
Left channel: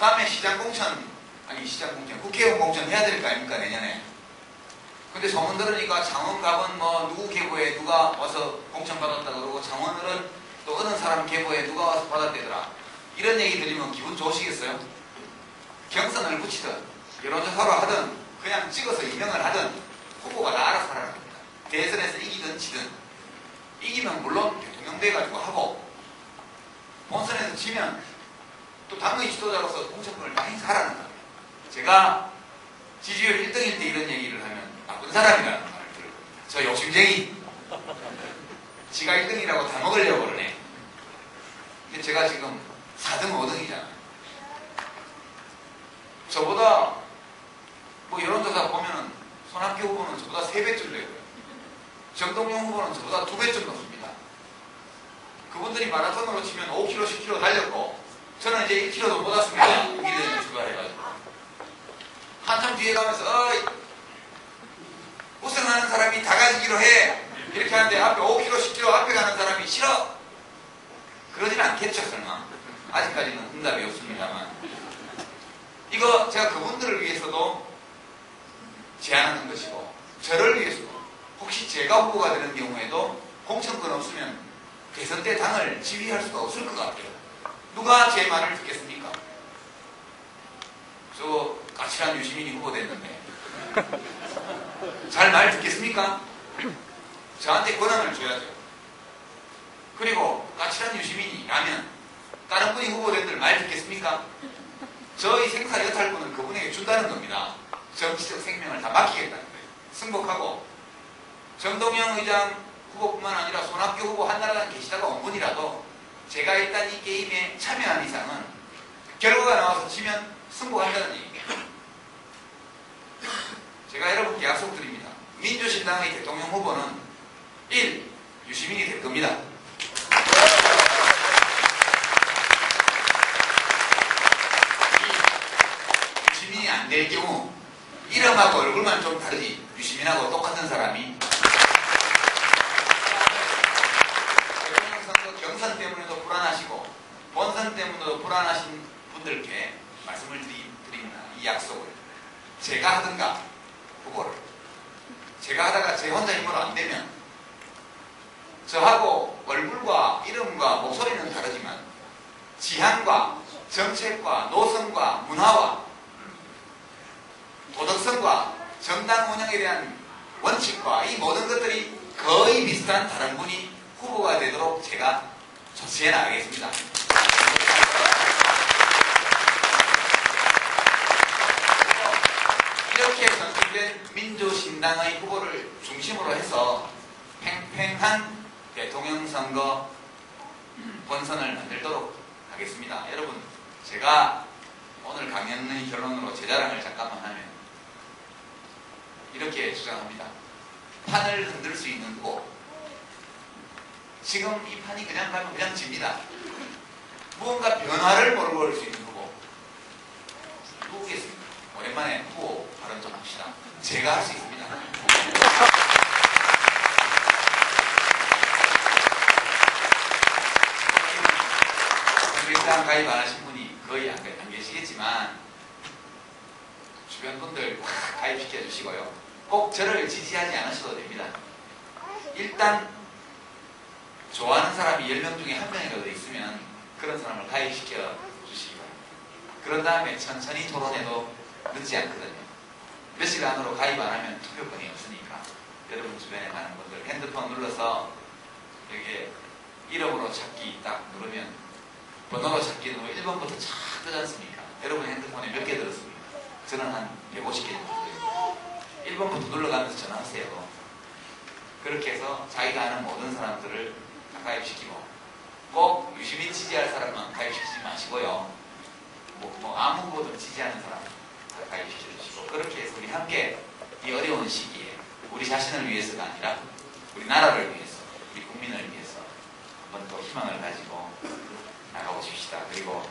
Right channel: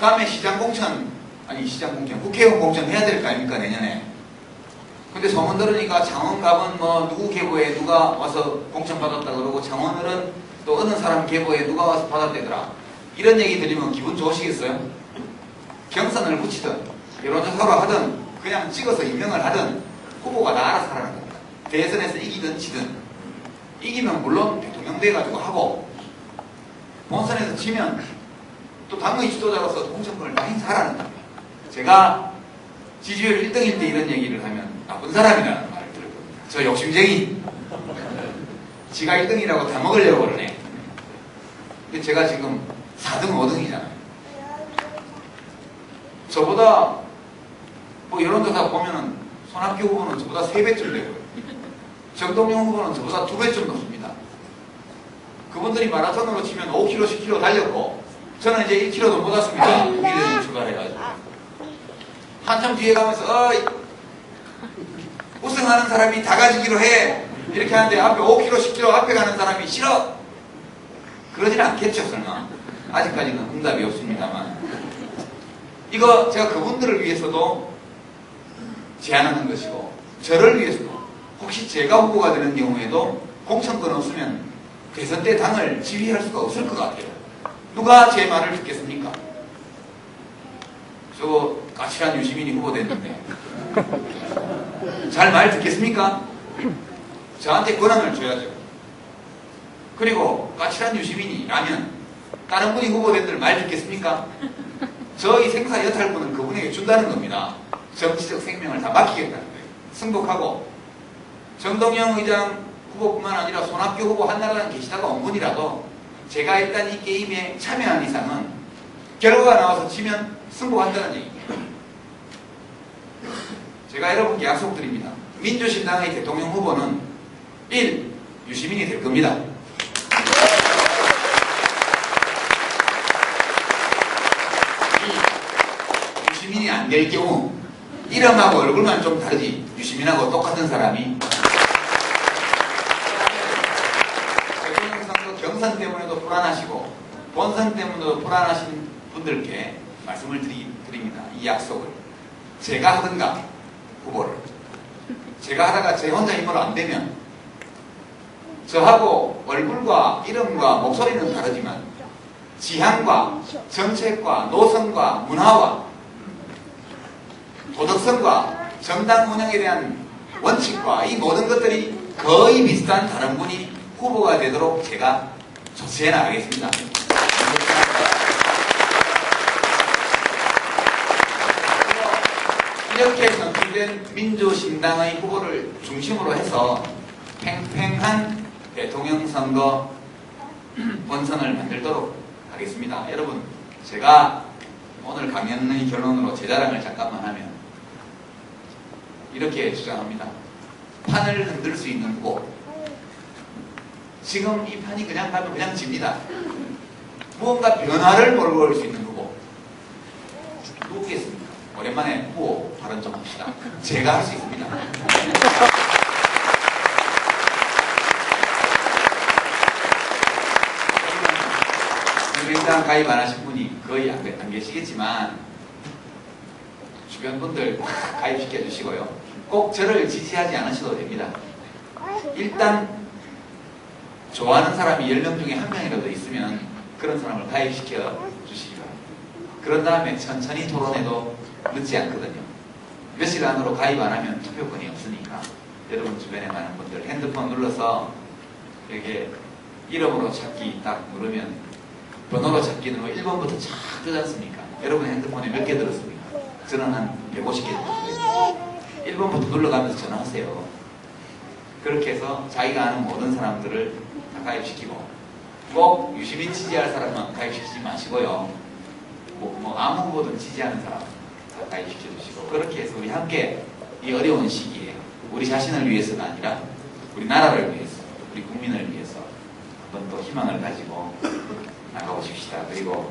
다음에 국회의원 공천 해야 될 거 아닙니까, 내년에. 근데 소문 들으니까 창원갑은 누구 계보에 누가 와서 공천 받았다 그러고 창원을은 또 어느 사람 계보에 누가 와서 받았대더라. 이런 얘기 들으면 기분 좋으시겠어요? 경선을 붙이든 여론조사로 하든 그냥 찍어서 임명을 하든 후보가 다 알아서 하라는 겁니다. 대선에서 이기든 지든 이기면 물론 대통령 돼가지고 하고 본선에서 지면 또 당의 지도자로서 공천권을 다 행사하라는 겁니다. 제가 지지율 1등일 때 이런 얘기를 하면 나쁜 사람이라는 말을 들을 겁니다. 저 욕심쟁이. 지가 1등이라고 다 먹으려고 그러네. 근데 제가 지금 4등, 5등이잖아요. 저보다 여론조사 보면은 손학규 후보는 저보다 3배쯤 되고요. 정동영 후보는 저보다 2배쯤 높습니다. 그분들이 마라톤으로 치면 5km, 10km 달렸고 저는 이제 1km도 못 왔습니다. 미래를 추가해가지고 한참 뒤에 가면서 운동하는 사람이 다 가지기로 해. 이렇게 하는데 앞에 5km, 10km 앞에 가는 사람이 싫어. 그러진 않겠죠, 설마. 아직까지는 응답이 없습니다만. 이거 제가 그분들을 위해서도 제안하는 것이고, 저를 위해서도 혹시 제가 후보가 되는 경우에도 공천권 없으면 대선 때 당을 지휘할 수가 없을 것 같아요. 누가 제 말을 듣겠습니까? 저 까칠한 유시민이 후보됐는데 잘 말 듣겠습니까? 저한테 권한을 줘야죠. 그리고 까칠한 유시민이라면 다른 분이 후보된들 말 듣겠습니까? 저희 생사 여탈권을 그분에게 준다는 겁니다. 정치적 생명을 다 맡기겠다는 거예요. 승복하고 정동영 의장 후보뿐만 아니라 손학규 후보 한나라당 계시다가 온 분이라도 제가 일단 이 게임에 참여한 이상은 결과가 나와서 치면 승복한다는 얘기예요. 제가 여러분께 약속드립니다. 민주신당의 대통령 후보는 1. 유시민이 될 겁니다. 유시민이 안 될 경우 이름하고 얼굴만 좀 다르지 유시민하고 똑같은 사람이 대통령 선거 경선 때문에도 불안하시고 본선 때문에도 불안하신 분들께 말씀을 드립니다. 이 약속을 제가 하든가 후보를 제가 하다가 제 혼자 힘으로 안 되면 저하고 얼굴과 이름과 목소리는 다르지만 지향과 정책과 노선과 문화와 도덕성과 정당 운영에 대한 원칙과 이 모든 것들이 거의 비슷한 다른 분이 후보가 되도록 제가 조치해 나가겠습니다. 이렇게 선출된 민주신당의 후보를 중심으로 해서 팽팽한 대통령 선거 본선을 만들도록 하겠습니다. 여러분, 제가 오늘 강연의 결론으로 제 자랑을 잠깐만 하면 이렇게 주장합니다. 판을 흔들 수 있는 후보. 지금 이 판이 그냥 가면 그냥 집니다. 무언가 변화를 몰아올 수 있는 후보. 누구겠습니까? 오랜만에 후보 발언 좀 합시다. 제가 할 수 있습니다. 정의당 가입 안 하신 분이 거의 안 계시겠지만 주변 분들 가입시켜 주시고요. 꼭 저를 지지하지 않으셔도 됩니다. 일단 좋아하는 사람이 10명 중에 1명이라도 있으면 그런 사람을 가입시켜 주시기 바랍니다. 그런 다음에 천천히 토론해도 늦지 않거든요. 며칠 안으로 가입 안 하면 투표권이 없으니까 여러분 주변에 많은 분들 핸드폰 눌러서 이렇게 이름으로 찾기 딱 누르면 번호로 찾기 누르면 1번부터 쫙 뜨지 않습니까? 여러분 핸드폰에 몇 개 들었습니까? 저는 한 150개 들었어요. 1번부터 눌러가면서 전화하세요. 그렇게 해서 자기가 아는 모든 사람들을 다 가입시키고 꼭 유시민 지지할 사람만 가입시키지 마시고요. 뭐 아무 후보든 지지하는 사람 다 가입시켜 주시고 그렇게 해서 우리 함께 이 어려운 시기에 우리 자신을 위해서가 아니라 우리 나라를 위해서 우리 국민을 위해서 한번 또 희망을 가지고 나가보십시다. 그리고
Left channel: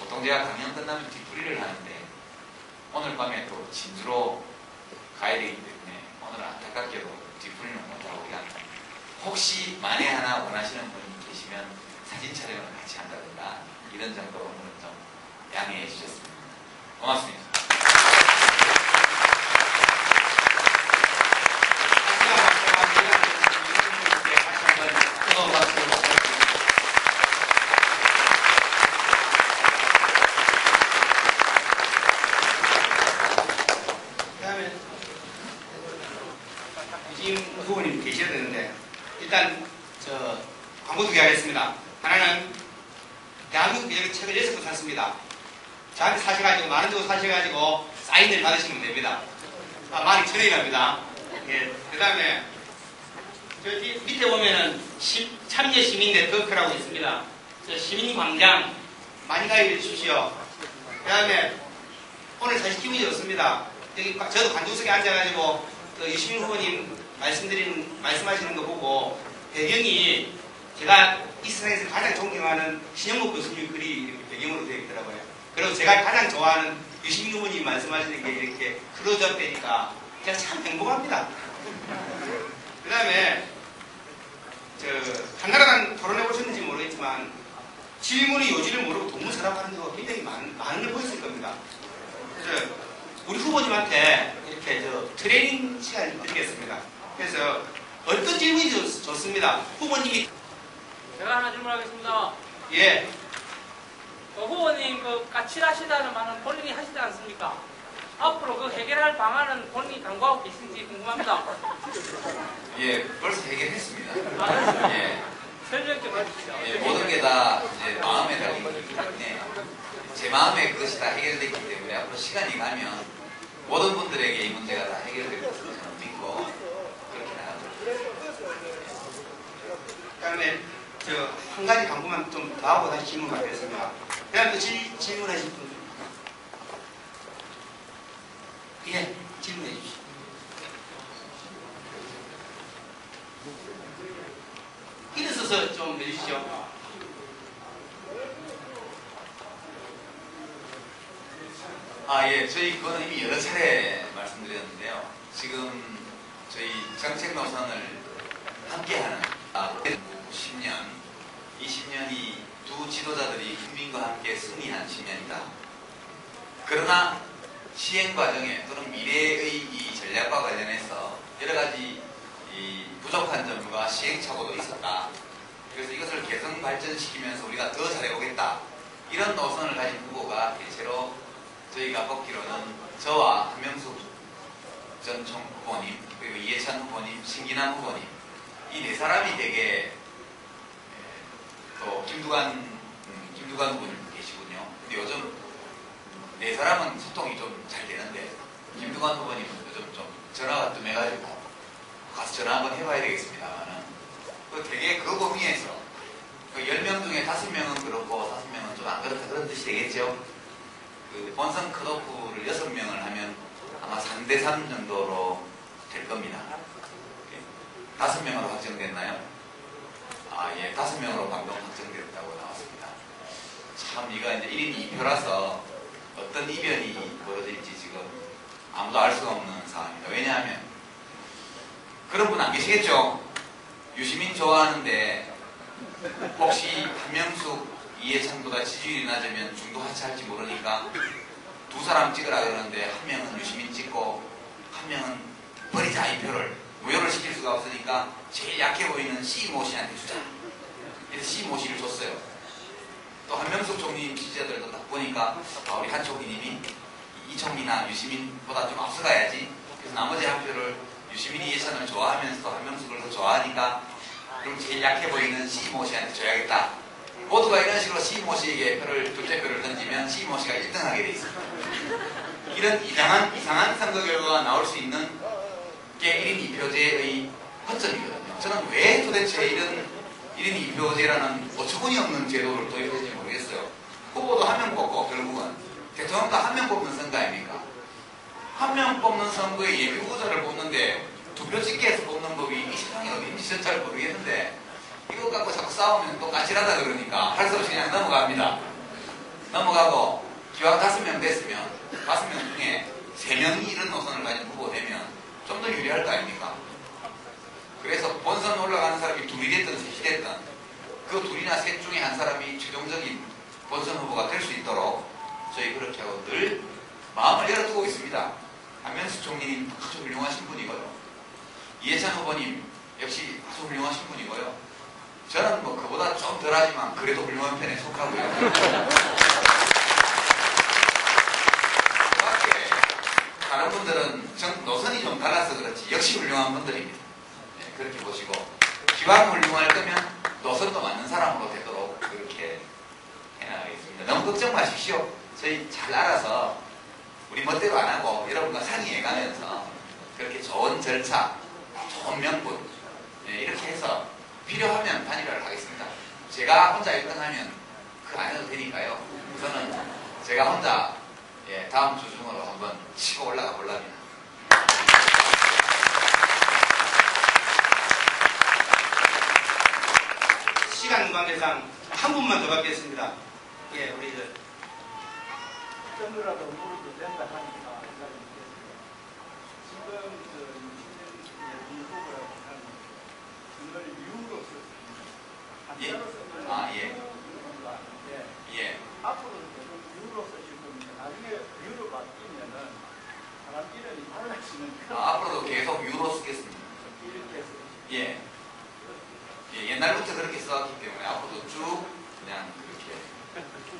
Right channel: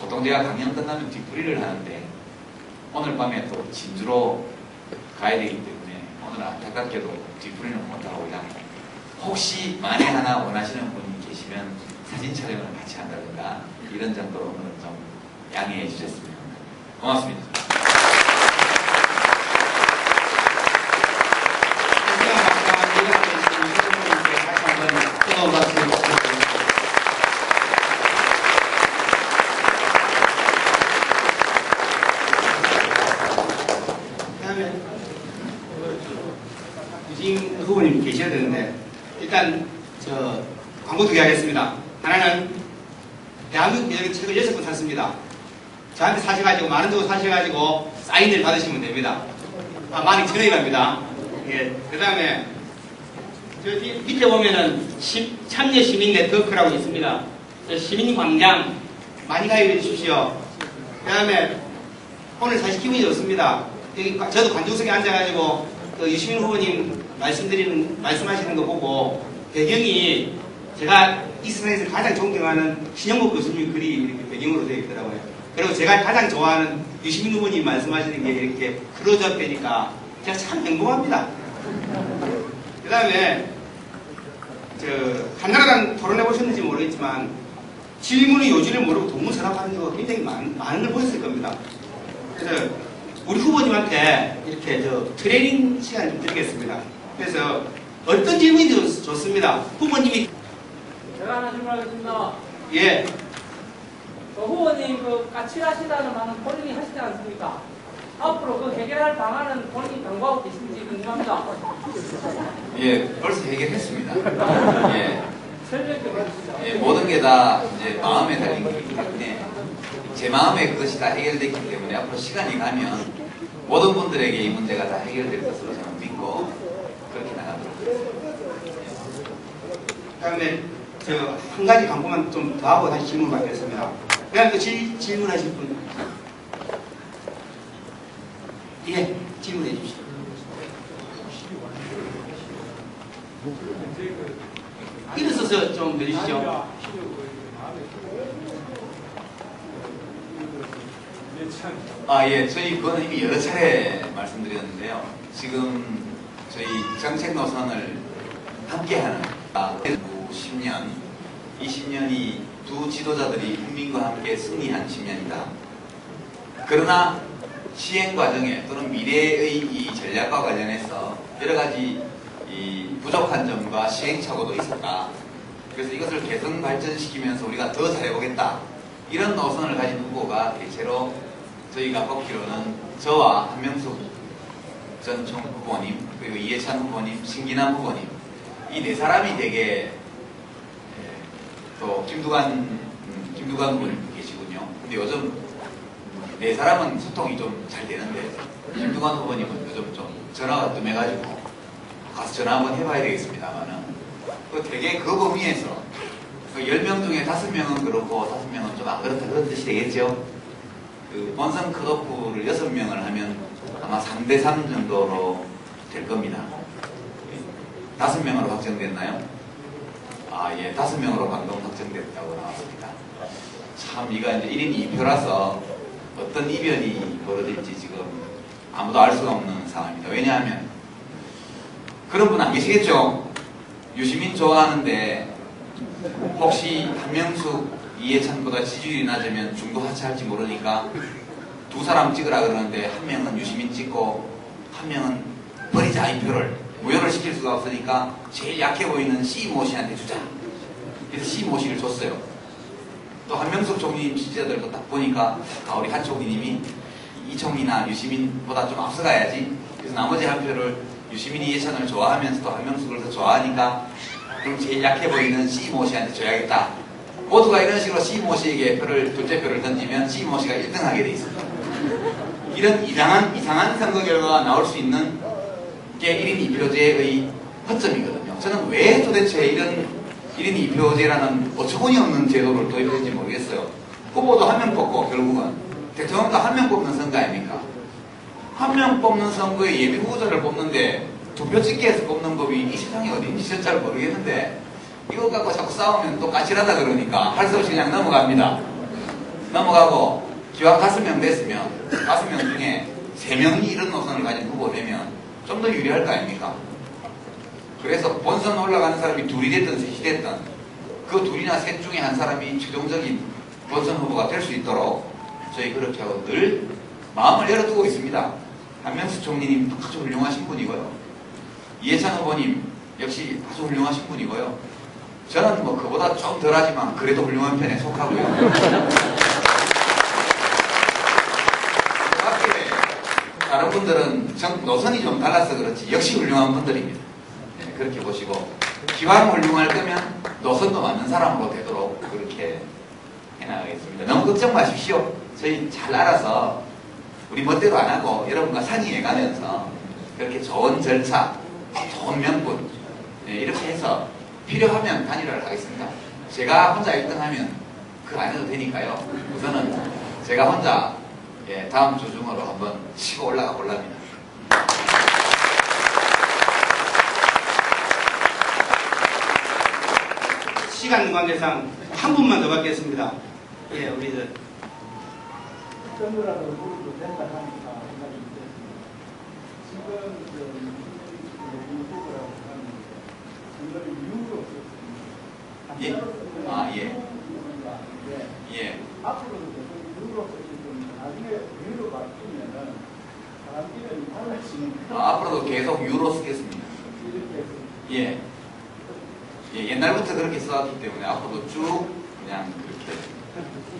보통 제가 강연 끝나면 뒷풀이를 하는데 오늘 밤에 또 진주로 가야 되기 때문에 오늘 안타깝게도 뒷풀이는 못하고 그냥 혹시 만에 하나 원하시는 분이 계시면 사진 촬영을 같이 한다든가 이런 정도로 오늘은 좀 양해해 주셨습니다. 고맙습니다. 그다음에 유진 후보님 계셔야 되는데 일단 저 광고 2개 하겠습니다. 하나는 대한민국 여행 책을 6권 샀습니다. 저한테 사셔가지고 만원 주고 사셔가지고 사인을 받으시면 됩니다. 많이 드려야합니다. 예. 그 다음에 저 밑에 보면은 참여 시민 네트워크라고 있습니다. 시민 광장 많이 가입해 주십시오. 그 다음에 오늘 사실 기분이 좋습니다. 여기 저도 관중석에 앉아가지고 그 유시민 후보님 말씀하시는 거 보고 배경이 제가 이 세상에서 가장 존경하는 신영목 교수님 글이 이렇게 배경으로 되어 있더라고요. 그리고 제가 가장 좋아하는 유시민 후보님 말씀하시는 게 이렇게 클로즈업 되니까 제가 참 행복합니다. 그 다음에 한나라당 토론해 보셨는지 모르겠지만 질문의 요지를 모르고 동문서답하는 경우가 굉장히 많은 걸 보였을 겁니다. 그래서 우리 후보님한테 이렇게 트레이닝 시간을 드리겠습니다. 그래서 어떤 질문이 좋습니다. 후보님이 제가 하나 질문하겠습니다. 예. 후보님 그 까칠하시다는 말은 본인이 하시지 않습니까? 앞으로 그 해결할 방안은 본인이 당부하고 계신지 궁금합니다. 예, 벌써 해결했습니다. 예. 설명 좀 해주시죠. 예, 모든 게 다 이제 마음에 달린 거기 때문에 제 마음에 그것이 다 해결됐기 때문에 앞으로 시간이 가면 모든 분들에게 이 문제가 다 해결될 것으로 저는 믿고 그렇게 나가도록 하겠습니다. 그다음에 한 가지 광고만 좀 더 하고 다시 질문 받겠습니다. 그다음 또 질문하실 분. 예, 질문해 주시죠. 일어서서 좀 내주시죠. 예, 저희 그거는 이미 여러 차례 말씀드렸는데요. 지금 저희 정책 노선을 함께하는 10년, 이 10년이 두 지도자들이 국민과 함께 승리한 10년이다. 그러나 시행 과정에 또는 미래의 이 전략과 관련해서 여러 가지 이 부족한 점과 시행착오도 있었다. 그래서 이것을 개선 발전시키면서 우리가 더 잘해보겠다. 이런 노선을 가진 후보가 대체로 저희가 뽑기로는 저와 한명숙 전 총 후보님, 그리고 이해찬 후보님, 신기남 후보님, 이 네 사람이 되게 또 김두관 후보님 계시군요. 근데 요즘 네 사람은 소통이 좀 잘 되는데 김두관 후보님은 요즘 좀 전화가 좀 해가지고 가서 전화 한번 해봐야 되겠습니다만은 되게 그 범위에서 10명 중에 5명은 그렇고 5명은 좀 안 그렇다 그런 뜻이 되겠죠. 그 본선 컷오프를 6명을 하면 아마 3대3 정도로 될 겁니다. 5명으로 확정됐나요? 예, 5명으로 방금 확정됐다고 나왔습니다. 참 이거 이제 1인 2표라서 어떤 이변이 벌어질지 지금 아무도 알 수가 없는 상황입니다. 왜냐하면 그런 분 안 계시겠죠? 유시민 좋아하는데 혹시 한명숙, 이해찬보다 지지율이 낮으면 중도 하차할지 모르니까 두 사람 찍으라 그러는데 한 명은 유시민 찍고 한 명은 버리자 이 표를 무효를 시킬 수가 없으니까 제일 약해 보이는 C.모 씨한테 주자. 그래서 C.모 씨를 줬어요. 또 한명숙 총리 지지자들도 딱 보니까 우리 한 총리님이 이총리나 유시민보다 좀 앞서가야지. 그래서 나머지 한 표를 유시민이 이해찬을 좋아하면서도 한명숙을 더 좋아하니까 그럼 제일 약해 보이는 C.모 씨한테 줘야겠다. 모두가 이런 식으로 C.모 씨에게 둘째 표를 던지면 C.모 씨가 1등하게 돼 있습니다. 이런 이상한 선거 결과가 나올 수 있는 게 1인 2표제의 허점이거든요. 저는 왜 도대체 이런 1인 2표제라는 어처구니 없는 제도를 도입했는지 모르겠어요. 후보도 한 명 뽑고 결국은 대통령도 한 명 뽑는 선거 아닙니까? 한 명 뽑는 선거에 예비 후보자를 뽑는데 2표 찍기 해서 뽑는 법이 이 세상에 어딘지 진짜 잘 모르겠는데 이거 갖고 자꾸 싸우면 또 까칠하다 그러니까 할 수 없이 그냥 넘어갑니다. 넘어가고 기왕 5명 됐으면 5명 중에 3명이 이런 노선을 가진 후보 되면 좀 더 유리할 거 아닙니까? 그래서 본선 올라가는 사람이 둘이 됐든 셋이 됐든 그 둘이나 셋 중에 한 사람이 최종적인 본선 후보가 될 수 있도록 저희 그렇게 하고 늘 마음을 열어두고 있습니다. 한명숙 총리님 아주 훌륭하신 분이고요. 이해찬 후보님 역시 아주 훌륭하신 분이고요. 저는 뭐 그보다 좀 덜하지만 그래도 훌륭한 편에 속하고요. 다른 분들은 노선이 좀 달라서 그렇지 역시 훌륭한 분들입니다. 네, 그렇게 보시고 기왕 훌륭할 거면 노선도 맞는 사람으로 되도록 그렇게 해나가겠습니다. 너무 걱정 마십시오. 저희 잘 알아서 우리 멋대로 안 하고 여러분과 상의해 가면서 그렇게 좋은 절차, 좋은 명분 이렇게 해서 필요하면 단일화를 하겠습니다. 제가 혼자 1등하면 그 안 해도 되니까요. 우선은 제가 혼자 다음 주 중으로 한번 치고 올라가 볼랍니다. 시간 관계상 한 분만 더 받겠습니다. 예, 우리 점이라도 물어도 된다 하니까 생각이 들었습니다. 지금 예? 아, 예. 예. 앞으로도 계속 유로 쓰실 겁니다. 나중에 유로 바뀌면은 사람 이름이 달라지는 앞으로도 계속 유로 쓰겠습니다. 이렇게 해서 예. 예, 옛날부터 그렇게 써왔기 때문에 앞으로도 쭉 그냥 그렇게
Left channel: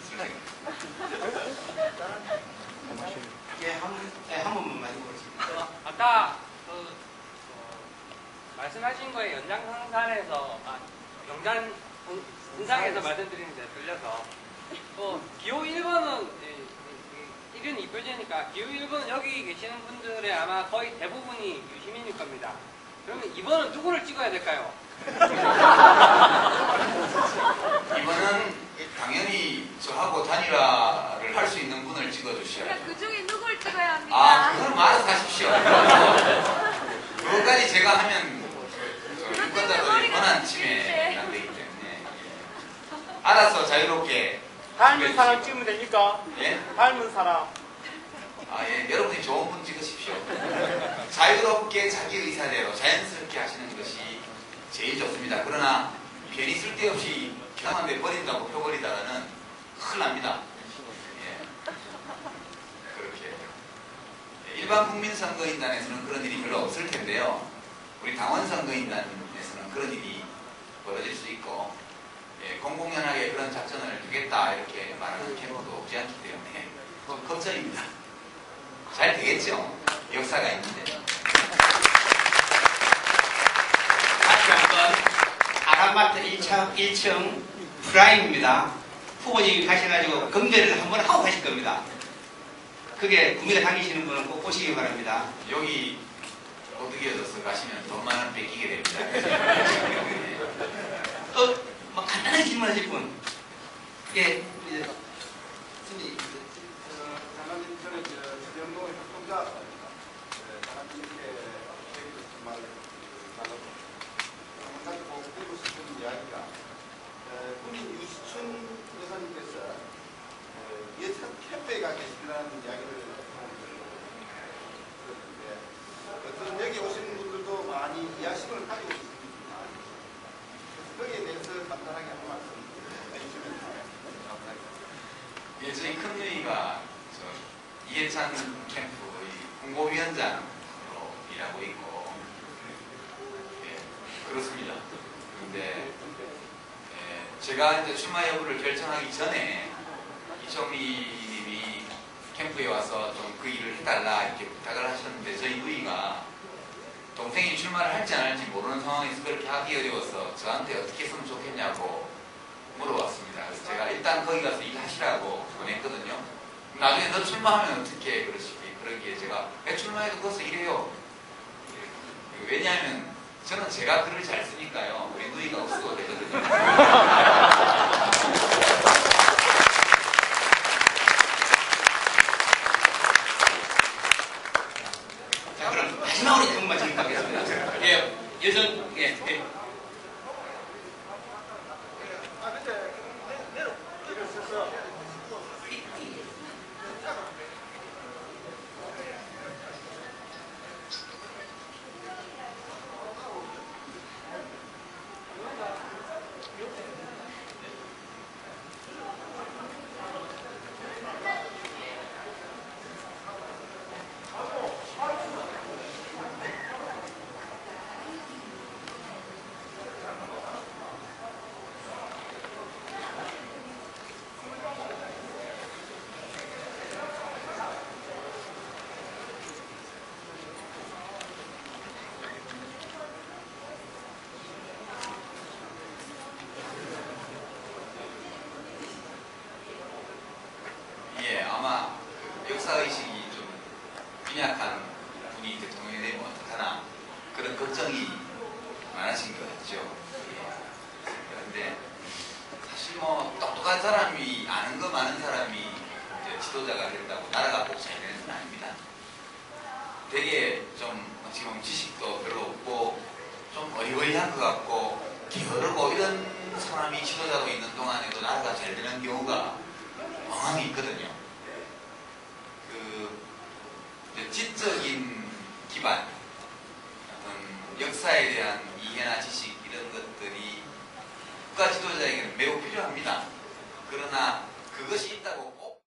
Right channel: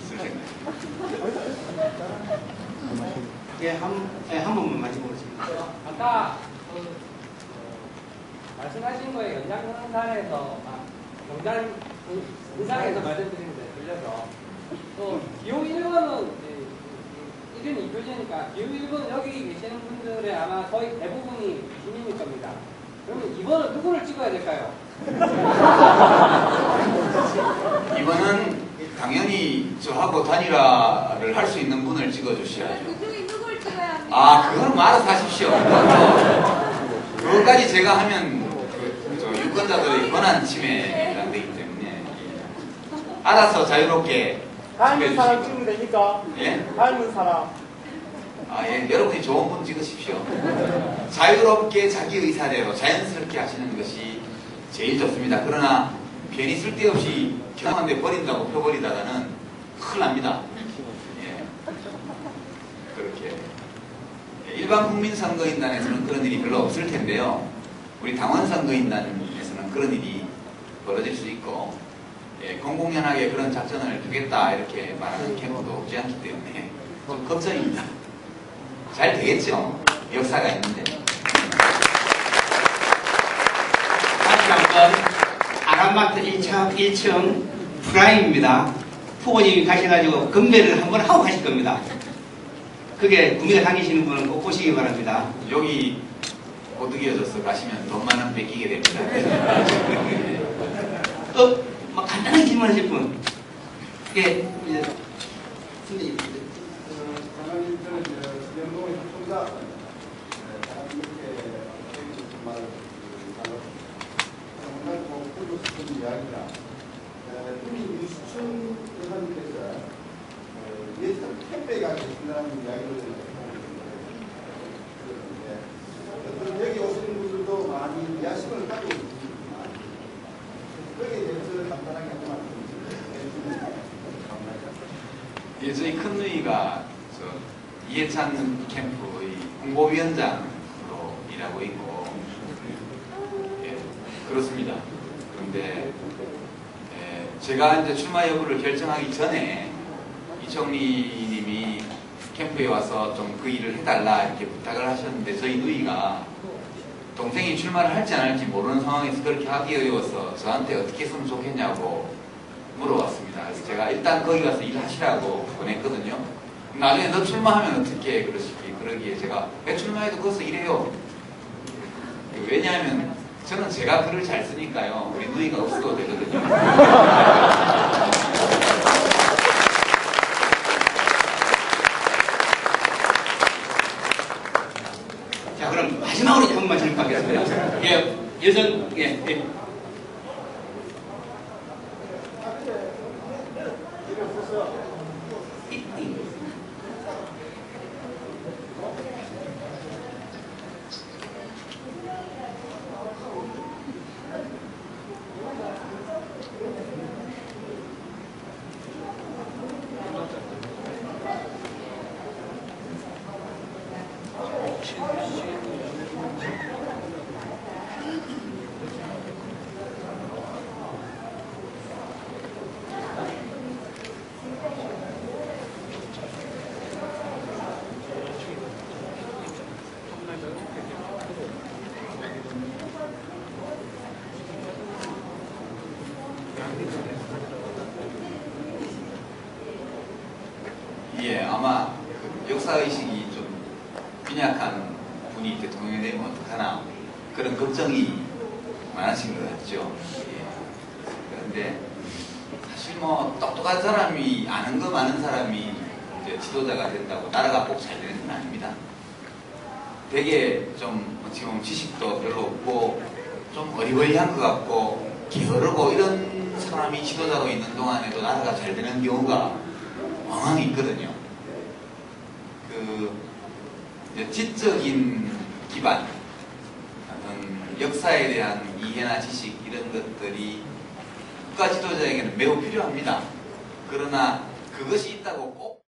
쓸 생각. 한 번만 말씀해주세요. 아까 말씀하신 거에 연장선상에서 영상에서 말씀드리는데 들려서 기호 1번은 이런 이표제니까 기호 1번은 여기 계시는 분들의 아마 거의 대부분이 시민일 겁니다. 그러면 2번은 누구를 찍어야 될까요? 이번은 당연히 저하고 단일화를 할 수 있는 분을 찍어주셔야죠. 그 중에 누굴 찍어야 합니까? 아, 그건 뭐 알아서 하십시오. 그것까지 제가 하면 저 유권자들의 권한 침해가 되기 때문에 알아서 자유롭게 닮은 사람 찍으면 됩니까? 예? 닮은 사람. 아, 예. 여러분이 좋은 분 찍으십시오. 자유롭게 자기 의사대로 자연스럽게 하시는 것이 제일 좋습니다. 그러나 괜히 쓸데없이 경험한데 버린다고 펴버리다가는 큰일 납니다. 예. 그렇게. 일반 국민선거인단에서는 그런 일이 별로 없을 텐데요. 우리 당원선거인단에서는 그런 일이 벌어질 수 있고, 예, 공공연하게 그런 작전을 하겠다 이렇게 말하는 캠프도 없지 않기 때문에 좀 걱정입니다. 잘 되겠죠? 역사가 있는데. 다시 한번 아람마트 1층 프라임입니다. 후보님이 가셔가지고 경배를 한번 하고 가실 겁니다. 그게 구미가 당기시는 분은 꼭 보시기 바랍니다. 여기 오드기어져서 가시면 돈 많은 뺏기게 됩니다. 또 간단한 질문하실 분. 이게 이제 승리. 장관님 저는 수련동의 활동자 이렇게 정말 상당히 보고 싶은 이야기가 우리 유시춘 여사님께서 예전 캠페가 계신다는 이야기를 들었는데 어떤 여기 오시는 분들도 많이 이해심을 가지고 있습니다. 거기에 대해서 간단하게 한 말씀 해주시면 감사합니다. 예, 저희 큰 누이가 이해찬 캠프의 홍보위원장으로 일하고 있고, 예, 그렇습니다. 그런데 제가 이제 출마 여부를 결정하기 전에 이총리님이 캠프에 와서 좀 그 일을 해달라 이렇게 부탁을 하셨는데 저희 누이가 동생이 출마를 할지 안 할지 모르는 상황에서 그렇게 하기 어려워서 저한테 어떻게 했으면 좋겠냐고 물어봤습니다. 그래서 제가 일단 거기 가서 일하시라고 보냈거든요. 나중에 너 출마하면 어떻게 그러기에 제가 왜 출마해도 거기서 일해요. 왜냐하면 저는 제가 글을 잘 쓰니까요. 우리 누이가 없어도 되거든요. 자, 그럼 마지막으로 한 번만 질문 받겠습니다. 예, 여성, 예, 예. 예, 아마 그 역사의식이 좀 빈약한 분이 대통령이 되면 어떡하나 그런 걱정이 많으신 것 같죠. 예. 그런데 사실 뭐 똑똑한 사람이 아는 거 많은 사람이 이제 지도자가 된다고 나라가 꼭 잘 되는 건 아닙니다. 되게 좀 지금 지식도 별로 없고 좀 어리버리한 것 같고 게으르고 이런 사람이 지도자로 있는 동안에도 나라가 잘 되는 경우가 왕왕 있거든요. 그 이제 지적인 기반, 어떤 역사에 대한 이해나 지식 이런 것들이 국가 지도자에게는 매우 필요합니다. 그러나 그것이 있다고 꼭